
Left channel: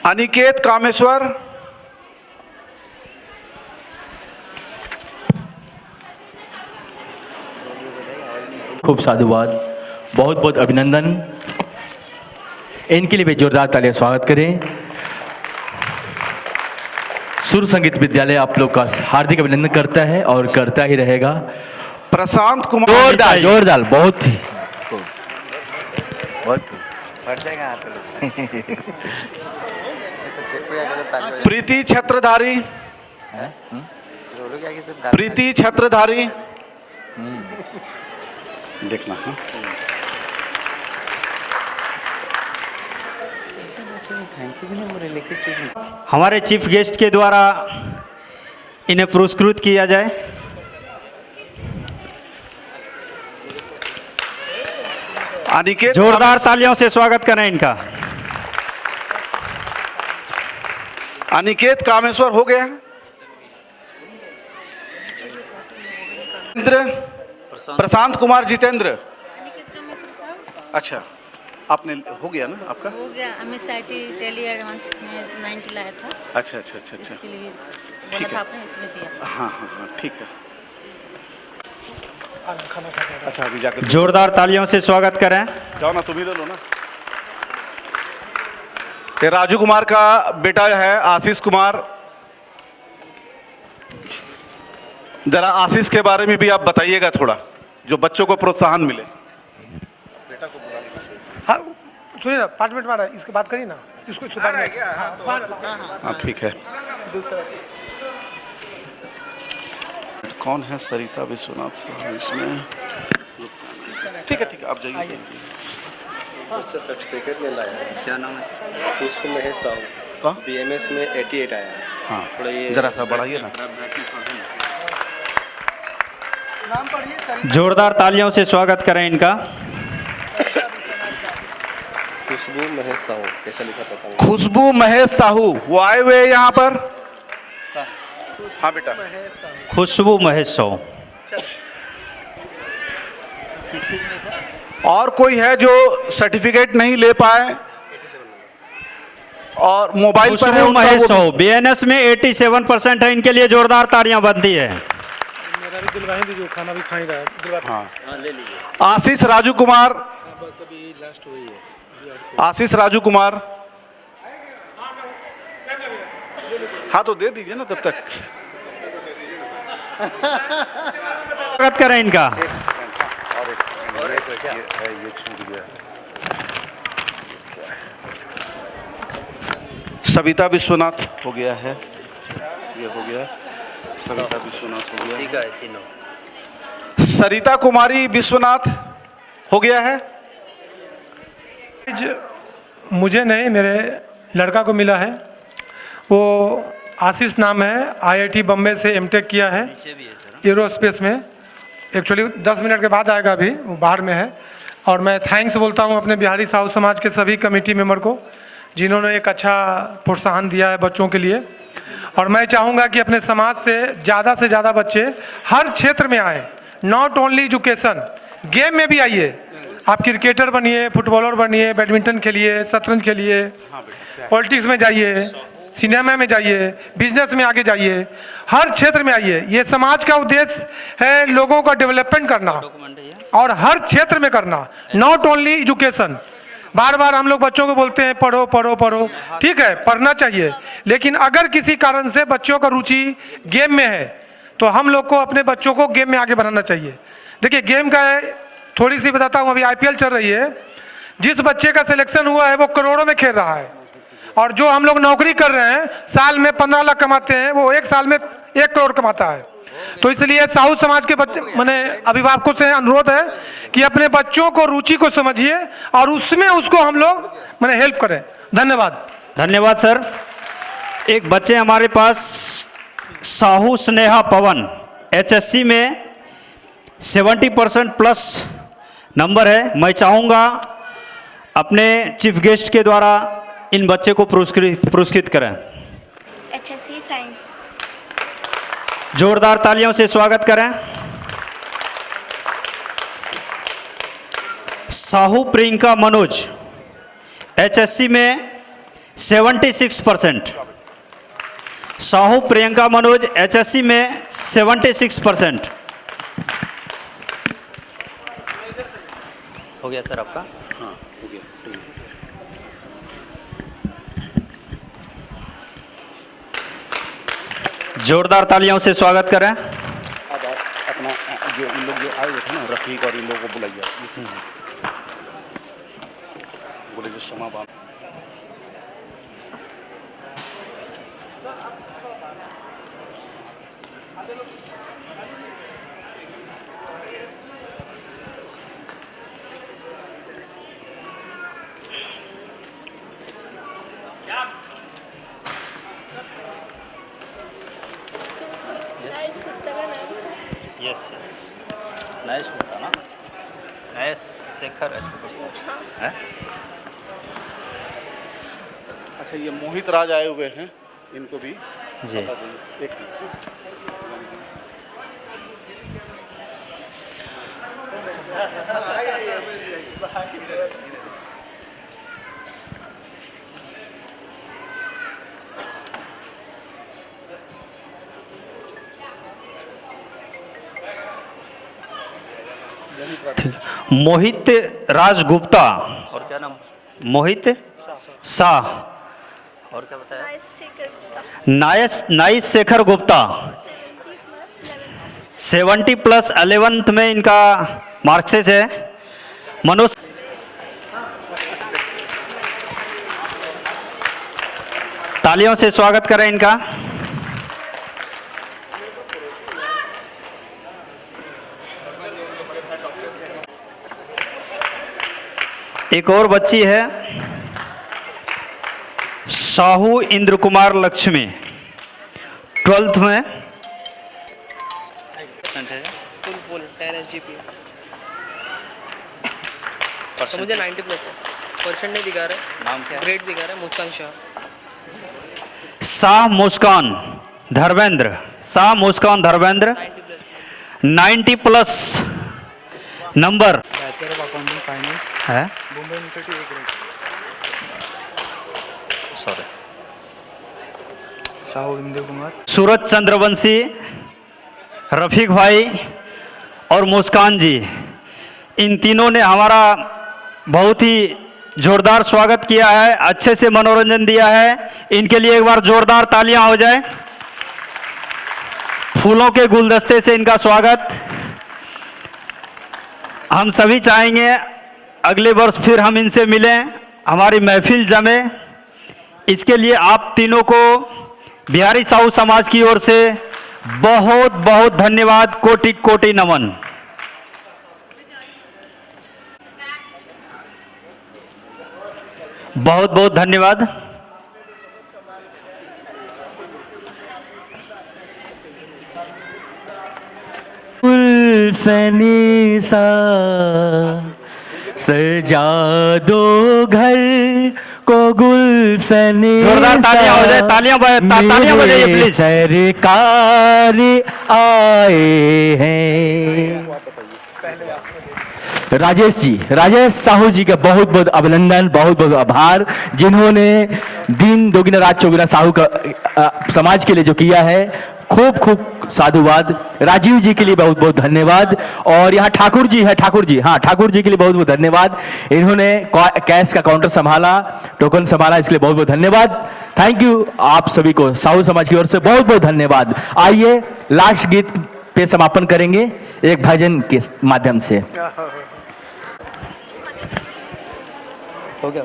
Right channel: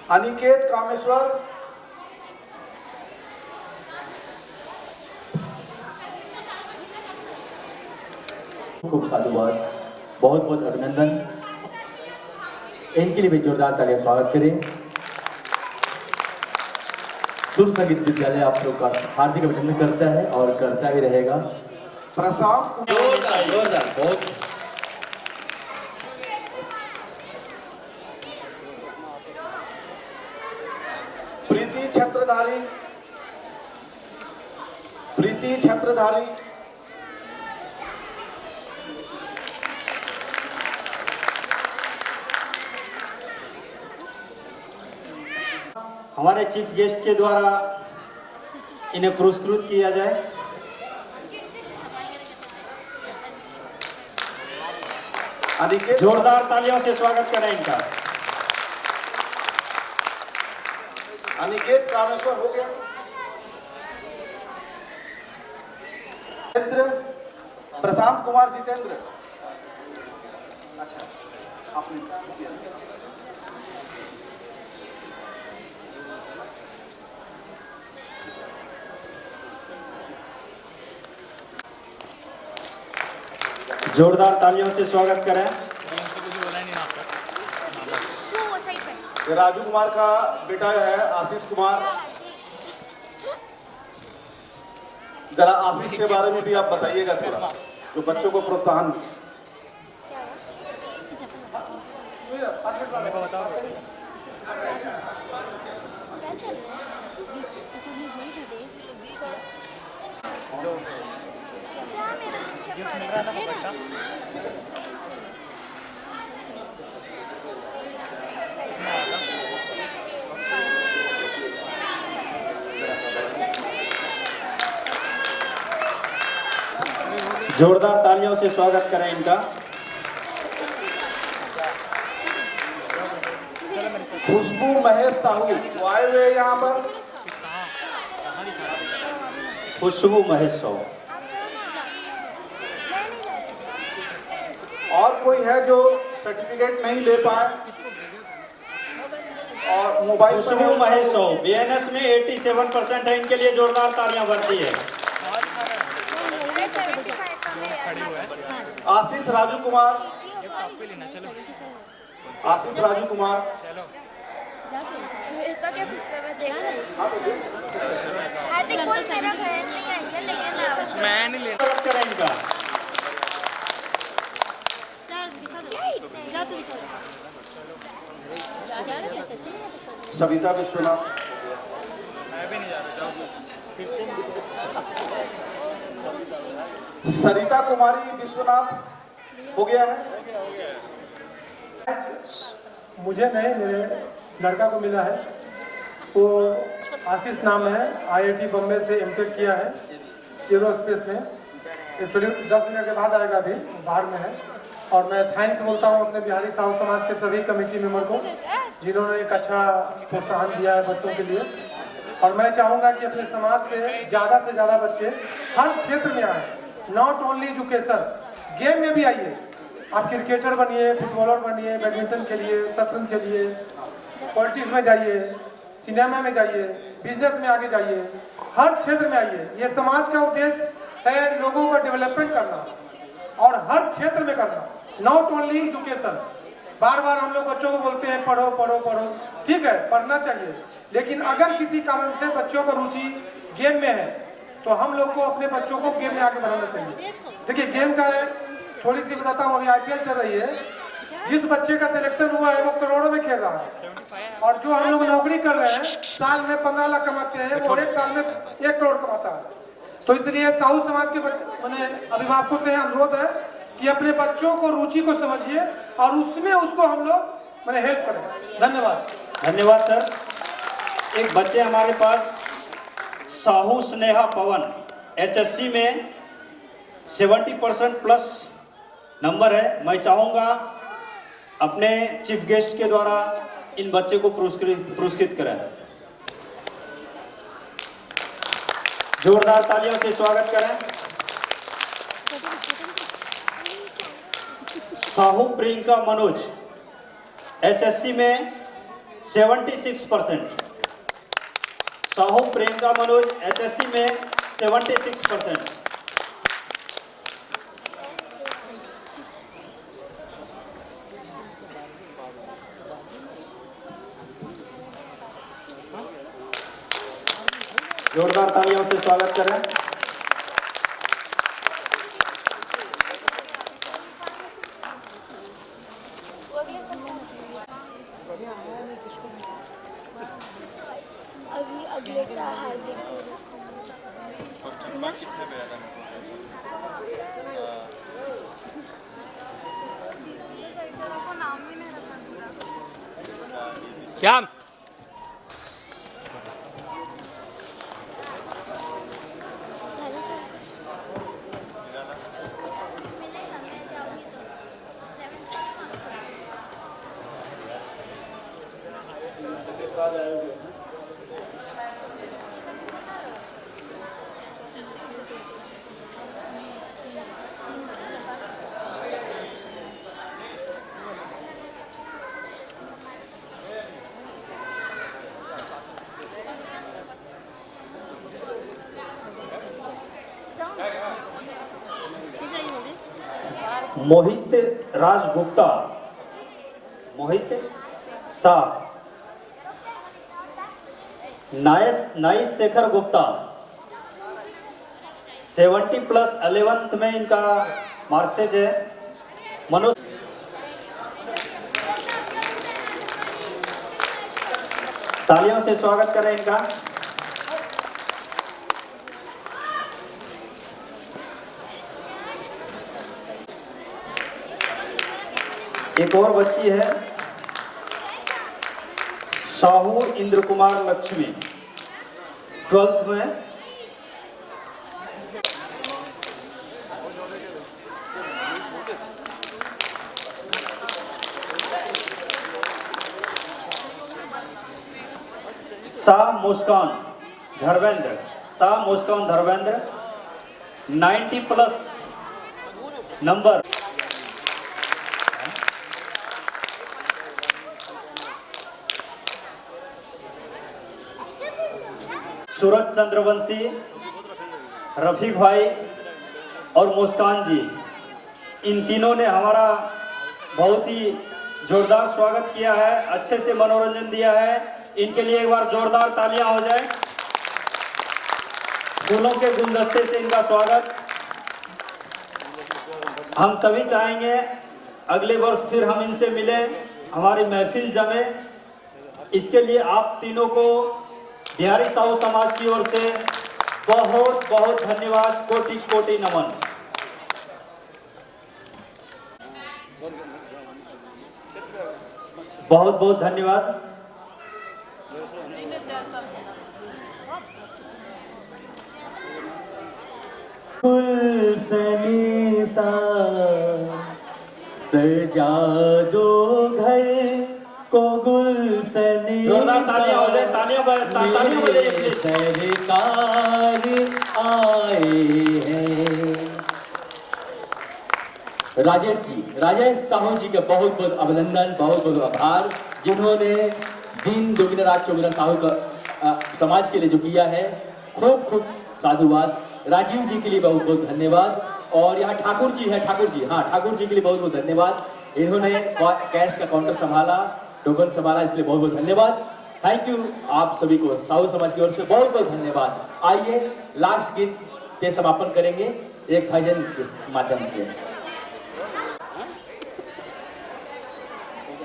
अनिकेत कामेश्वर, खूब साधुवाद, बहुत बहुत अभिनंदन। इनके लिए भी जोरदार तालियां स्वागत करें। सुर संगीत विद्यालय आप लोग का हार्दिक अभिनंदन करता है और करता ही रहेगा। प्रशांत कुमार, जोरदार जोरदार, बहुत ही प्रीति छत्रधारी, प्रीति छत्रधारी, देखना है। हमारे चीफ गेस्ट के द्वारा इन्हें पुरस्कृत किया जाए। अनिकेत, जोरदार तालियों से स्वागत करें इनका। अनिकेत कामेश्वर हो गया। प्रशांत कुमार जितेंद्र, अच्छा आपने हो गया ना आपका? हो गया, MSIT दिल्ली एडवांस में 90 लाया था। अच्छा अच्छा अच्छा अच्छा, इसके लिए बोला था आपने, इसमें दिया। हाँ हाँ हाँ ठीक है। अच्छा अभी जाकर जोरदार तालियों से स्वागत करें। जाओ ना, तुम ही लो ना। ये राजू कुमार का बेटा है आशीष कुमार। जरा आशीष के बारे में भी आप बताइएगा थोड़ा, जो बच्चों को प्रोत्साहन मिले। हाँ सुनिए ना, 5 मिनट बाद इसकी बात करिए ना, इसको सुधार। हाँ ठीक है। कौन है सरिता विश्वनाथ इसमें? ठीक है ठीक है, आप जाइए। अच्छा सर्टिफिकेट में लाया, क्या नाम है? खुशबू महेश साहू, BMS में 88 आया। हाँ जरा सा बढ़ाइए ना। जोरदार तालियों से स्वागत करें इनका। खुशबू महेश साहू, कैसे लिखा? खुशबू महेश साहू, वो आए हुए यहाँ पर। हाँ बेटा, खुशबू महेश साहू। और कोई है जो सर्टिफिकेट नहीं ले पाए और मोबाइल पर है? खुशबू महेश साहू BNS में 87% है, इनके लिए जोरदार तालियां बनती है। आशीष राजू कुमार, आशीष राजू कुमार, हाँ तो दे दीजिए ना तब तक। स्वागत करें इनका। सविता विश्वनाथ हो गया है, ये हो गया। सविता विश्वनाथ हो गया। सरिता कुमारी विश्वनाथ हो गया है। मुझे नहीं, मेरे लड़का को मिला है, वो आशीष नाम है, IIT बम्बई से M.Tech किया है एरोस्पेस में। एक्चुअली 10 मिनट के बाद आएगा, अभी वो बाहर में है। और मैं थैंक्स बोलता हूँ अपने बिहारी साहू समाज के सभी कमेटी मेंबर को, जिन्होंने एक अच्छा प्रोत्साहन दिया है बच्चों के लिए। और मैं चाहूँगा कि अपने समाज से ज़्यादा बच्चे हर क्षेत्र में आए, नॉट ओनली एजुकेशन, गेम में भी आइए। आप क्रिकेटर बनिए, फुटबॉलर बनिए, बैडमिंटन खेलिए, शतरंज खेलिए, पॉलिटिक्स में जाइए, सिनेमा में जाइए, बिजनेस में आगे जाइए, हर क्षेत्र में आइए। ये समाज का उद्देश्य है लोगों का डेवलपमेंट करना और हर क्षेत्र में करना, नॉट ओनली एजुकेशन। बार बार हम लोग बच्चों को बोलते हैं पढ़ो पढ़ो पढ़ो, ठीक है पढ़ना चाहिए, लेकिन अगर किसी कारण से बच्चों का रुचि गेम में है तो हम लोग को अपने बच्चों को गेम में आगे बढ़ाना चाहिए। देखिए गेम का थोड़ी सी बताता हूँ, अभी IPL चल रही है, जिस बच्चे का सिलेक्शन हुआ है वो करोड़ों में खेल रहा है, और जो हम लोग नौकरी कर रहे हैं साल में 15 लाख कमाते हैं, वो एक साल में 1 करोड़ कमाता है। तो इसलिए साहू समाज के बच्चे मैंने अभिभावकों से अनुरोध है कि अपने बच्चों को रुचि को समझिए और उसमें उसको हम लोग मैंने हेल्प करें। धन्यवाद। धन्यवाद सर। एक बच्चे हमारे पास साहू स्नेहा पवन, HSC में 70% प्लस नंबर है। मैं चाहूँगा अपने चीफ गेस्ट के द्वारा इन बच्चे को पुरस्कृत करें। HSC science. जोरदार तालियों से स्वागत करें। साहू प्रियंका मनोज, HSC में 76%। साहू प्रियंका मनोज HSC में 76%। हो गया सर आपका? जोरदार तालियों से स्वागत करें। अपना जो इन लोग जो आए हुए थे ना, रफीक और इन लोगों को बुलाइए, बोले जो क्षमा बात। क्या यस नाइस। शेखर अच्छा, ये मोहित राज आए हुए हैं, इनको भी जी। मोहित राज गुप्ता और क्या नाम? मोहित शाह, और क्या बताया? नाइस शेखर गुप्ता 70+ 11th में इनका मार्क्सेज है। मनोज तालियों से स्वागत करें इनका। एक और बच्ची है साहू इंद्र कुमार लक्ष्मी 12th में। तो मुझे 90+ क्वेश्चन नहीं दिखा रहा, ग्रेड दिखा रहा है। मुस्कान शाह मुस्कान धर्मेंद्र, शाह मुस्कान धर्मेंद्र 90+ नंबर है। सूरज चंद्रवंशी, रफीक भाई और मुस्कान जी, इन तीनों ने हमारा बहुत ही जोरदार स्वागत किया है, अच्छे से मनोरंजन दिया है। इनके लिए एक बार जोरदार तालियां हो जाए। फूलों के गुलदस्ते से इनका स्वागत। हम सभी चाहेंगे अगले वर्ष फिर हम इनसे मिलें, हमारी महफिल जमे। इसके लिए आप तीनों को बिहारी साहू समाज की ओर से बहुत बहुत धन्यवाद, कोटि कोटि नमन। बहुत बहुत धन्यवाद। गुलशनी सा सजा दो घर को, गुलशनी जोरदार तालियां हो जाए, तालियां बजाइए प्लीज। सरकार आए हैं। राजेश साहू जी का बहुत बहुत अभिनंदन, बहुत बहुत आभार, जिन्होंने दिन दोगुना रात चौगुना साहू का समाज के लिए जो किया है। खूब खूब साधुवाद। राजीव जी के लिए बहुत बहुत धन्यवाद। और यहाँ ठाकुर जी है, ठाकुर जी, हाँ ठाकुर जी के लिए बहुत बहुत धन्यवाद। इन्होंने कैश का काउंटर संभाला, टोकन संभाला, इसके लिए बहुत बहुत धन्यवाद। थैंक यू आप सभी को, साहू समाज की ओर से बहुत बहुत धन्यवाद। आइए लास्ट गीत पे समापन करेंगे एक भजन के माध्यम से। हो गया।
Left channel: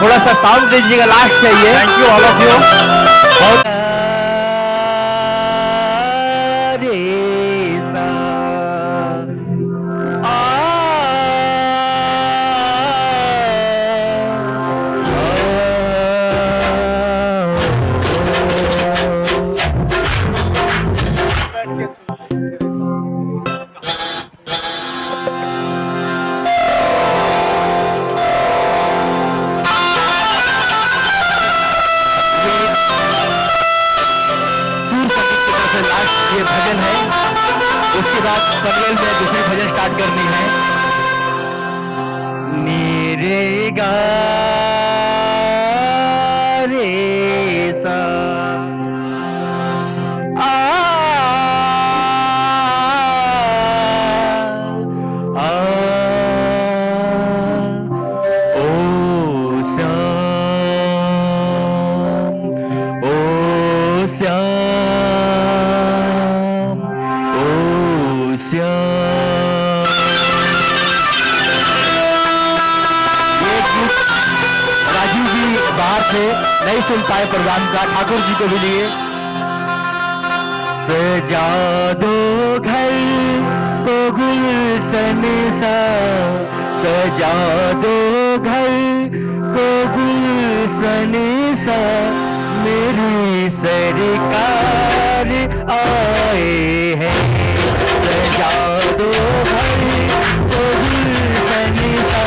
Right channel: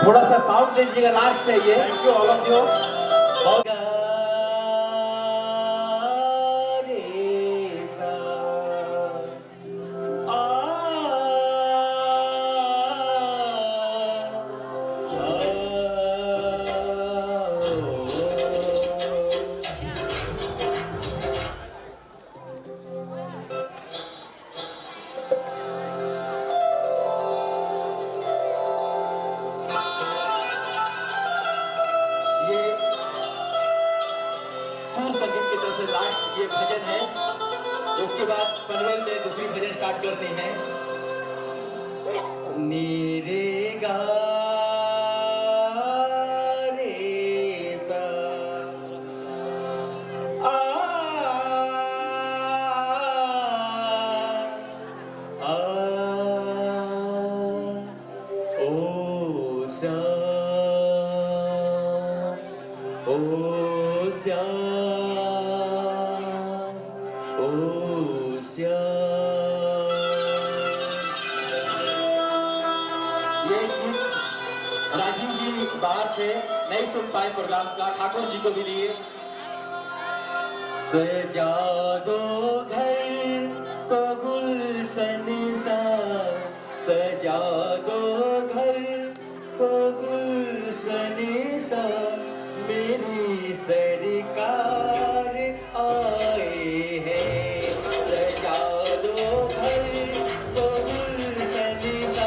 थोड़ा सा साउंड दीजिएगा, लास्ट चाहिए। Thank you all of you. ये भजन है, उसके बाद पटेल में दूसरी भजन स्टार्ट करनी है। मेरे गा रे सा आ आ ओ श्याम राजीव जी बाहर थे, नहीं सुन पाए प्रोग्राम का, ठाकुर जी को भी लिए। सजा दो घर को गुलशन सा, सजा दो घर को गुलशन सा, मेरी सरकार आए हैं, सजा दो भाई तो गुलशन सा,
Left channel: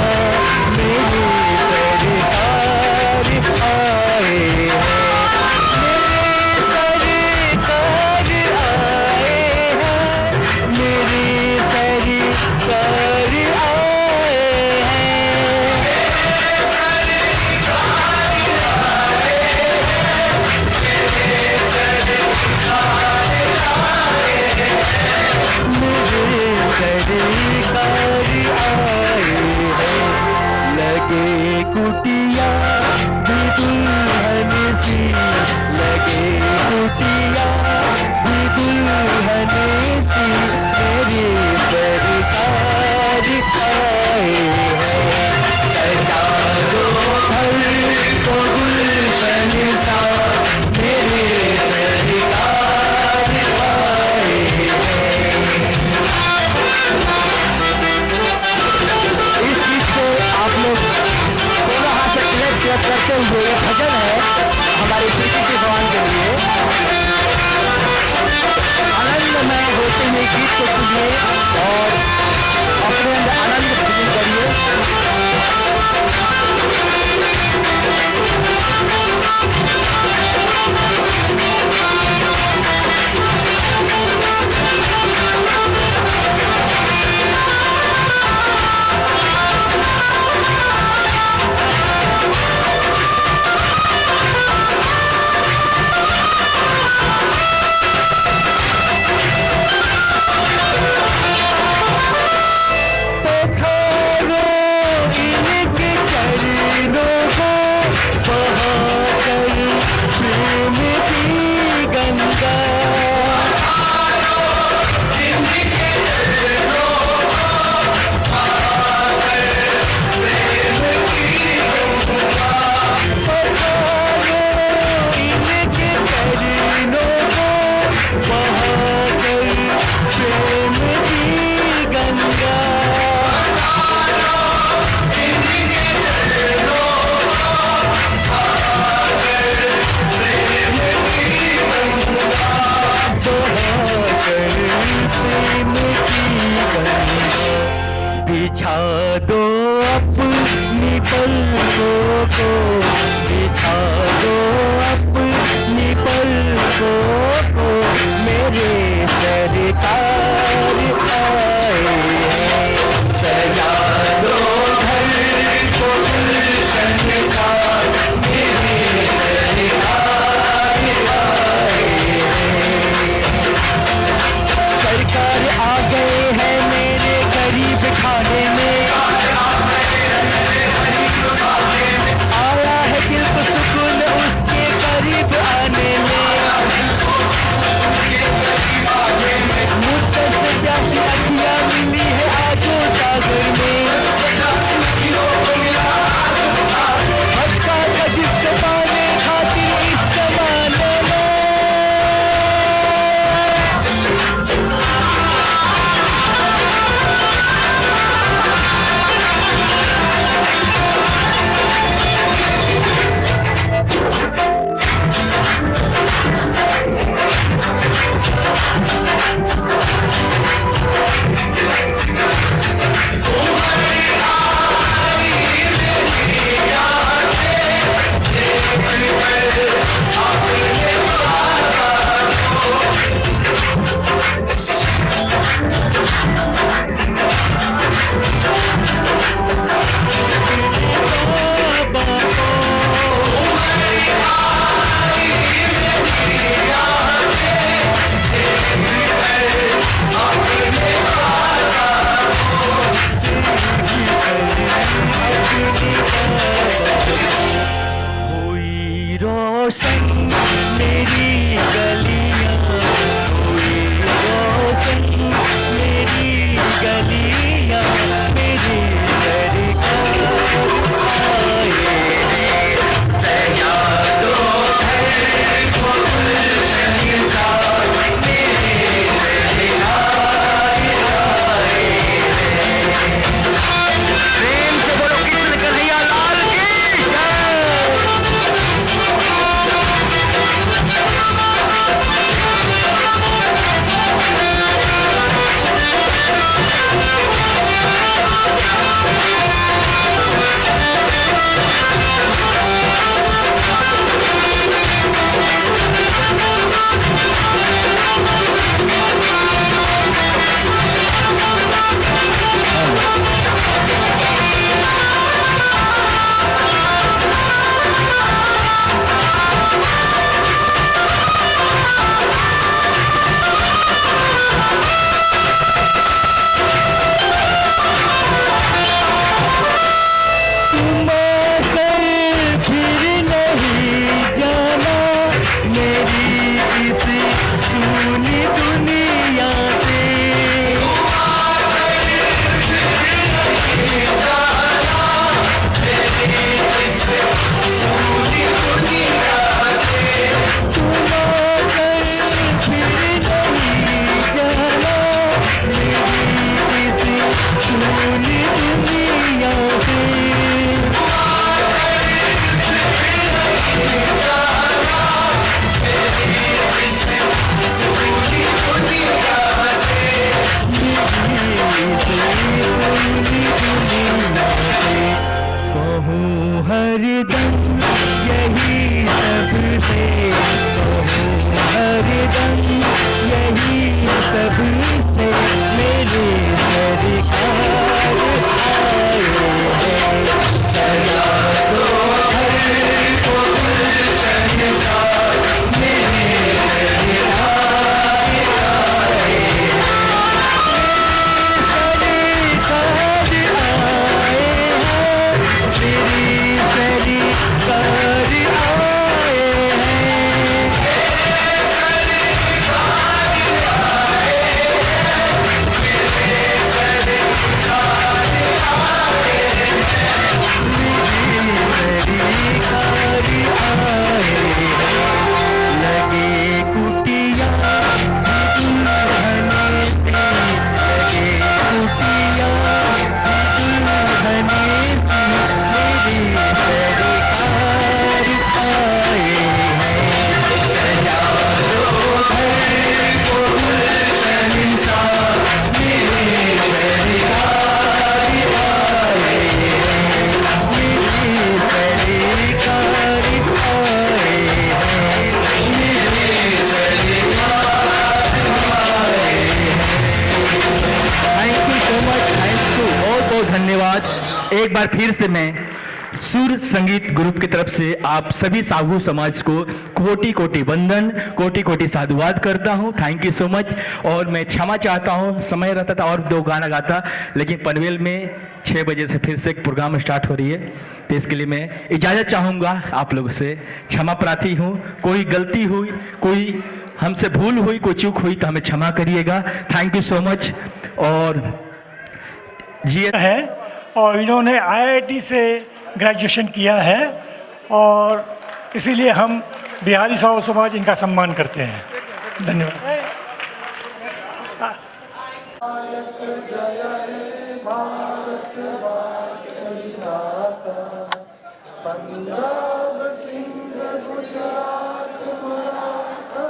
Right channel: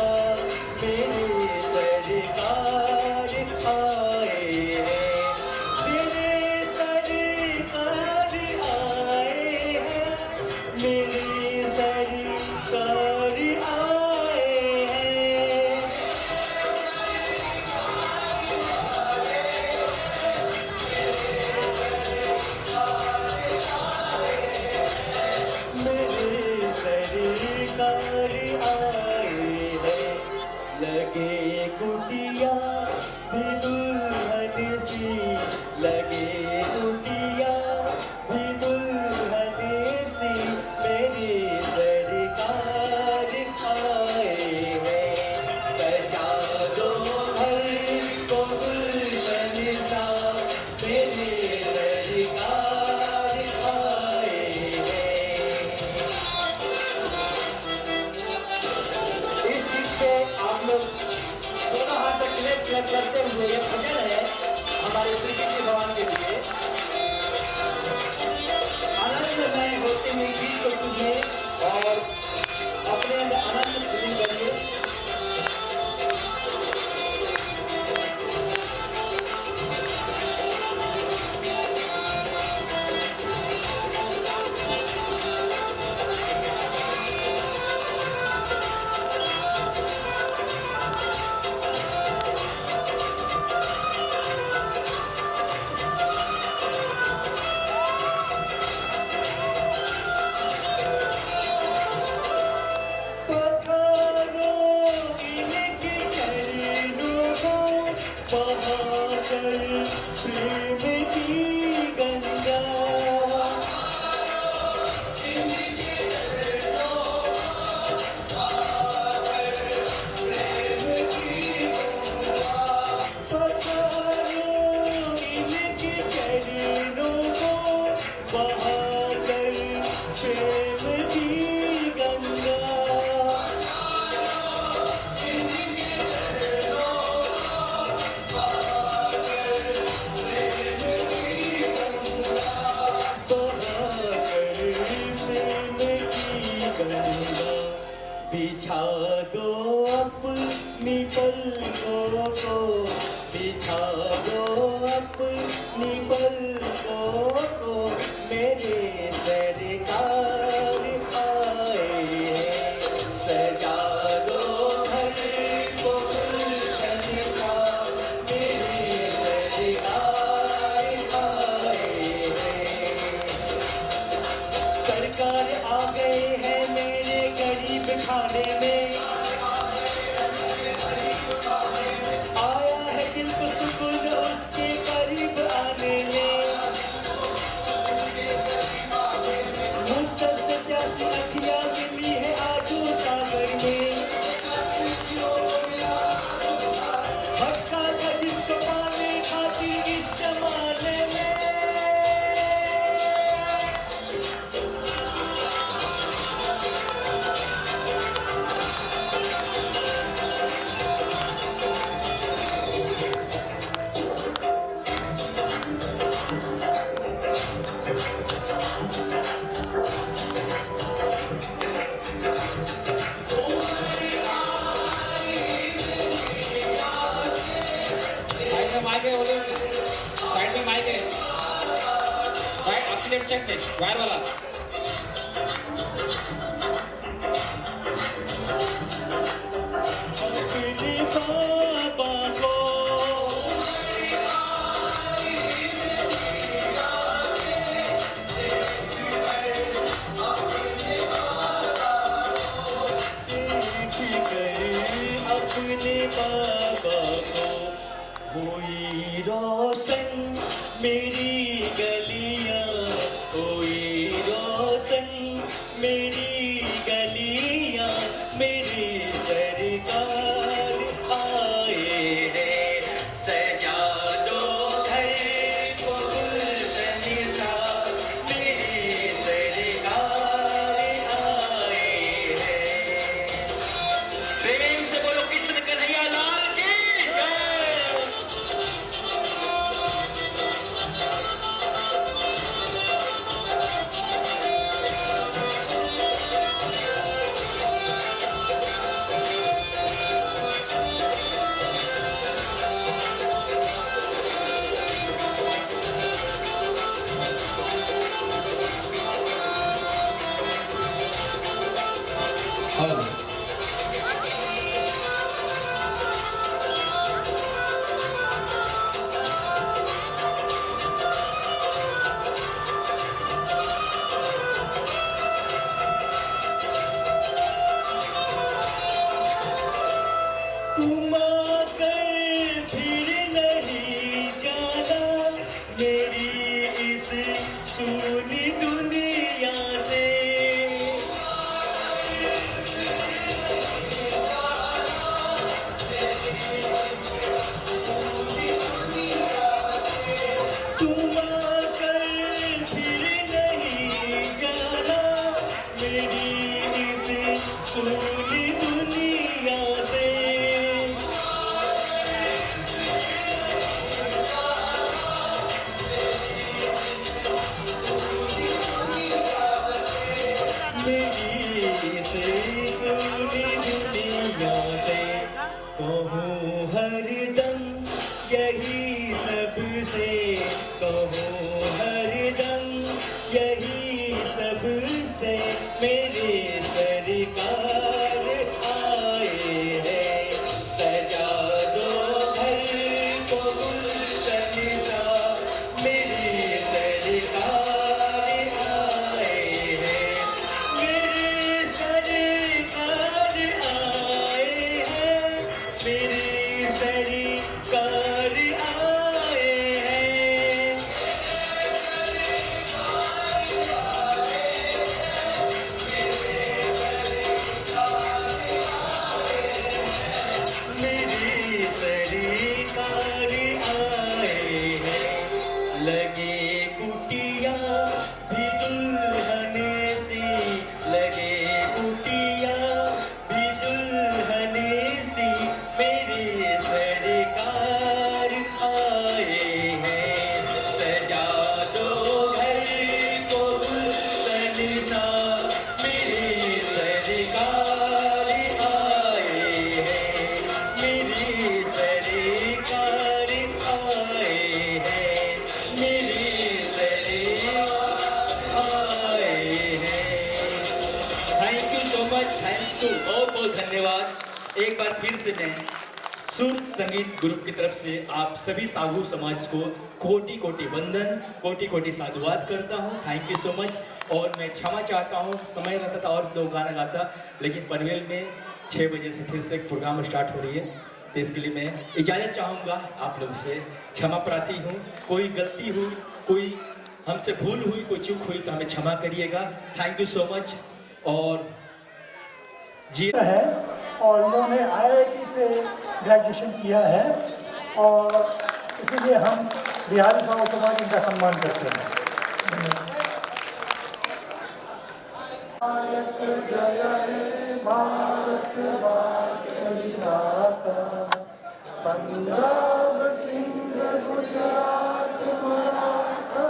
मेरी सरकार आए हैं, मेरी सरकार आए हैं, मेरी सरकार आए हैं। मेरी किसी सुनी दुनिया से एक बार फिर से मैं सुर संगीत ग्रुप की तरफ से आप सभी साहू समाज को कोटि कोटि वंदन, कोटि कोटि साधुवाद करता हूं। Thank you so much. और मैं क्षमा चाहता हूं, समय रहता था और 2 गाना गाता, लेकिन पनवेल में 6 बजे से फिर से एक प्रोग्राम स्टार्ट हो रही है, तो इसके लिए मैं इजाज़त चाहूँगा आप लोगों से। क्षमा प्रार्थी हूँ, कोई गलती हुई, कोई हमसे भूल हुई, कोई चूक हुई तो हमें क्षमा करिएगा। Thank you so much. और जी है और इन्होंने IIT से ग्रेजुएशन किया है और इसीलिए हम बिहारी साहू समाज इनका सम्मान करते हैं। धन्यवाद। पंजाब सिंध गुजरात मराठा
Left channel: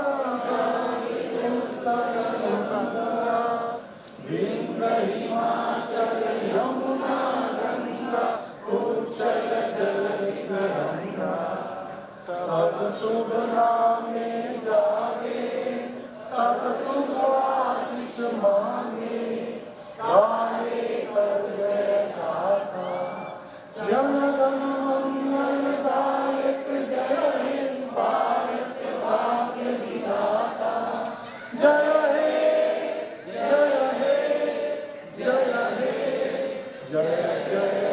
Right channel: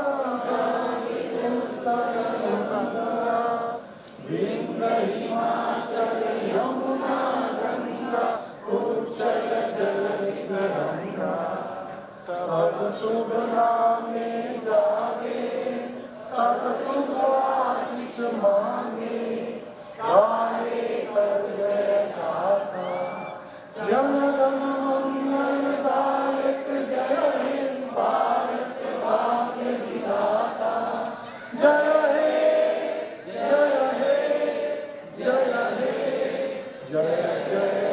हिमाचल यमुना गंगा उच्चल जलधिरंगा तब शुभ नामे जागे तब शुभ आशीष मांगे गाए कर जय गाथा जन गण मंगलदायक जय हे भारत भाग्य विधाता जय हे जय हे जय हे जय जय जय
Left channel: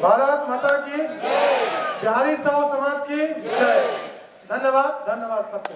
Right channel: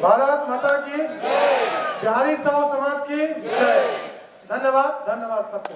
भारत माता की जय, बिहारी साहू समाज की जय। धन्यवाद, धन्यवाद सबको।